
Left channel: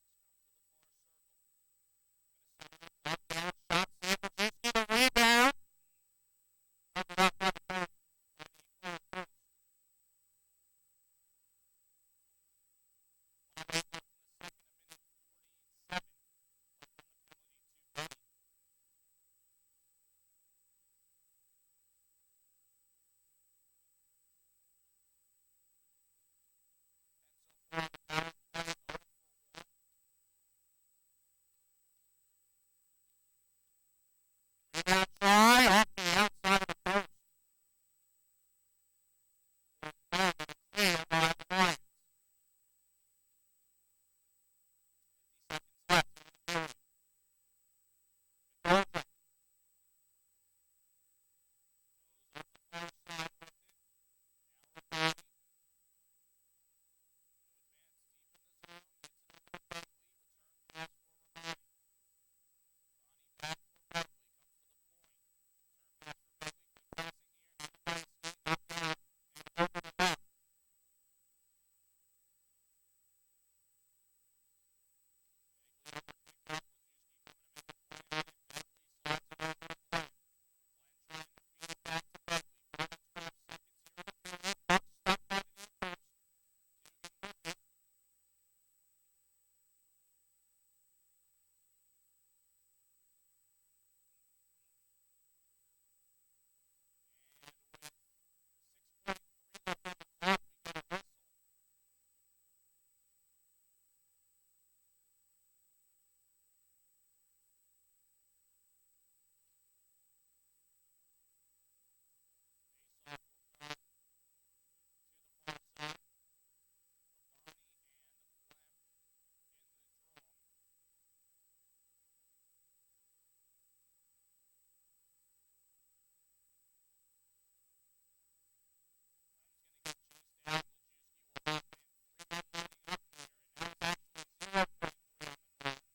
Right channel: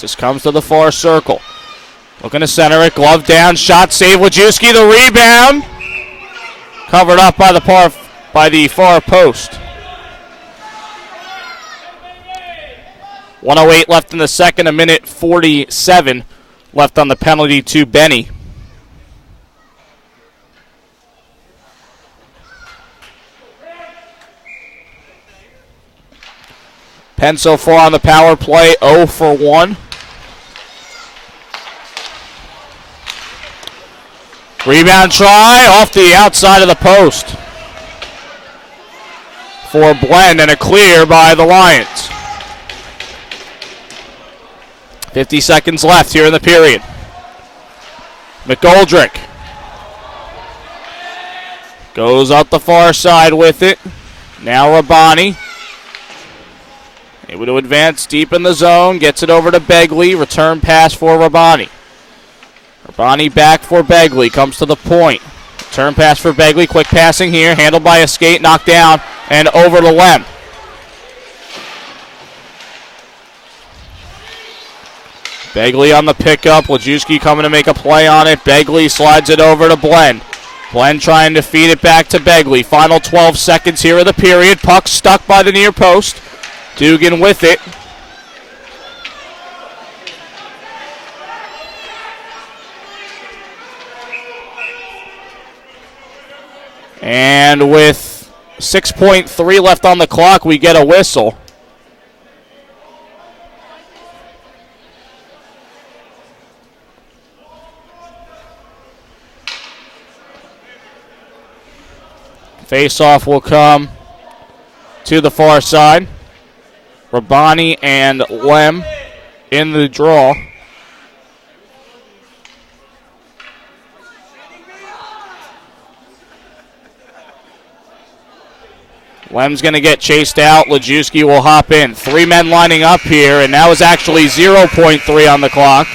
This comes to the far circle. Looking to center it. Glove down. Shot save. Wojcicki the rebound. Covered up by the far post. 1:08 left in the second. 1:47 left on the penalty to Benny. Penn so far on the power play, 0 for 1. Rebound try off the outside of the post for Blend, and a clear by the Lions. 50 seconds left here in the period. McGoldrick goes up the far side with it. Now Rabani. Able to advance deep in the zone. Gets it over to Begley. Return pass for Rabani. Rabani back for Begley. Comes to the point. Return pass for Begley. Quick passing here. Handled by a skate. Knocked down. And over to Lem. Begley on the pickup. Wojcicki coming to make a play on it. Begley slides it over to Blend. Blend trying to feed it back to Begley. Final 12 seconds here of the period. Puck stuck by the near post. Dugan with it. And with 6.3 left on the clock, we get a whistle. Face-off will come to the far side. Rabani and Lem in the draw. Lem's going to get chased out. Wojcicki will hop in. 3 men lining up here, and that was actually 0.3 on the clock.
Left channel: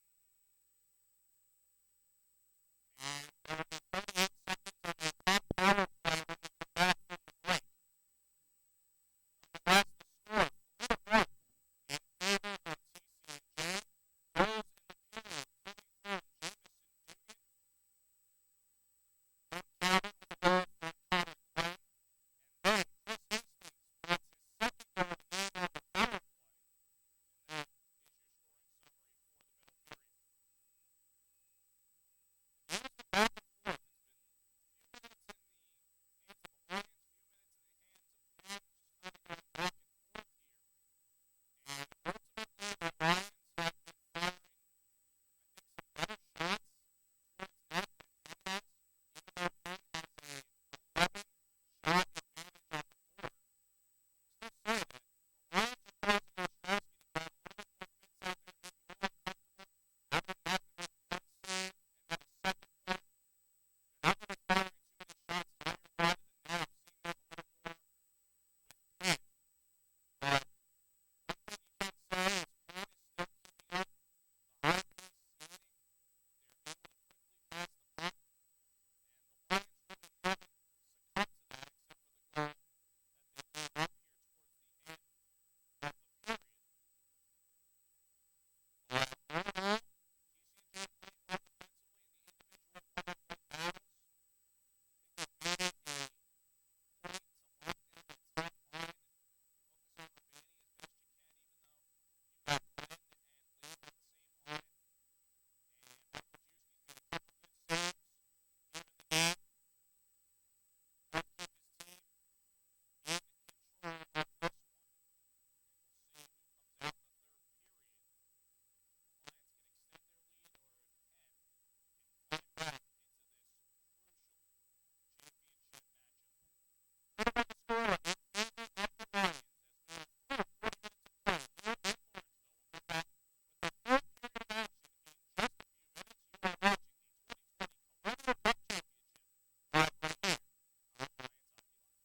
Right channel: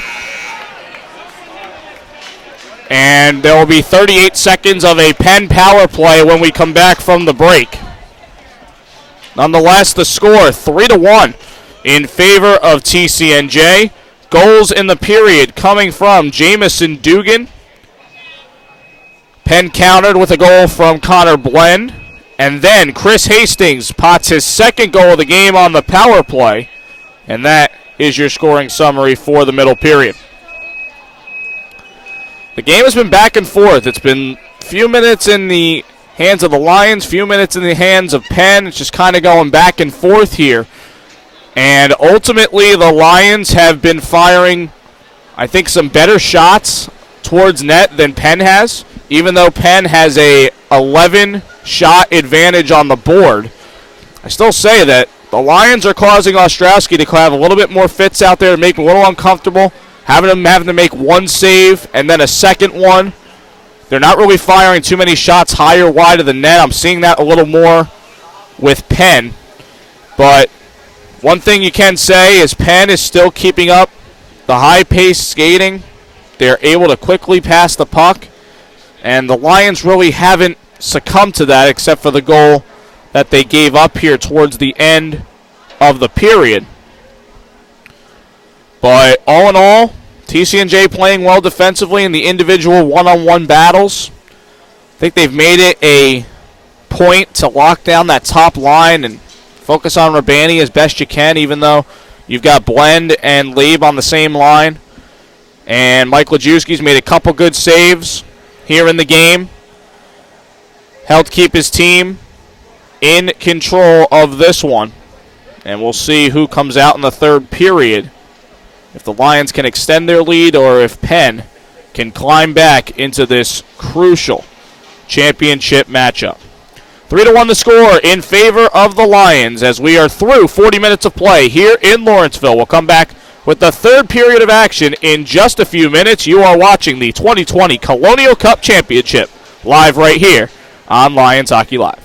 And there will be 38 seconds of a Penn power play when we come back from the break. Nonetheless, the score 3-1 in favor of TCNJ. Goals in the period coming from Jamison Dugan. Penn countered with a goal from Connor Blend. And then Chris Hastings pots his second goal of the game on the power play. And that is your scoring summary for the middle period. The game has been back and forth. It's been a few minutes in the hands of the Lions, few minutes in the hands of Penn. It's just kind of going back and forth here. And ultimately, the Lions have been firing, I think, some better shots towards net than Penn has, even though Penn has a 11-shot advantage on the board. I still say that the Lions are causing Ostrowski to have a little bit more fits out there to make him a little uncomfortable, having to make one save and then a second one. They're not really firing too many shots high or wide of the net. I'm seeing that a little more with Penn. But one thing you can say is Penn is still keeping up the high-paced skating. They're able to quickly pass the puck. And the Lions really haven't succumbed to that except for the goal that they gave up here towards the end of the period. But all in all, TCNJ playing well defensively in the individual one-on-one battles. I think they've made it a point to lock down that top line and focus on Rabani as best you can, even though you've got Blend and Leib on the same line. And Mike Wojcicki's made a couple good saves here in the game. Helped keep his team in control of this one. And we'll see who comes out in the third period. If the Lions can extend their lead or if Penn can climb back into this crucial championship matchup. 3-1 the score in favor of the Lions as we are through 40 minutes of play here in Lawrenceville. We'll come back with the third period of action in just a few minutes. You are watching the 2020 Colonial Cup Championship live right here on Lions Hockey Live.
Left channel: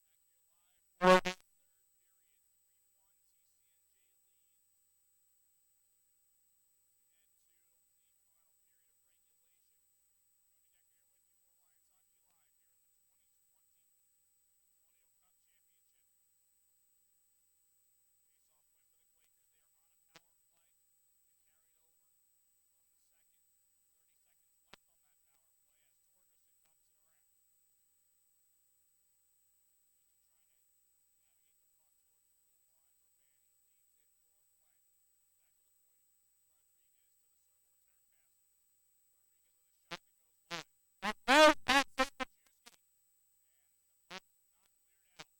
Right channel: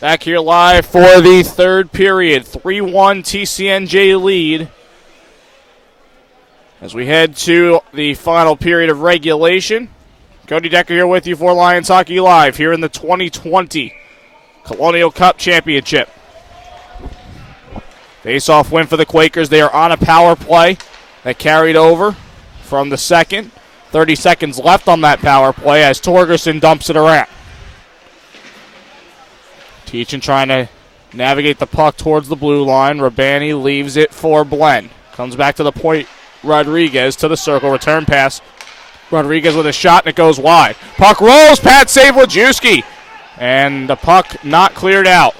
Back here live for the third period. 3-1 TCNJ lead. As we head to the final period of regulation. Cody Decker here with you for Lions Hockey Live here in the 2020 Colonial Cup Championship. Face-off win for the Quakers. They are on a power play that carried over from the second. 30 seconds left on that power play as Torgerson dumps it around. Teachin trying to navigate the puck towards the blue line. Rabani leaves it for Blen. Comes back to the point. Rodriguez to the circle. Return pass. Rodriguez with a shot, and it goes wide. Puck rolls. Pat save Lajewski. And the puck not cleared out.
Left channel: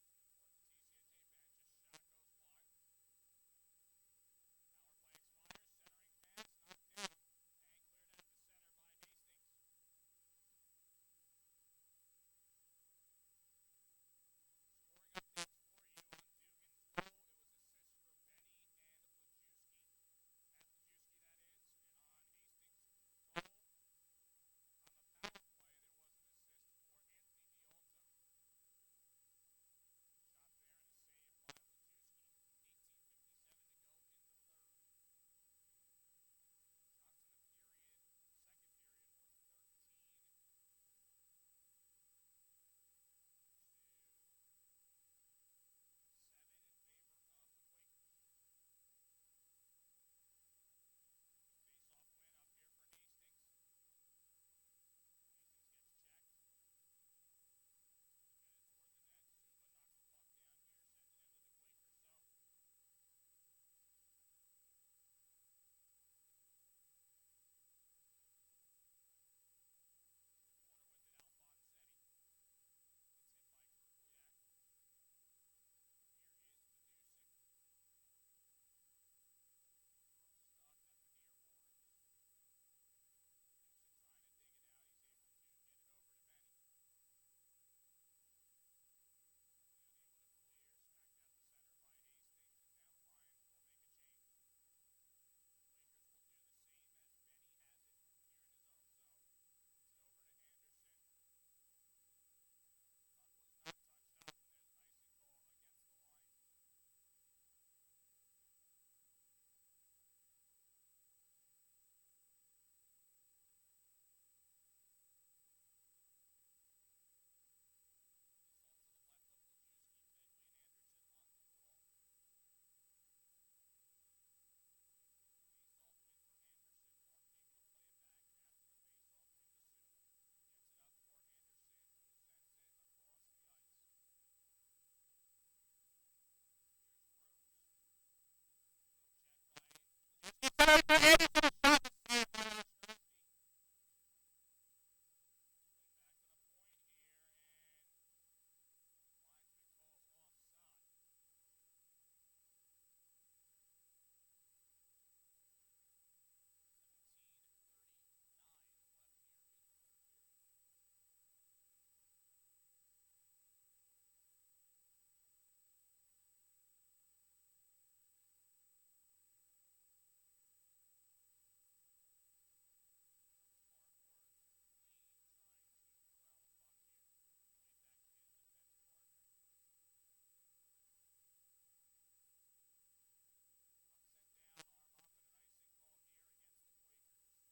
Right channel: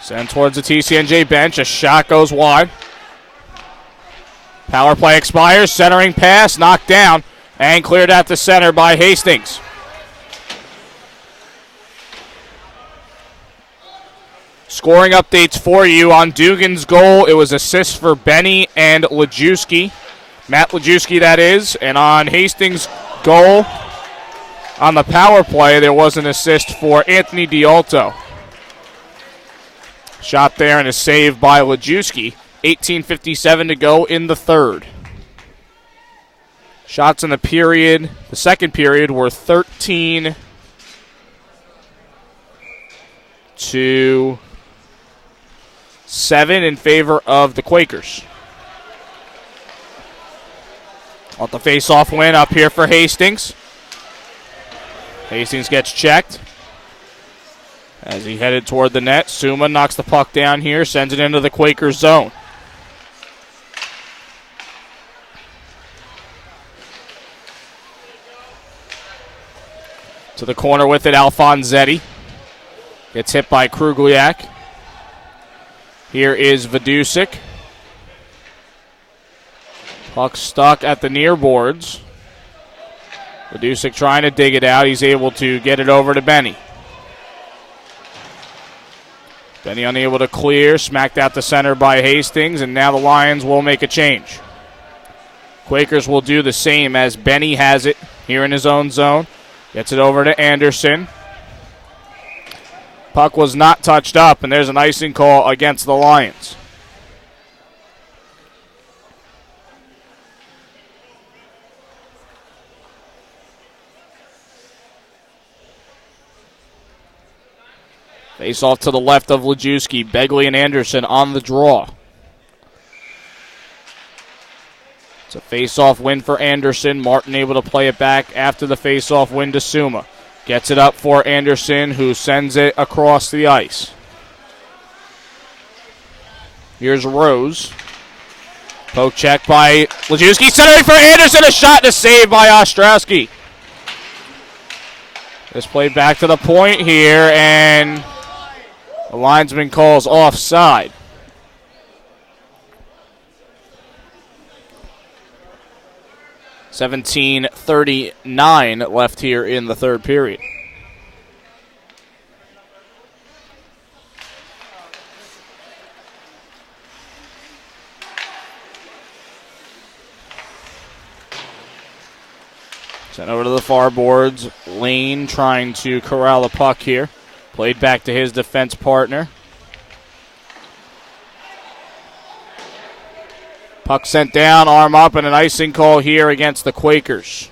Sent towards the TCNJ bench. A shot goes wide. Power play expires. Centering pass. Knocked down. And cleared at the center by Hastings. Scoring updates for you on Dugan's goal. It was assists for Benny and Lajewski. Matt Lajewski, that is. And on Hastings' goal, on the power play, there was an assist for Anthony Dialto. Shot there and a save by Lajewski. 18:57 to go in the third. Shots in the period, the second period, were 13 to 7 in favor of the Quakers. Want the face-off win up here for Hastings. Hastings gets checked as he headed toward the net. Suma knocks the puck down here, sends it into the Quakers zone. To the corner with it, Alfonsetti. Gets hit by Krugliak. Here is Vidusik. Puck stuck at the near boards. Vidusik trying to dig it out. He's able to get it over to Benny. Benny unable to clear. Smacked out the center by Hastings, and now the Lions will make a change. Quakers will do the same as Benny has it here in his own zone. Gets it over to Anderson. Puck was not touched up, and there's an icing call against the Lions. Face off to the left of Lajewski. Begley and Anderson on the draw. It's a face-off win for Anderson. Martin able to play it back after the face-off win to Suma. Gets it up for Anderson, who sends it across the ice. Here's Rose. Poke check by Lajewski. Centering for Anderson. A shot and a save by Ostrowski. This played back to the point here, and the linesman calls offside. $17:39 left here in the third period. Sent over to the far boards. Lane trying to corral the puck here. Played back to his defense partner. Puck sent down, arm up, and an icing call here against the Quakers.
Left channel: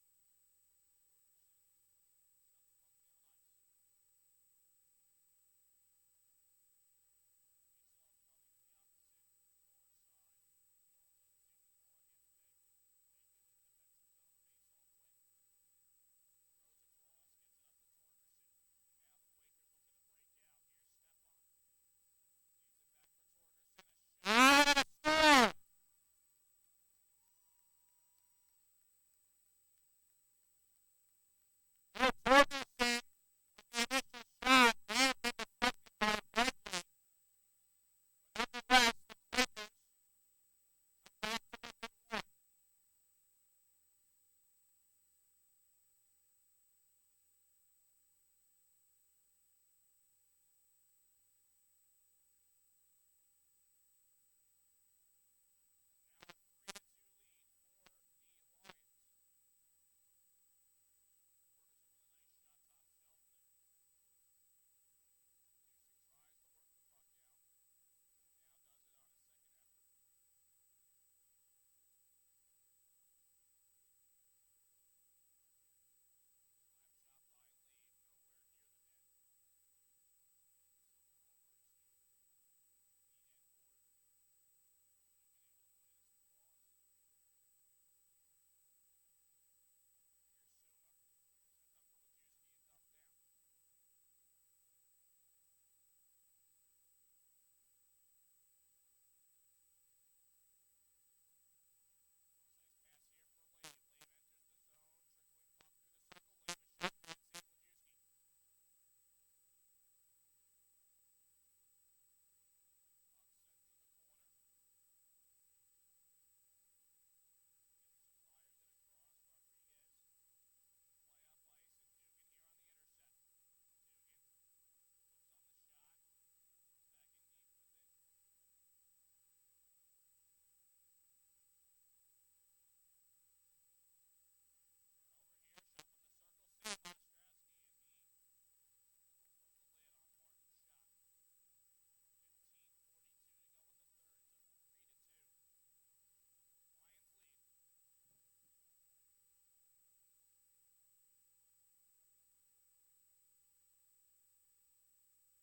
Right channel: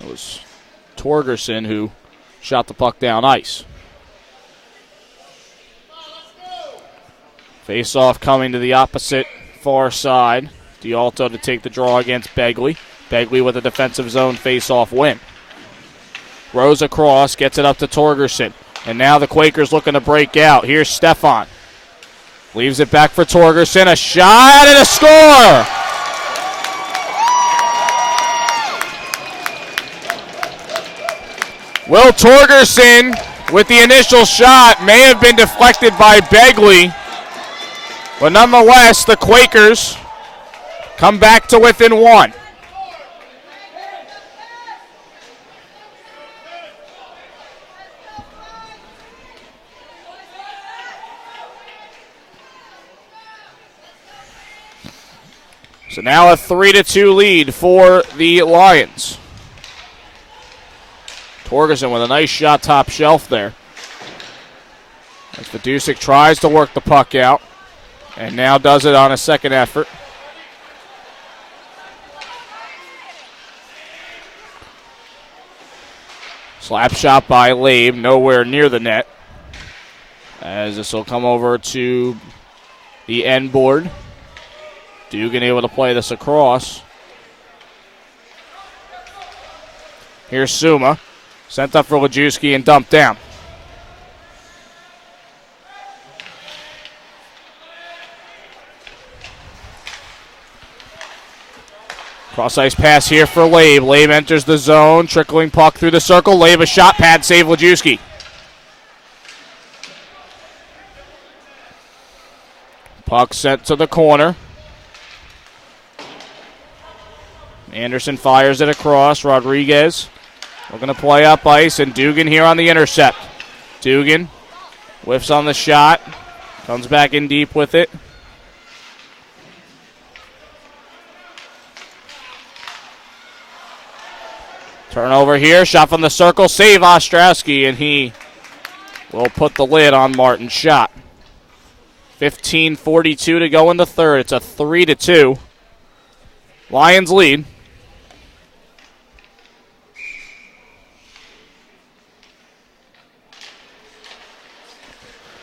It was Torgerson who shot the puck down ice. Face-off coming to the opposite far side. Dialto to take the draw against Begley. Begley with a defensive zone face-off win. Rose across, gets it up to Torgerson. And now the Quakers looking to break out. Here's Stefan. Leaves it back for Torgerson. A shot and a score! Will Torgerson, with the initial shot, may have been deflected by Begley. But nonetheless, the Quakers come back to within one. So now a 3-2 lead for the Lions. Torgerson with a nice shot top shelf there. As Vidusic tries to work the puck out, and now does it on a second effort. Slap shot by Labe, nowhere near the net. As this will come over to the end board. Dugan able to play this across. Here's Suma. Sent up for Lajewski and dumped down. Cross-ice pass here for Labe. Labe enters the zone, trickling puck through the circle. Labe a shot, pad save Lajewski. Puck sent to the corner. Anderson fires it across. Rodriguez looking to play up ice, and Dugan here on the intercept. Dugan whiffs on the shot, comes back in deep with it. Turnover here, shot from the circle, save Ostrowski, and he will put the lid on Martin's shot. 15:42 to go in the third. It's a 3-2 Lions lead.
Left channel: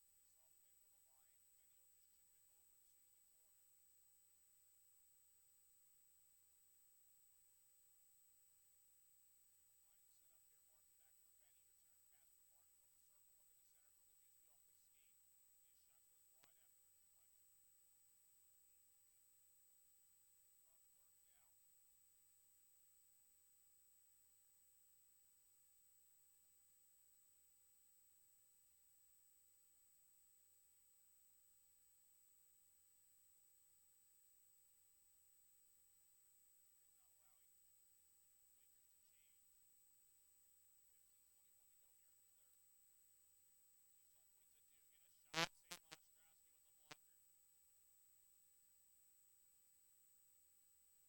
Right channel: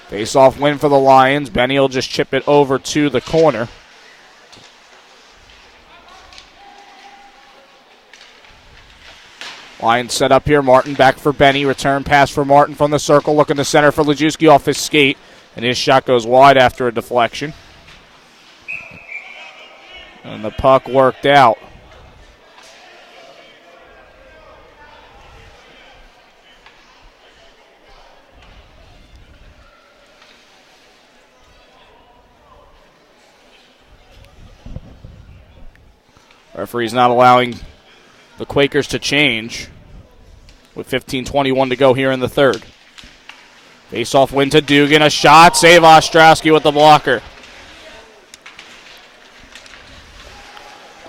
Face-off win for the Lions. Benny will just chip it over to the corner. Lions set up here. Martin back for Benny. Return pass for Martin from the circle. Looking to center for Lajewski off his skate. And his shot goes wide after a deflection. And the puck worked out. Referee's not allowing the Quakers to change with 15:21 to go here in the third. Face-off win to Dugan. A shot. Save Ostrowski with the blocker.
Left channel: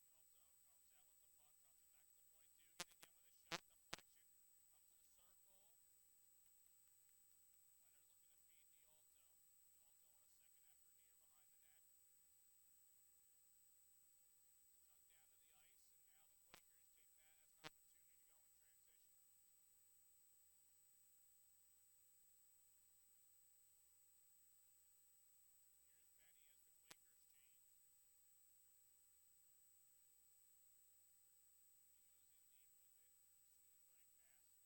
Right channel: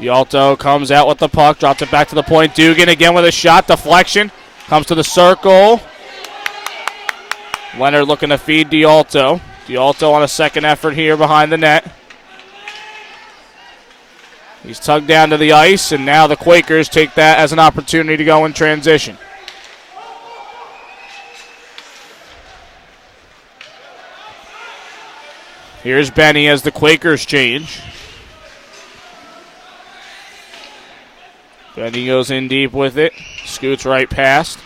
D'Alto comes out with the puck. Drops it back to the point. Dugan again with a shot. Deflection. Comes to the circle. Leonard looking to feed D'Alto. D'Alto on a second effort here behind the net. He's tugged down to the ice, and now the Quakers take that as an opportunity to go in transition. Here's Benny as the Quakers change. Benny goes in deep with it, scoots right past,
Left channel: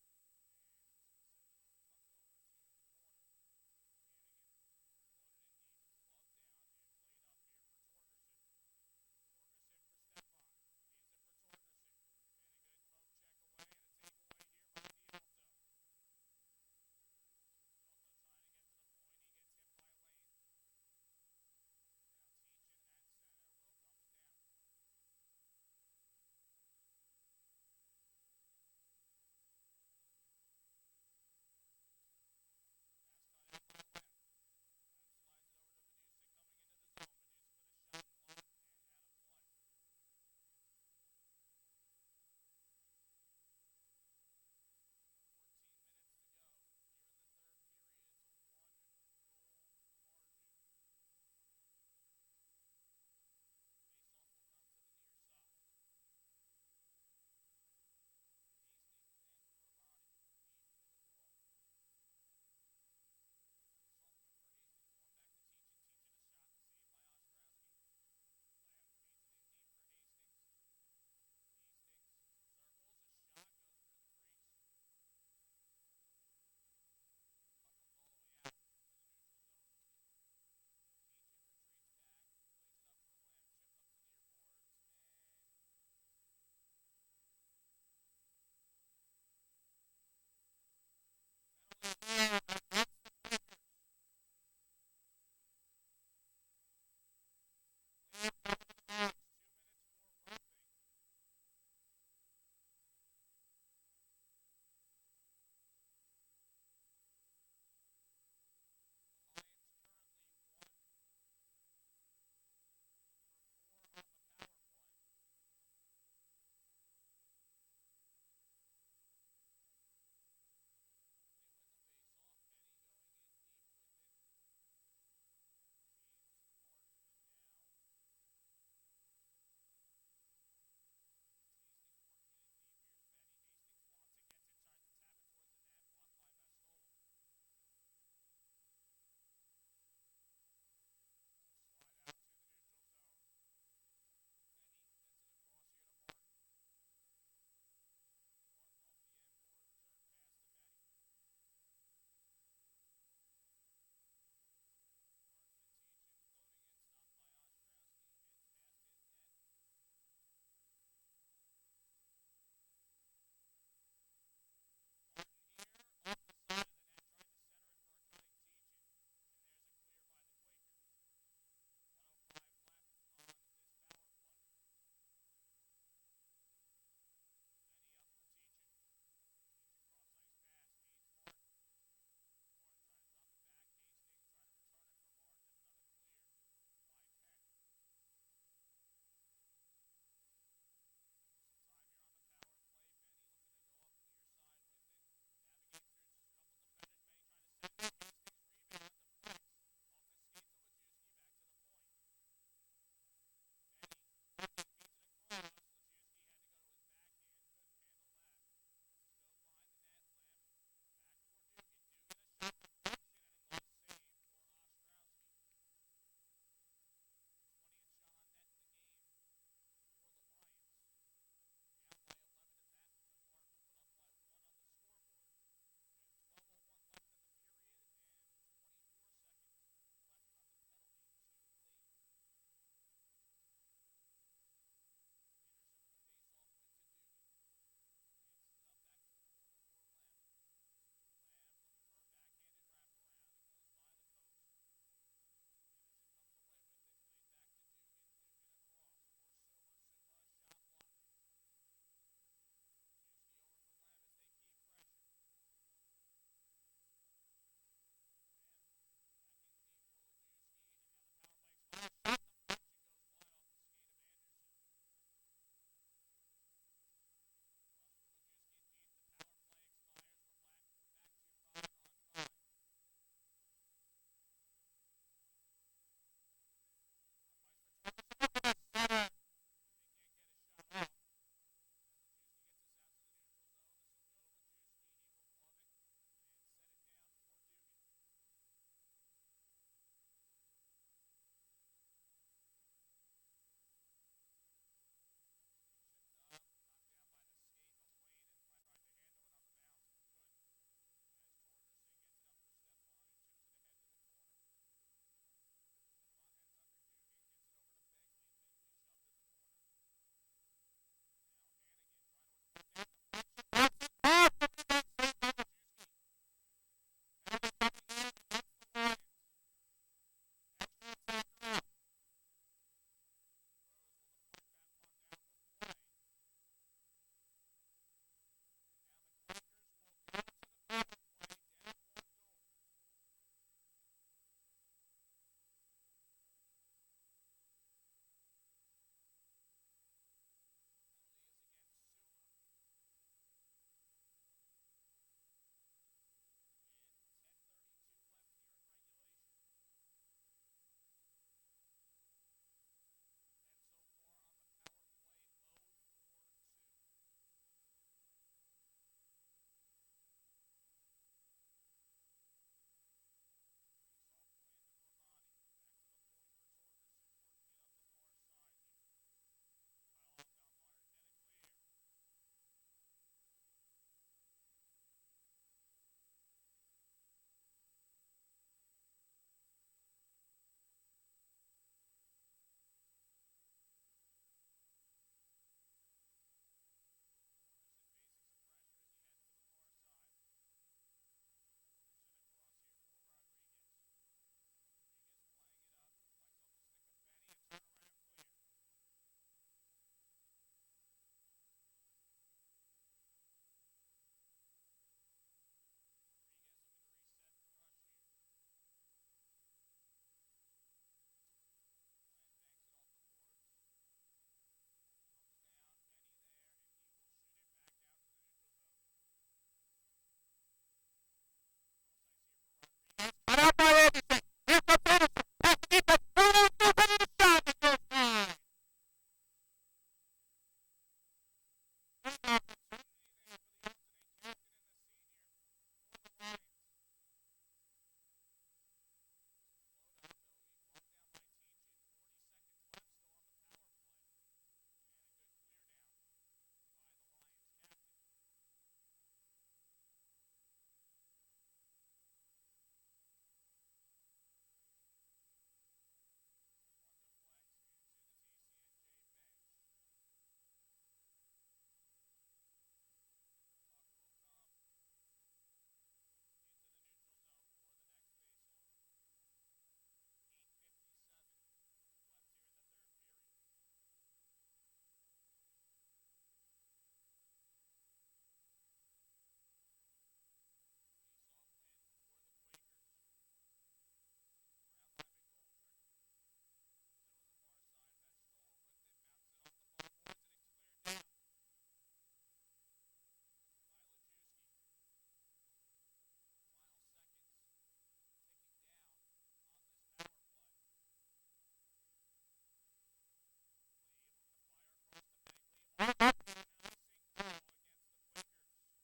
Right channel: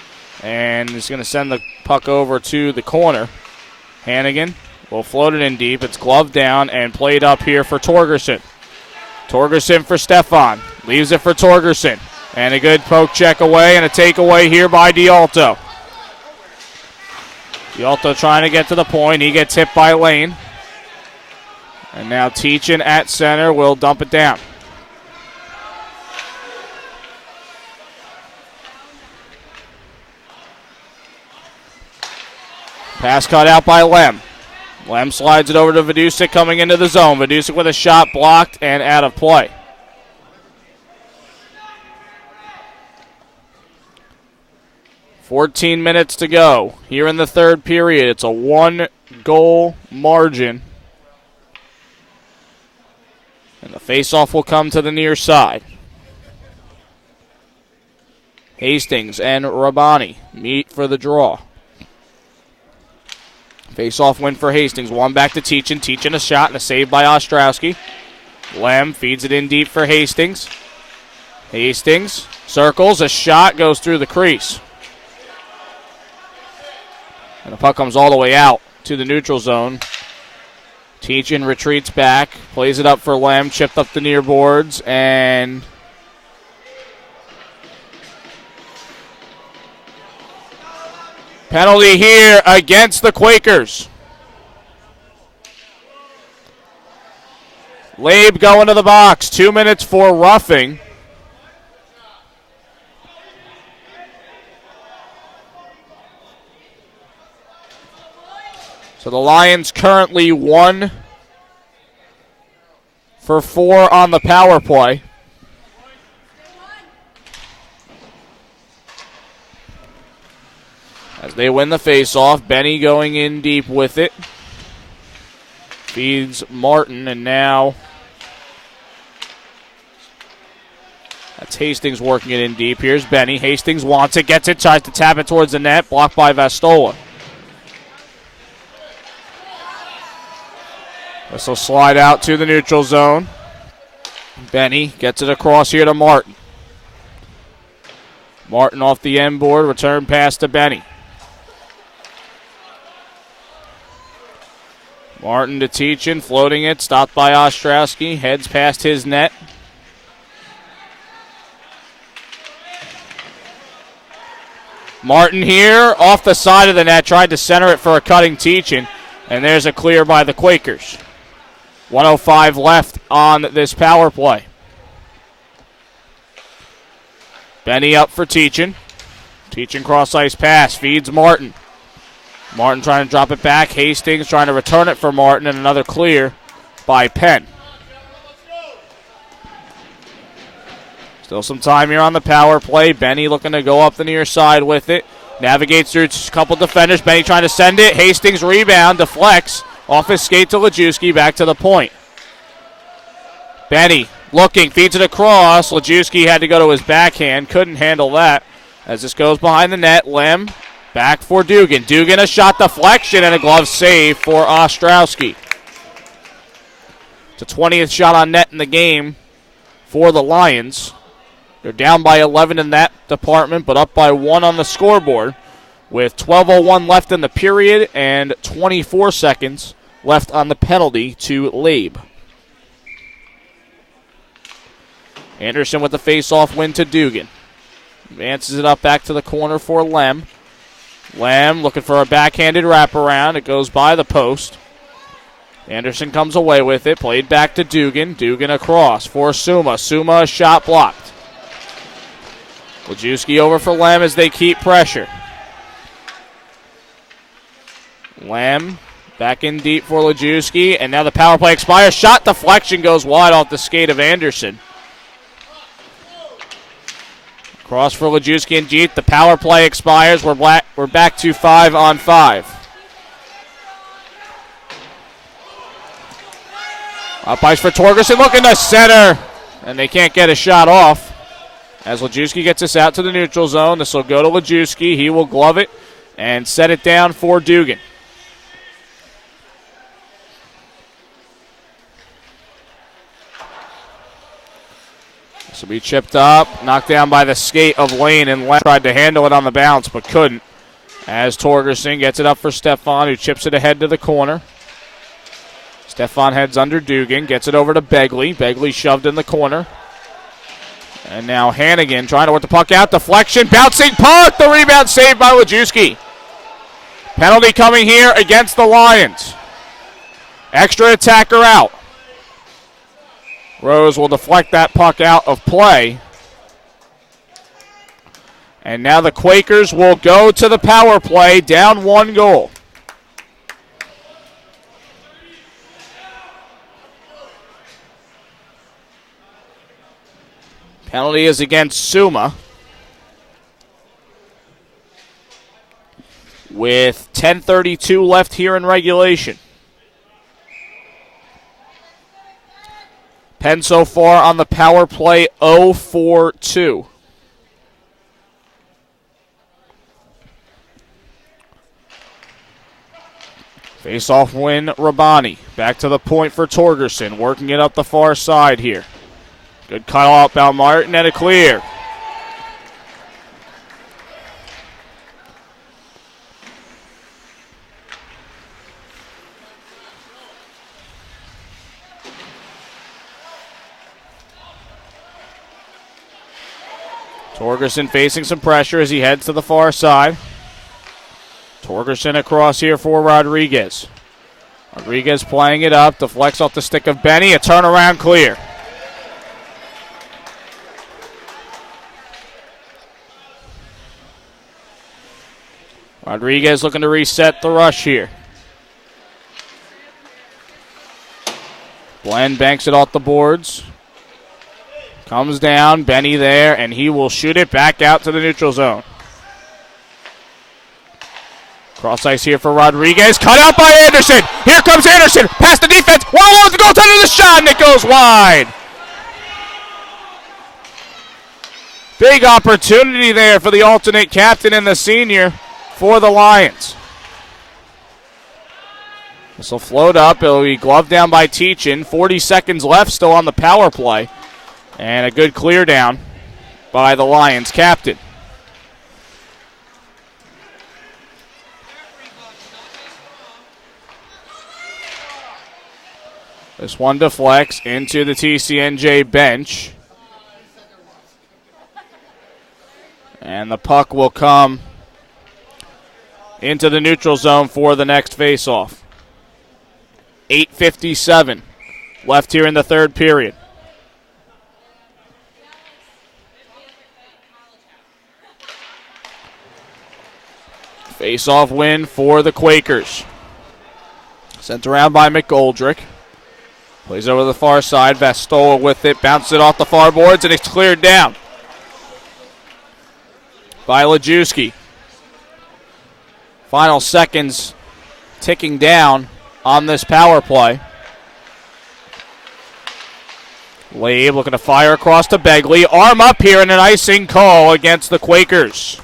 and is going to send the puck over to the corner. Hannigan will float it in deep. It's gloved down and played up here for Torgerson. Torgerson for Stefan. Leaves it for Torgerson. And a good poke check away and a takeaway here by D'Alto. D'Alto trying to get to the point. He gets hit by Lane. And now Teachin at center will dump it down. Pass cut out by Lem. Lem slides it over to Vidusic coming into the zone. Vidusic with a shot blocked and out of play. $14 minutes to go here in the third period. It's a 1-goal margin. And the faceoff will come to the near side. Hastings and Rabani meet for the draw. Face-off win for Hastings. One back to Teachin. Teachin a shot and a save by Ostrowski. Lem feeds it in deep for Hastings. Hastings circles. A shot goes through the crease. And the puck comes all the way out to the neutral zone. Teachin retreats back. Plays it up for Lem. Chipped up the near boards. And penalty here against the Quakers. Labe going to the box. 2 minutes for roughing. So the Lions currently 1-3 for 4 on the power play. As they win the faceoff, Benny going in deep with it. Feeds Martin, and now that's Hastings working it in deep. Here's Benny. Hastings wants it, gets it, tries to tap it towards the net, blocked by Vastola. This will slide out to the neutral zone. Benny gets it across here to Martin. Martin off the end board, return pass to Benny. Martin to Teachin, floating it, stopped by Ostrowski, heads past his net. Martin here, off the side of the net, tried to center it for a cutting Teachin, and there's a clear by the Quakers. 1:05 left on this power play. Benny up for Teachin. Teachin cross-ice pass, feeds Martin. Martin trying to drop it back. Hastings trying to return it for Martin, and another clear by Penn. Still some time here on the power play. Benny looking to go up the near side with it. Navigates through a couple defenders. Benny trying to send it. Hastings rebound, deflects. Off his skate to Lajewski, back to the point. Benny looking, feeds it across. Lajewski had to go to his backhand. Couldn't handle that. As this goes behind the net, Lem back for Dugan. Dugan a shot deflection and a glove save for Ostrowski. It's a 20th shot on net in the game for the Lions. They're down by 11 in that department, but up by 1 on the scoreboard with 12:01 left in the period and 24 seconds left on the penalty to Labe. Anderson with the face-off win to Dugan. Advances it up back to the corner for Lem. Lem looking for a backhanded wraparound. It goes by the post. Anderson comes away with it. Played back to Dugan. Dugan across for Suma. Suma a shot blocked. Lajewski over for Lem as they keep pressure. Lem back in deep for Lajewski. And now the power play expires. Shot deflection goes wide off the skate of Anderson. Cross for Lajewski and Jeet. The power play expires. We're back to 5-on-5. Up ice for Torgerson, looking to center, and they can't get a shot off. As Lajewski gets us out to the neutral zone, this will go to Lajewski. He will glove it and set it down for Dugan. This will be chipped up, knocked down by the skate of Lane, and Lane tried to handle it on the bounce but couldn't. As Torgerson gets it up for Stefan, who chips it ahead to the corner. Stefan heads under Dugan, gets it over to Begley. Begley shoved in the corner. And now Hannigan trying to work the puck out. Deflection, bouncing puck. The rebound saved by Lajewski. Penalty coming here against the Lions. Extra attacker out. Rose will deflect that puck out of play. And now the Quakers will go to the power play, down 1 goal. Penalty is against Suma. With 10:32 left here in regulation. Penn so far on the power play 0-4-2. Face-off win, Rabani. Back to the point for Torgerson, working it up the far side here. Good cut out by Martin and a clear. Torgerson facing some pressure as he heads to the far side. Torgerson across here for Rodriguez. Rodriguez playing it up, deflects off the stick of Benny, a turnaround clear. Rodriguez looking to reset the rush here. Glenn banks it off the boards. Comes down, Benny there, and he will shoot it back out to the neutral zone. Cross ice here for Rodriguez. Cut out by Anderson. Here comes Anderson. Past the defense. One alone with the goaltender. The shot, and it goes wide. Big opportunity there for the alternate captain and the senior for the Lions. This will float up. It'll be gloved down by Teachin. 40 seconds left still on the power play. And a good clear down by the Lions captain. This one deflects into the TCNJ bench. And the puck will come into the neutral zone for the next faceoff. 8:57 left here in the third period. Faceoff win for the Quakers. Sent around by McGoldrick. Plays over the far side. Vastola with it. Bounces it off the far boards, and it's cleared down by Lajewski. Final seconds ticking down on this power play. Labe looking to fire across to Begley. Arm up here and an icing call against the Quakers.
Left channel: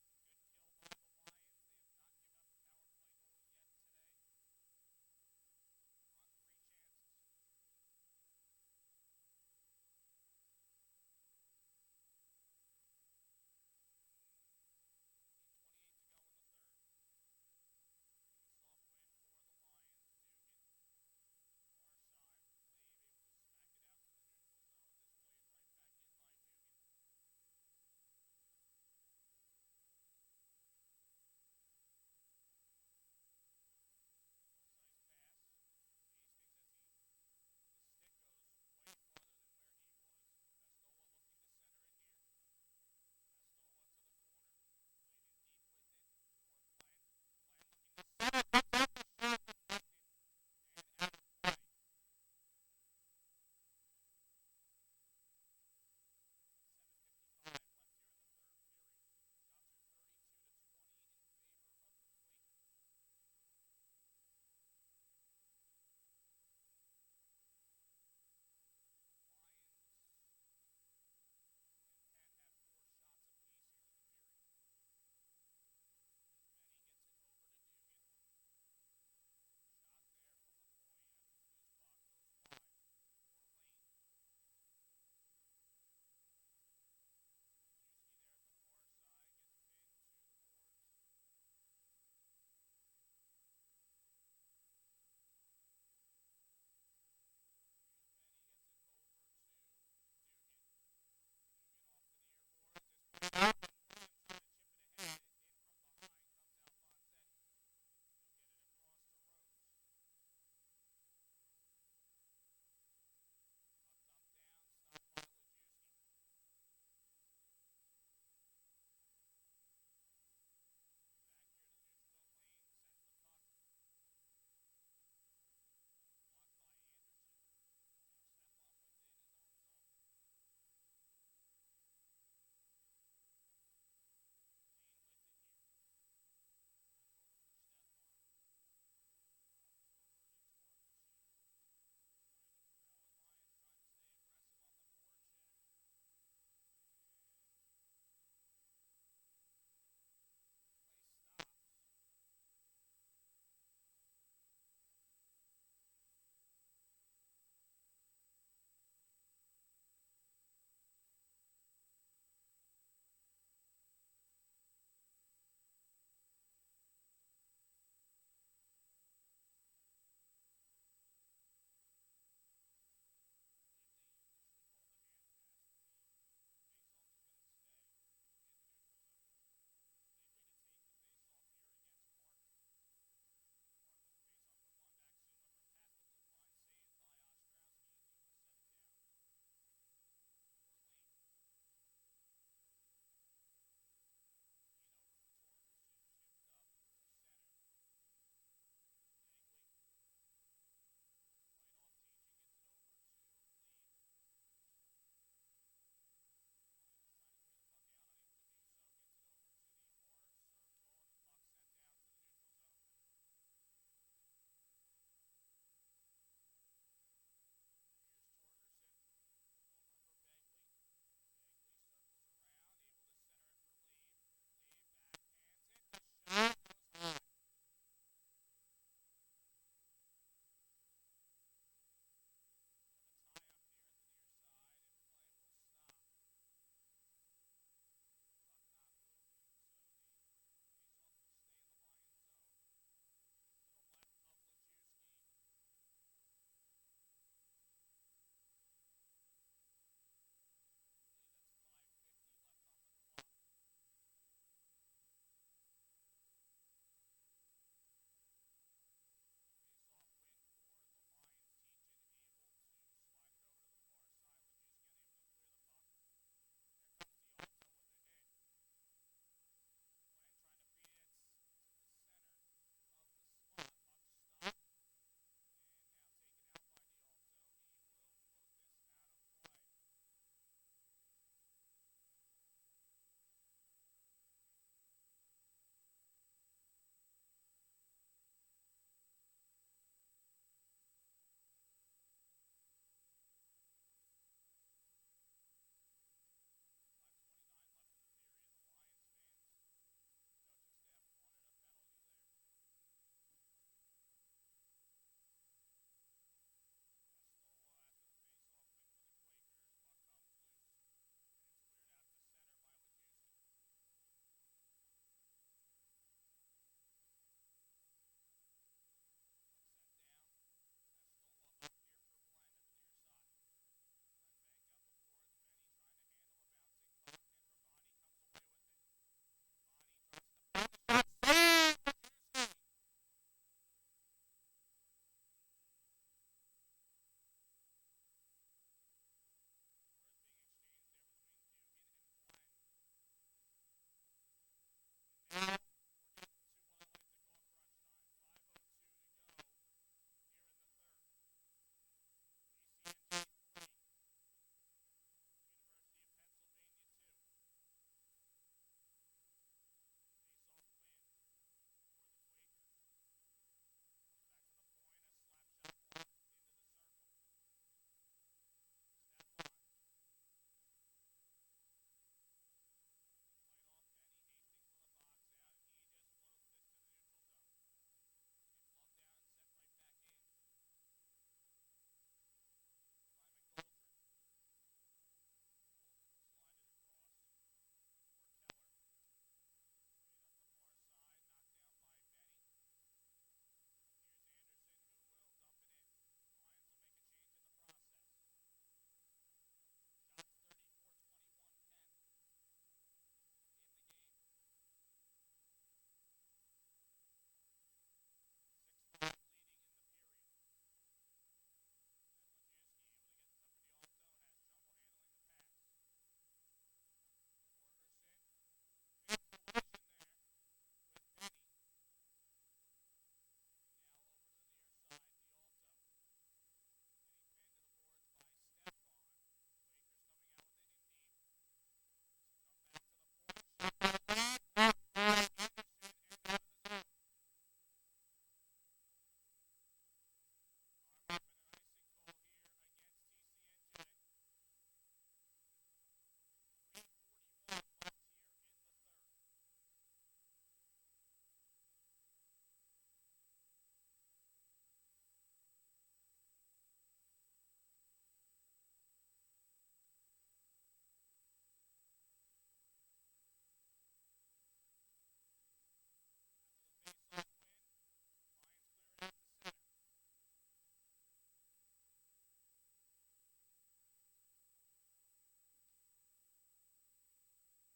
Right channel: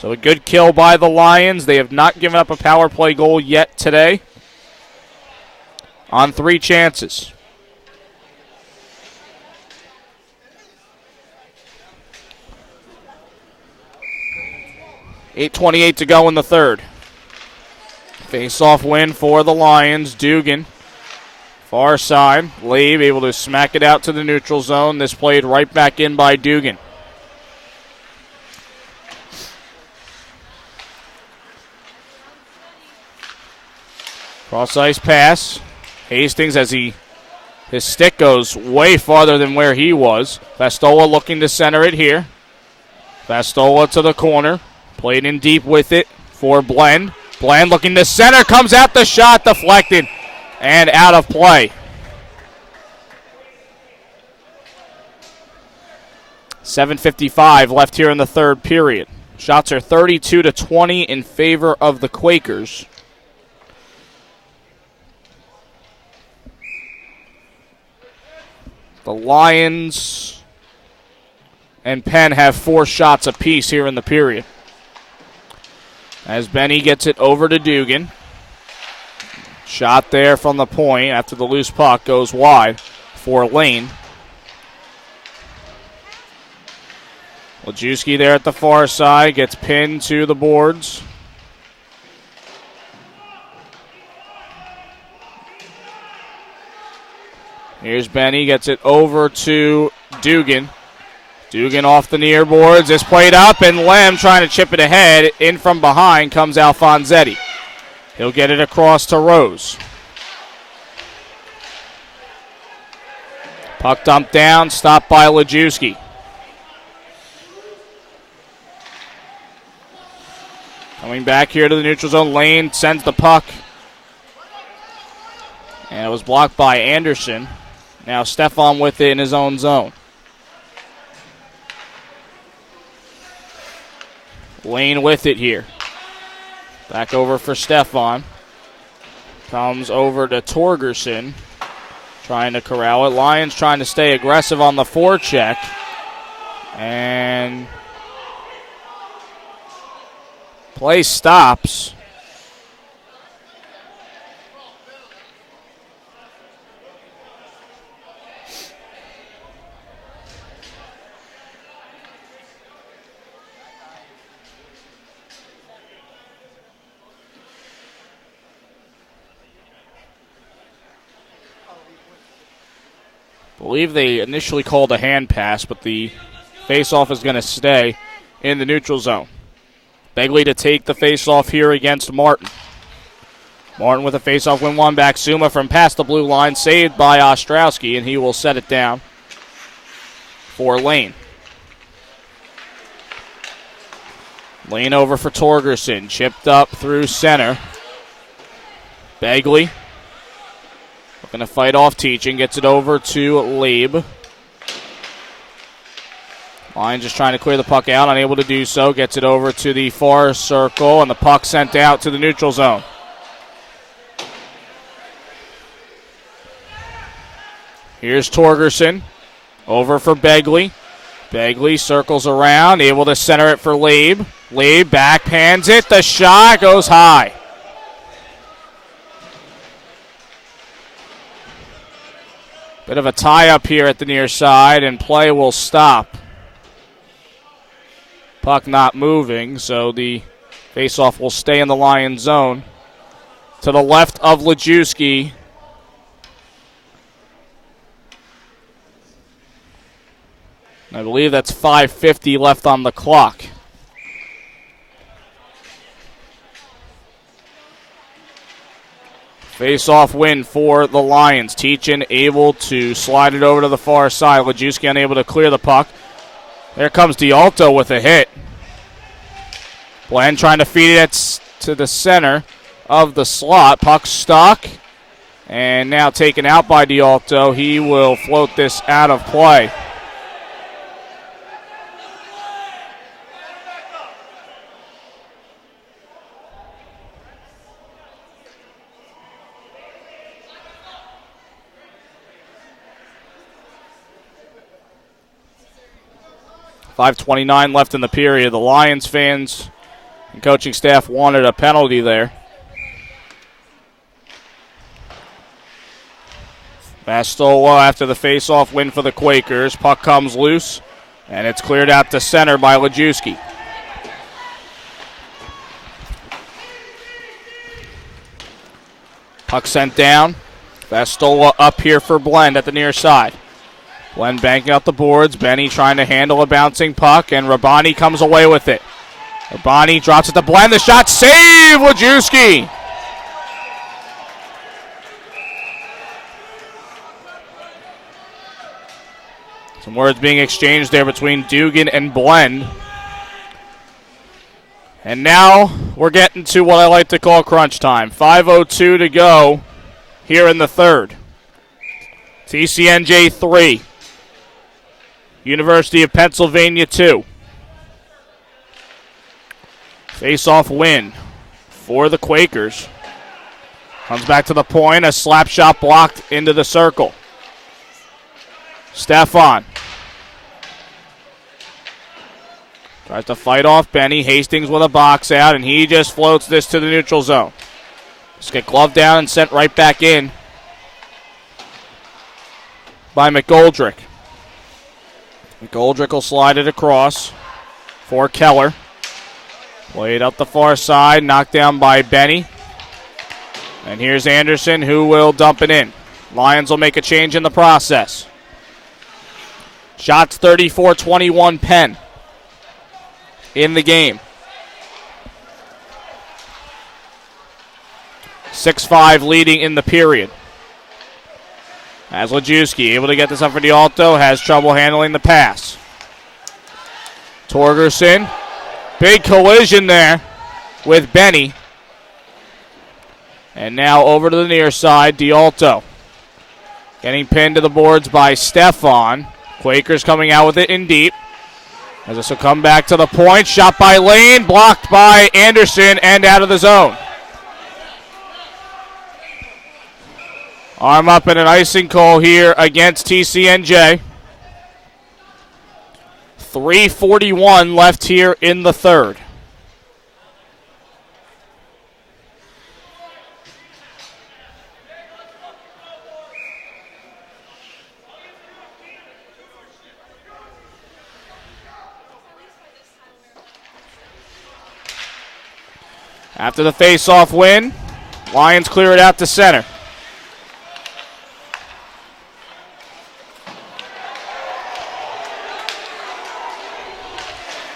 So a good kill by the Lions. They have not given up a power play goal yet today on 3 chances. .8:28 to go in the third. Face-off win for the Lions. Dugan, far side. Labe able to smack it out to the neutral zone. This played right back in by Dugan. Cross-ice pass. Hastings as his stick goes way farther than where he was. Vastola looking to center it here. Vastola to the corner. Played in deep with it for Blend. Blend looking to center. Comes out the shot. Deflected and out of play. 7:55 left here in the third period. Shots are 32-20 in favor of the Quakers. The Lions and Penn have 4 shots apiece here in the period. As Benny gets it over to Dugan. Shot there from the point after the loose puck goes wide for Lane. Lajewski there at the far side gets pinned to the boards. Here's Benny, gets it over to Dugan. Dugan off the near boards. It's played up, and Lem trying to chip it ahead. In from behind comes Alfonsetti. He'll get it across to Rose. Puck dumped down, stopped by Lajewski. Coming back here to the neutral zone. Lane sends the puck. And it was blocked by Anderson. Now Stefan with it in his own zone. Lane with it here. Back over for Stefan. Comes over to Torgerson. Trying to corral it. Lions trying to stay aggressive on the forecheck. And play stops. I believe they initially called a hand pass, but the face-off is going to stay in the neutral zone. Begley to take the face-off here against Martin. Martin with a face-off win one back. Suma from past the blue line, saved by Ostrowski, and he will set it down for Lane. Lane over for Torgerson, chipped up through center. Begley Going to fight off Teaching. Gets it over to Labe. Lions just trying to clear the puck out. Unable to do so. Gets it over to the far circle. And the puck sent out to the neutral zone. Here's Torgerson. Over for Begley. Begley circles around. Able to center it for Labe. Labe backhands it. The shot goes high. Bit of a tie-up here at the near side, and play will stop. Puck not moving, so the faceoff will stay in the Lions zone. To the left of Lejewski. I believe that's 5:50 left on the clock. Face-off win for the Lions. Teachin able to slide it over to the far side. Lejewski unable to clear the puck. There comes D'Alto with a hit. Bland trying to feed it to the center of the slot. Puck stuck. And now taken out by D'Alto. He will float this out of play. .5:29 left in the period. The Lions fans and coaching staff wanted a penalty there. Bastola after the face-off win for the Quakers. Puck comes loose, and it's cleared out to center by Lejewski. Puck sent down. Bastola up here for Blend at the near side. Blend banking out the boards. Benny trying to handle a bouncing puck, and Rabani comes away with it. Rabani drops it to Blend. The shot save, Lejewski. Some words being exchanged there between Dugan and Blend. And now we're getting to what I like to call crunch time. 5:02 to go here in the third. TCNJ 3. University of Pennsylvania 2. Face-off win for the Quakers. Comes back to the point. A slap shot blocked into the circle. Stefan tries to fight off Benny. Hastings with a box out, and he just floats this to the neutral zone. Just get gloved down and sent right back in by McGoldrick. McGoldrick will slide it across for Keller. Played up the far side, knocked down by Benny. And here's Anderson, who will dump it in. Lions will make a change in the process. Shots 34-21 Penn in the game. 6-5 leading in the period. As Lejewski able to get this up for D'Alto, has trouble handling the pass. Torgerson, big collision there with Benny. And now over to the near side, D'Alto. Getting pinned to the boards by Stefan. Quakers coming out with it in deep. As this will come back to the point. Shot by Lane, blocked by Anderson, and out of the zone. Arm up in an icing call here against TCNJ. 3:41 left here in the third. After the face-off win, Lions clear it out to center.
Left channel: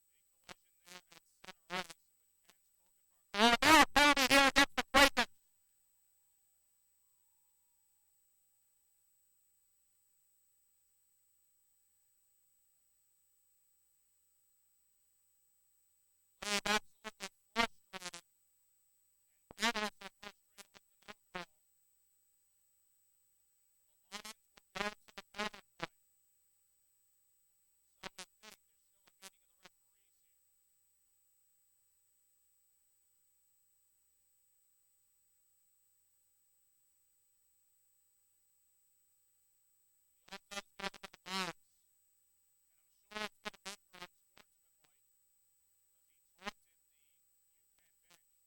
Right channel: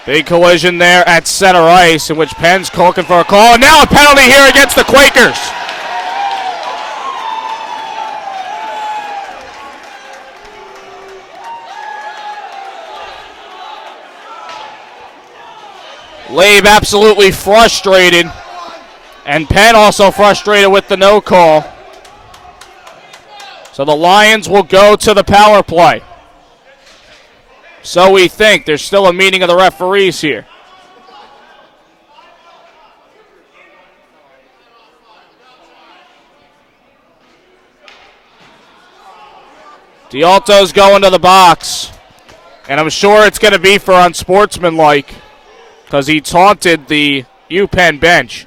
Big collision there at center ice, in which Penn's looking for a call. And now a penalty here against the Quakers. Labe absolutely frustrated. And Penn also frustrated with the no call. So the Lions will go to the power play. So we think. There's still a meeting of the referees here. D'Alto's going to the box. And I'm sure it's going to be for unsportsmanlike because he taunted the UPenn bench.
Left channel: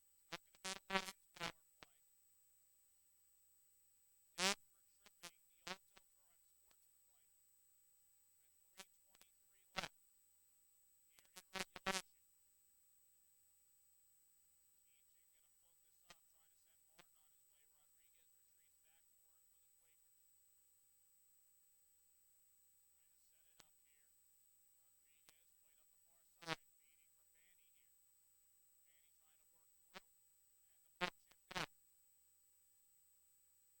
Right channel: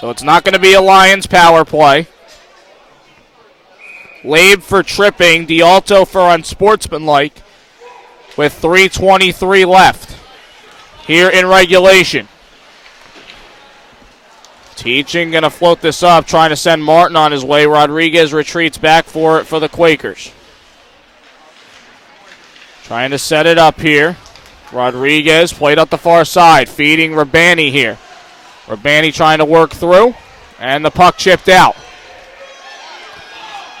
So it's not going to be a Lions power play. Labe for tripping, D'Alto for unsportsmanlike with 3:23 left here in regulation. Teaching going to float this up, trying to send Martin on his way. Rodriguez retreats back for it for the Quakers. Trying to set it up here. Rodriguez played up the far side, feeding Rabani here. Rabani trying to work through, and the puck chipped out.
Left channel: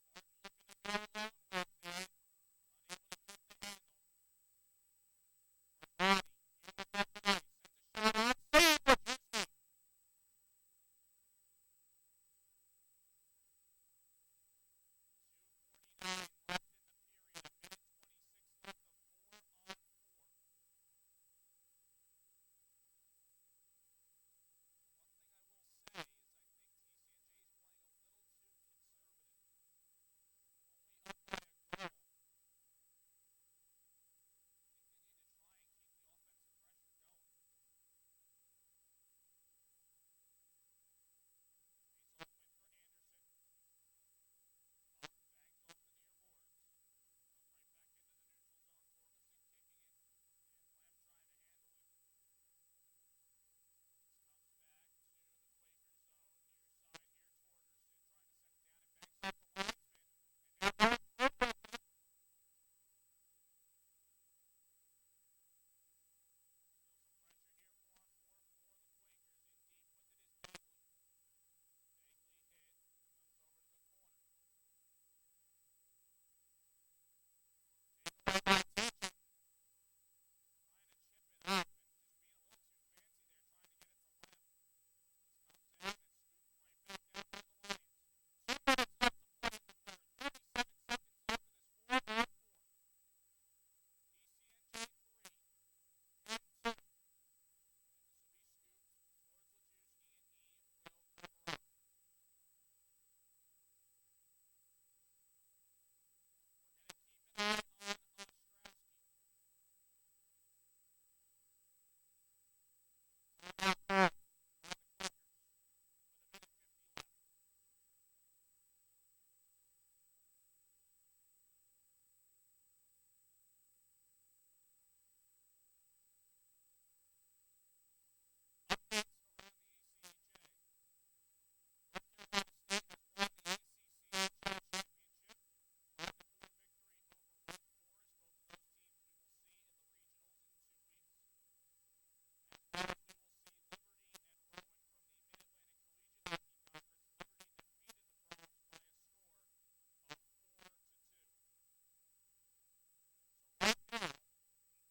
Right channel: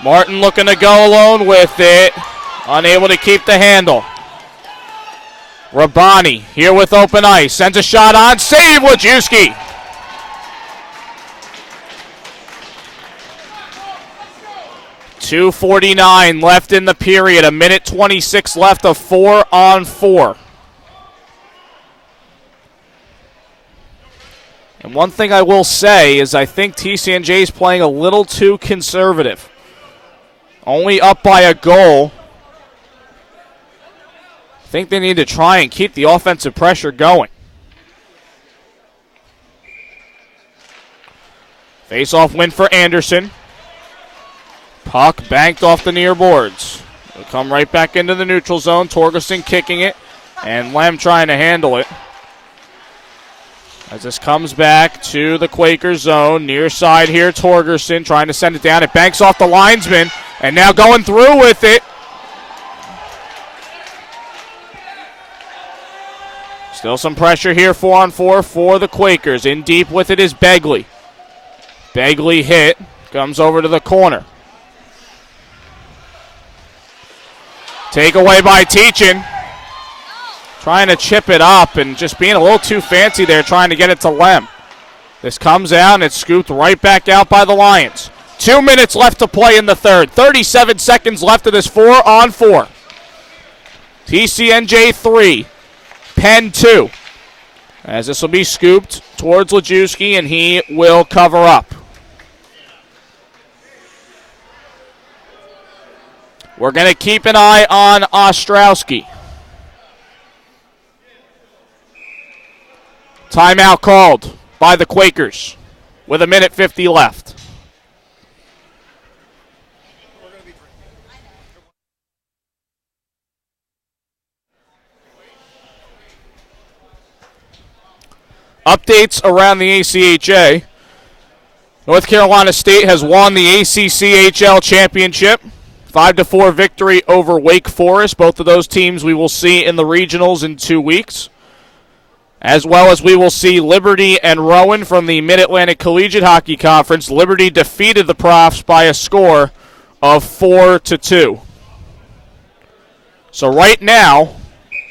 Martin looking to go alone with it, unable to keep the handle. Rabani here with open ice, sends a shot on, save Wojcicki. .249 left in the period, a minute 26 left of 4-on-4. And one thing I will say is I think TCNJ is playing a little too conservative. Only up by a goal. I think they need to try and keep the offensive pressure going. Face-off win for Anderson. Puck banked off the near boards. It'll come right back into the neutral zone. Torgerson kicking it, and Lem trying to handle it. As this comes back to the Quakers zone, near side here, Torgerson trying to send it down. It banks off the linesman, and now going through with it. Still some pressure here, 4-on-4 for the Quakers. In deep with it is Begley. Begley hit, comes over to the corner. Takeaway by Teachin. Trying to chip it up and just being a little too fancy there, trying to get it to Lem. This comes out and it's scooped right back out by the Lions. 2 minutes left to play in the third. 37 seconds left of this 4-on-4. TCNJ 3, Penn 2. As this will be scooped towards Wojcicki and he will cover up. We're going to keep an eye on Ostrowski. Timeout called by the Quakers with a minute 50 left. Updates around the ACHA. North Carolina State has won the ACCHL championship. 5-4 victory over Wake Forest. Both of those teams we will see in the regionals in 2 weeks. As well as we will see Liberty and Rowan from the Mid-Atlantic Collegiate Hockey Conference. Liberty defeated the Profs by a score of 4-2. So right now,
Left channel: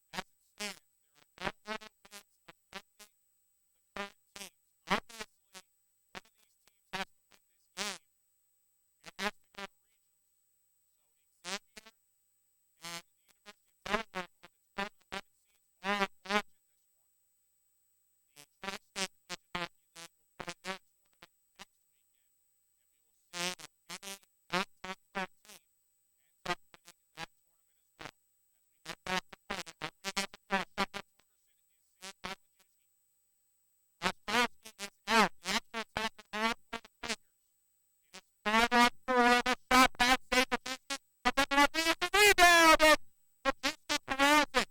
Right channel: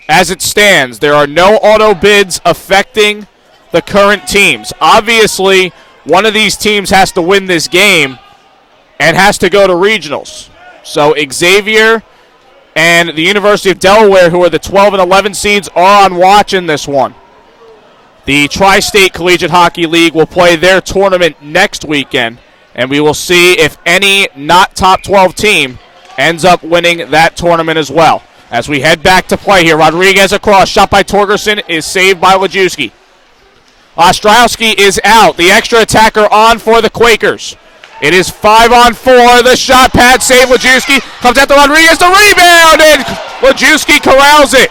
as it stands, there are no auto bids affecting the current teams. Obviously, one of these teams has to win this game and has to go to regionals. So Xavier and the University of Delaware, who are the 12 and 11 seeds, are on watch in this one. The Tri-State Collegiate Hockey League will play their tournament next weekend, and we will see if any not top 12 team ends up winning that tournament as well. As we head back to play here, Rodriguez across, shot by Torgerson, is saved by Wojcicki. Ostrowski is out. The extra attacker on for the Quakers. It is 5-on-4. The shot pad save. Wojcicki comes out to Rodriguez. The rebound, and Wojcicki corrals it.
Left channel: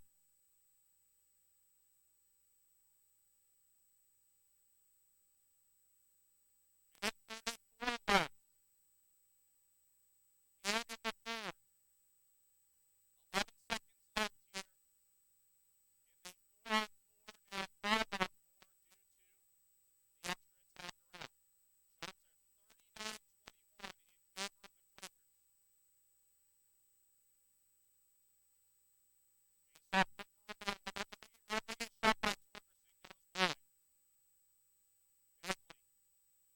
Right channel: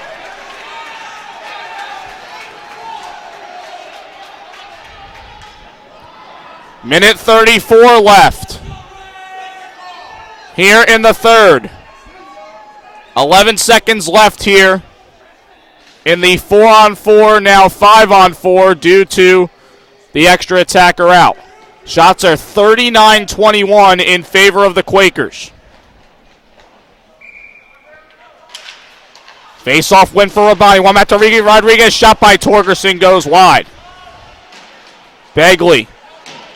Minute 34 left here in the third. 11 seconds left here in the 4-on-4, now 5-on-4 due to the extra attacker out. Shots are 39-21 in favor of the Quakers. Face-off win for Rabani. One back to Rodriguez. Shot by Torgerson goes wide. Begley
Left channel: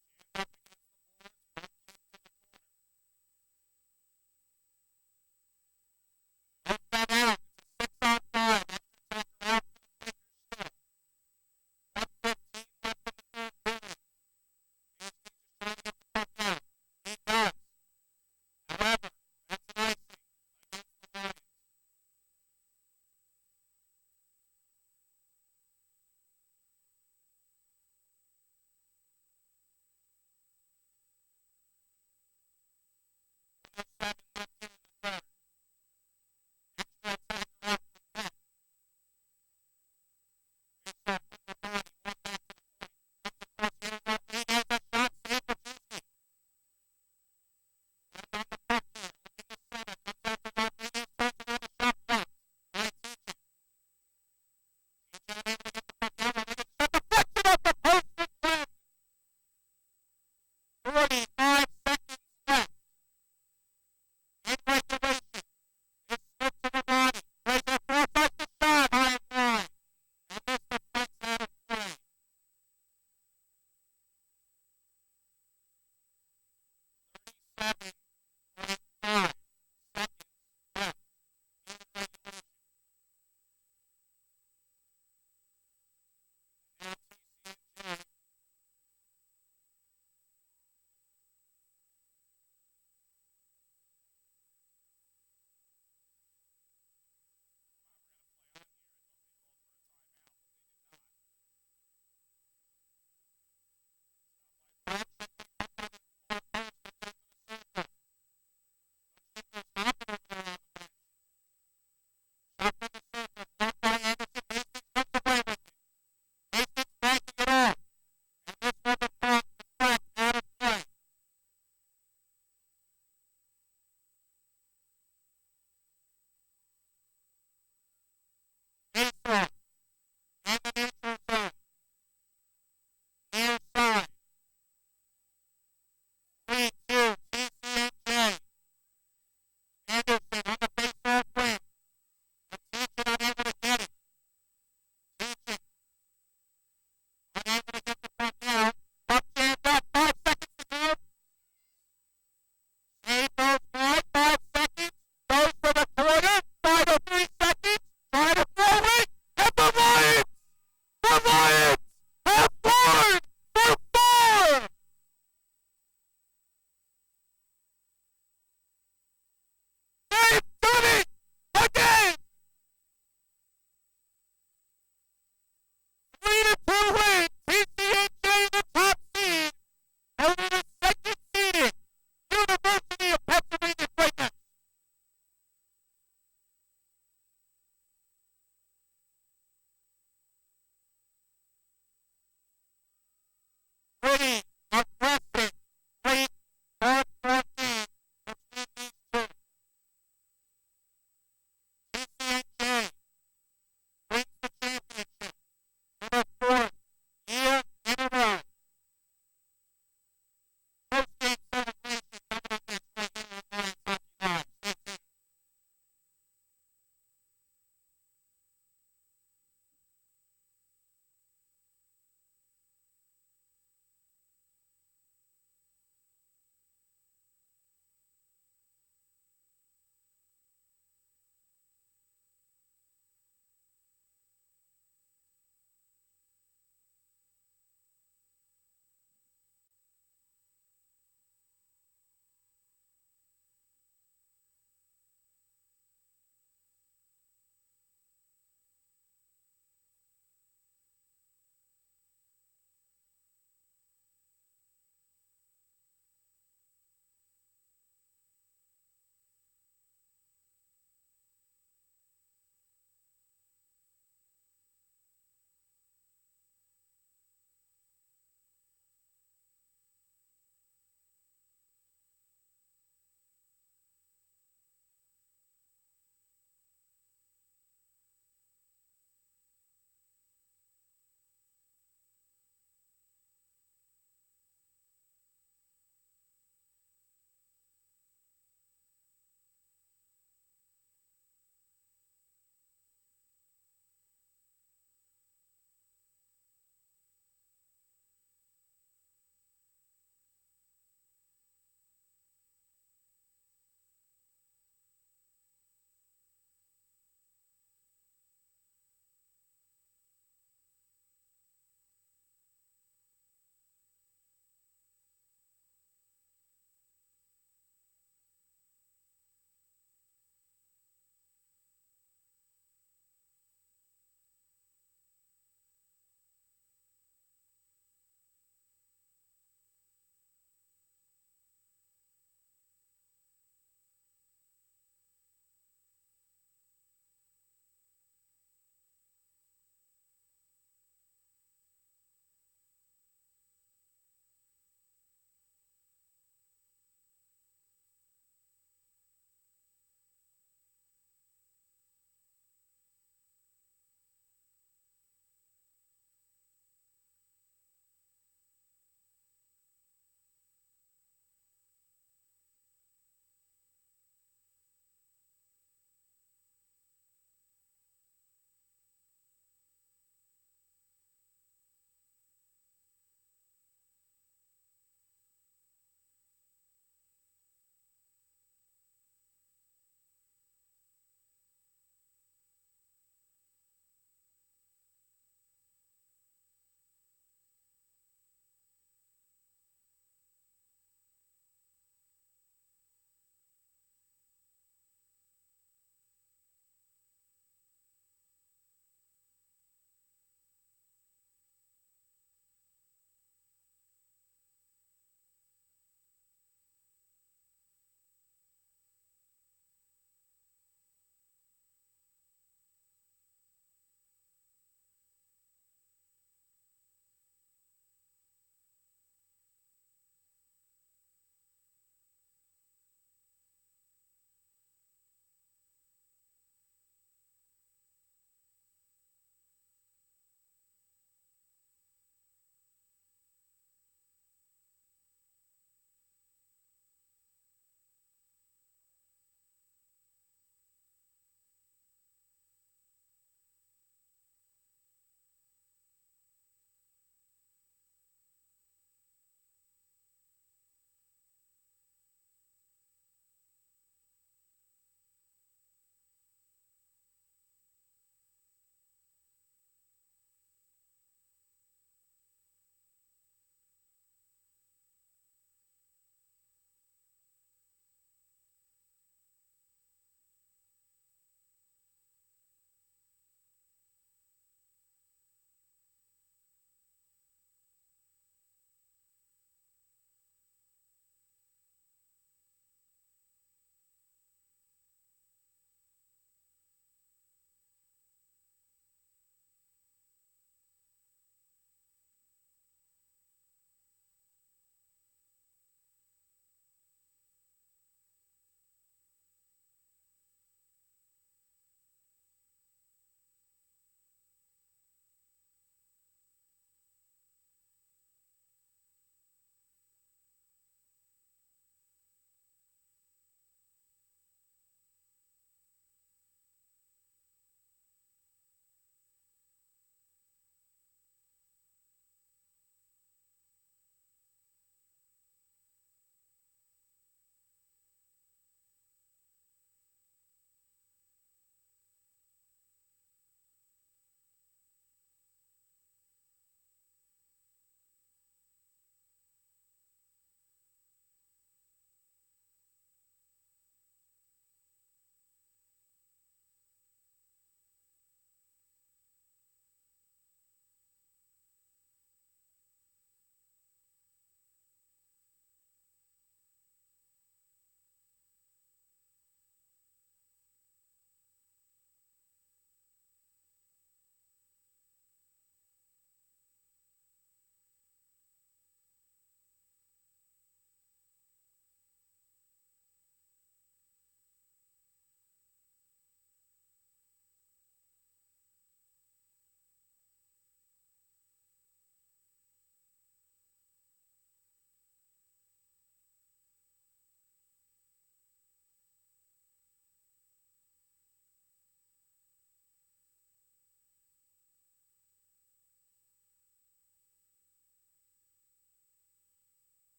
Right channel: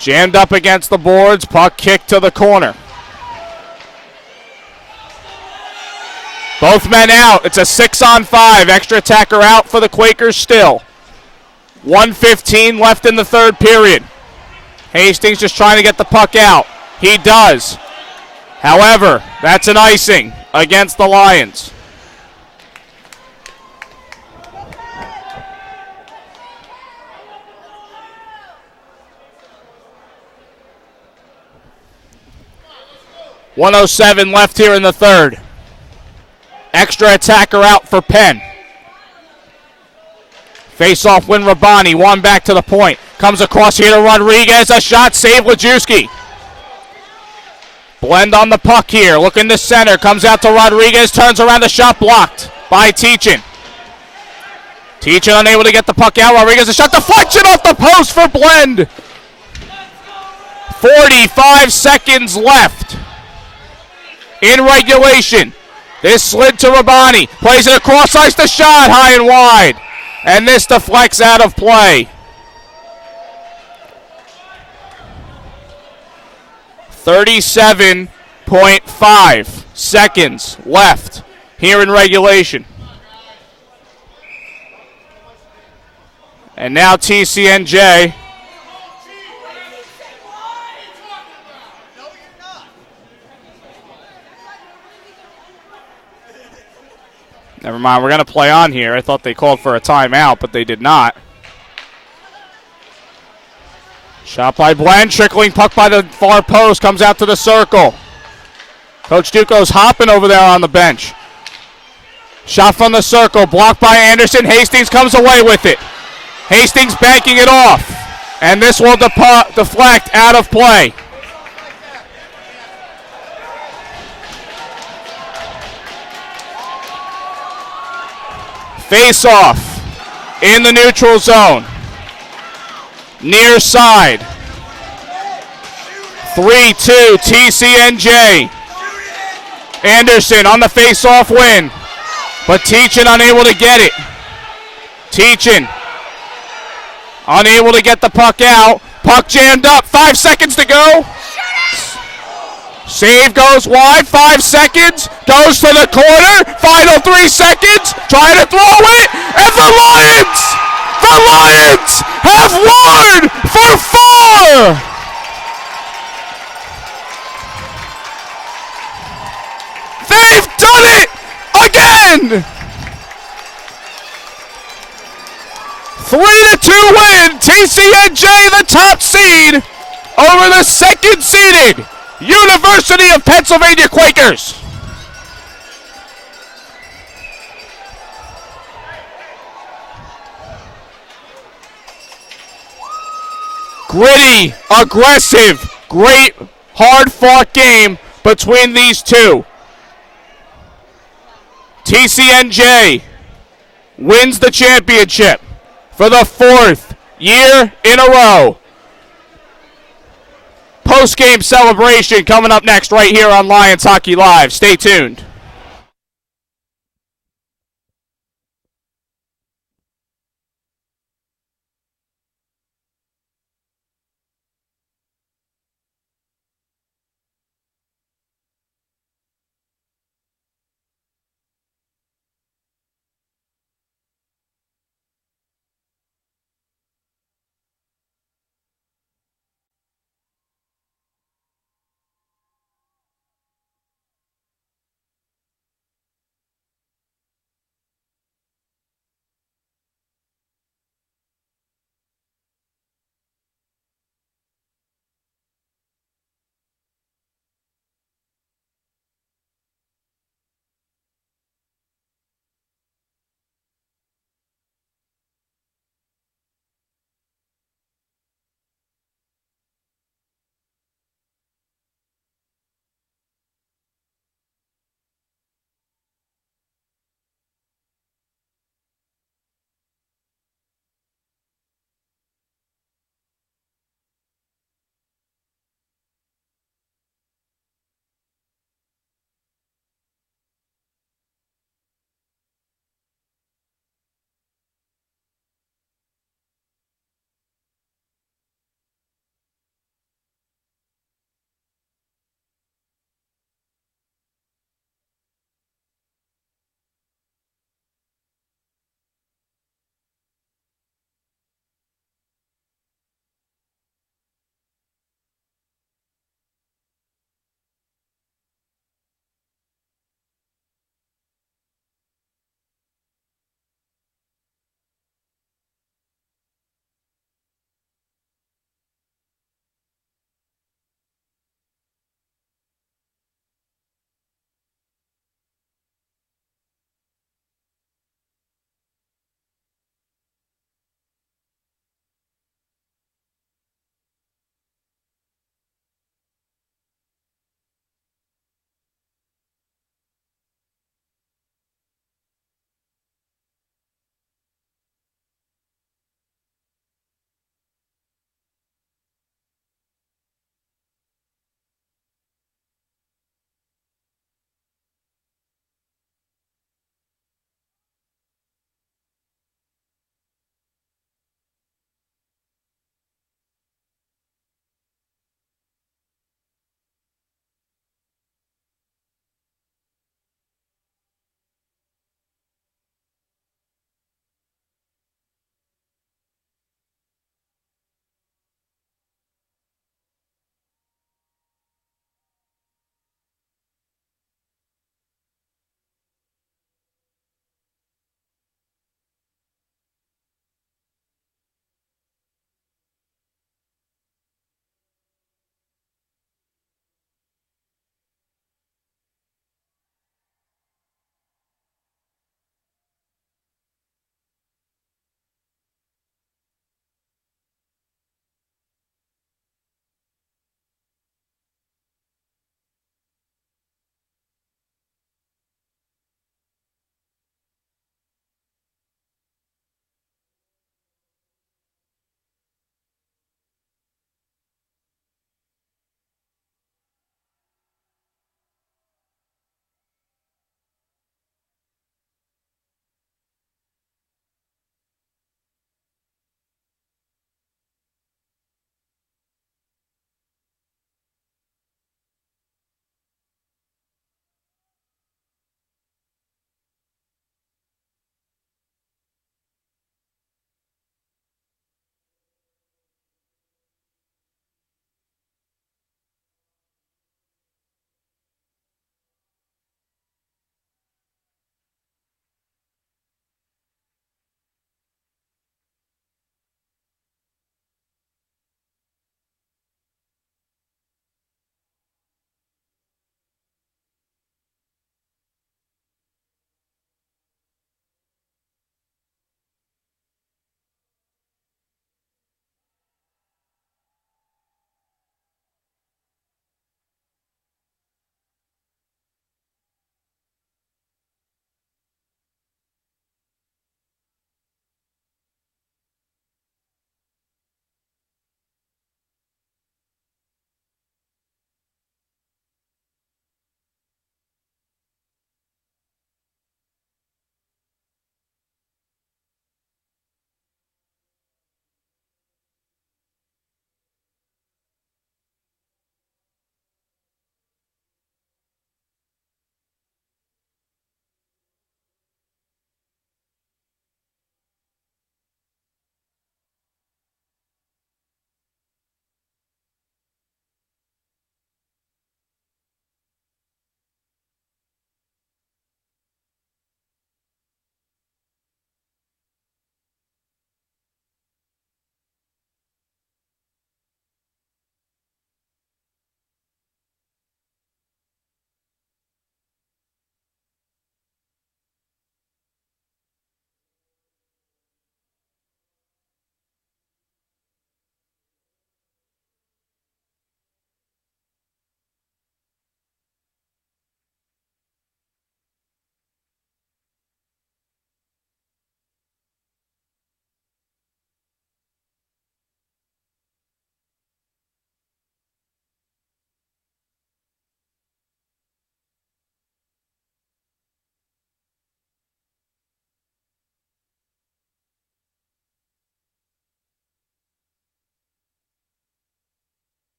Jammed up against the boards, puck kicked to the corner. Both men out. It's a 6-on-5. Extra attacker out for the Quakers still. 1:15 left in the third period. Hastings just trying to get the puck out. He does. However, that's an icing against the Lions. .107 left here in the third. Extra attacker out for Penn. Face-off win Rabani. One back to the point. Comes across here to Rodriguez. A shot. Save Lajewski. Blend on the puck here. Looking to center. Comes out to Rodriguez. Turns around. The shot blocked by Teachin. Teachin unable to get the puck out. Rodriguez a shot. Deflection off the post for Blend. 45 seconds left in regulation. This slid to Rabani. Plays it across ice. The shot high and wide. And this deflects out of play. 37.5 seconds left here in regulation. And now TCNJ never mind, we're going to play on here. I thought they called for a timeout, but they did not. Shot by Blend, trickling puck by the far post, comes out to the circle. Coach Duco's hopping over there on the bench. Shot from the circle, blocked by Anderson. Hastings comes away with it. Hastings banking it off, and this will deflect out of play. Face-off in the neutral zone. Near side. 3-2 TCNJ. Anderson on the face-off win, but Teachin unable to get it. Teachin unable to get the puck out. Puck jammed up. 5 seconds to go. Save goes wide. 5 seconds. Goes to the corner. Final 3 seconds. Trying to throw it. And the Lions have won for 4. They've done it again. 3-2 win. TCNJ the top seed over the second seeded University of Pennsylvania Quakers. Gritty, aggressive, great, hard-fought game between these two. TCNJ wins the championship for the 4th year in a row. Post-game celebration coming up next right here on Lions Hockey Live. Stay tuned.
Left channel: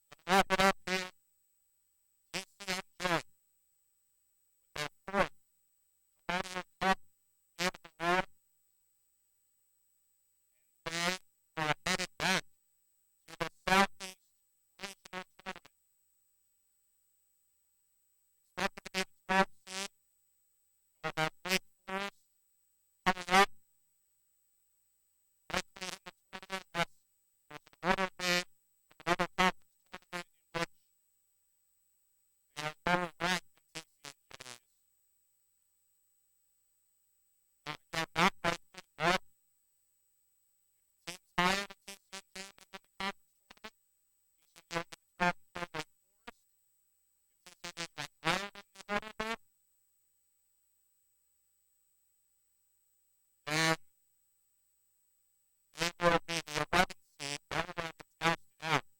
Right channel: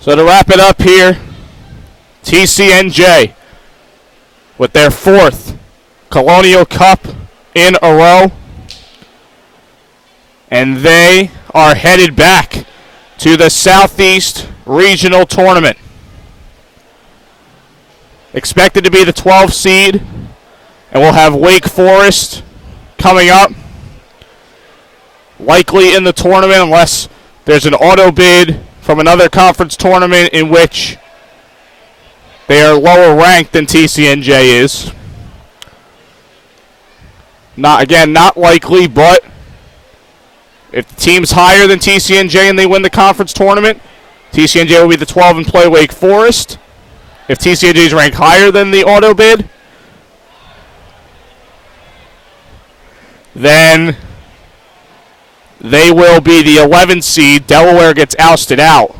So to wrap it up here, TCNJ with their 4th Colonial Cup in a row. And they are headed back to the Southeast Regional Tournament. Expected to be the 12th seed. And we'll have Wake Forest coming up. Likely in the tournament unless there's an auto bid from another conference tournament in which they are lower ranked than TCNJ is. Not likely, but if the team's higher than TCNJ and they win the conference tournament, TCNJ will be the 12 and play Wake Forest. If TCNJ is ranked higher than the auto bid, then they will be the 11 seed. Delaware gets ousted out.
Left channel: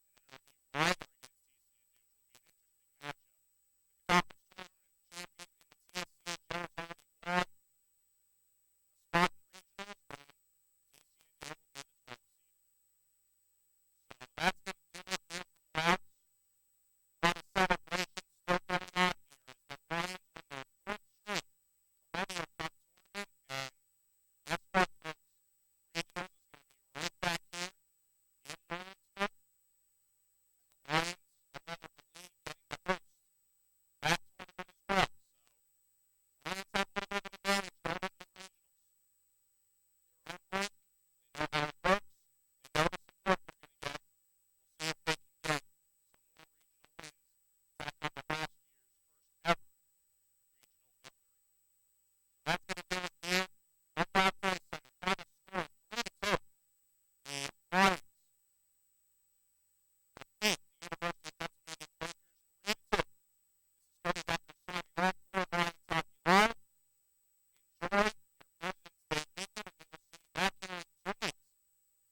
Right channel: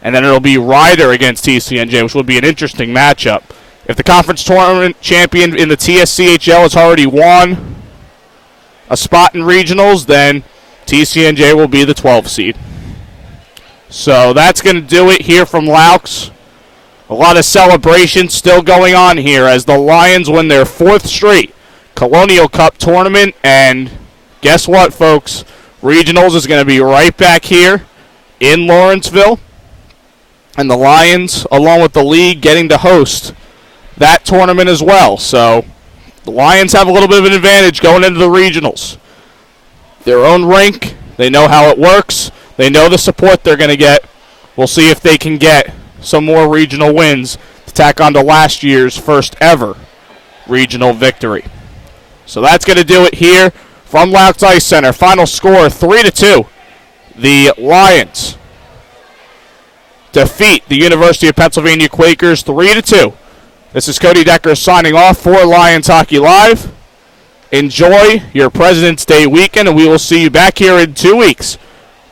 And then it'll be Ryder against TCNJ, which will be an interesting matchup. If the conference tournament champion in the TSCHL has already won a spot in regionals, then TCNJ will be the 12 seed. So that's going to do it here from Loucks. A lot of celebration still going on here as the Lions win their 4th straight Colonial Cup tournament. And guess what, folks? Regionals is going to be right back here in Lawrenceville. And the Lions, along with the league, getting to host that tournament as well. So the Lions have a little bit of an advantage going into the regionals. Their own rink, they know how it works. They know the support they're going to get. We'll see if they can get some more regional wins to tack on to last year's first ever regional victory. So that's going to do it here from Loucks Ice Center. Final score 3-2. The Lions defeat the University of Pennsylvania Quakers 3-2. This is Cody Decker signing off for Lions Hockey Live. Enjoy your President's Day weekend, and we will see you back here in 2 weeks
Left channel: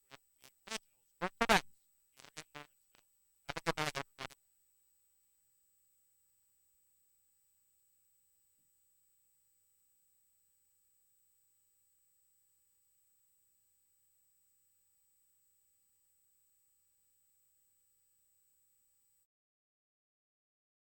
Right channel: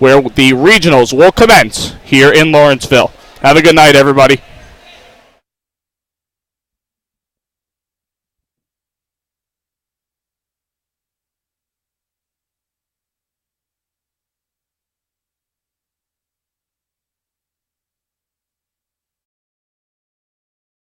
where the regionals will commence here in Lawrenceville. Have a good night, everybody.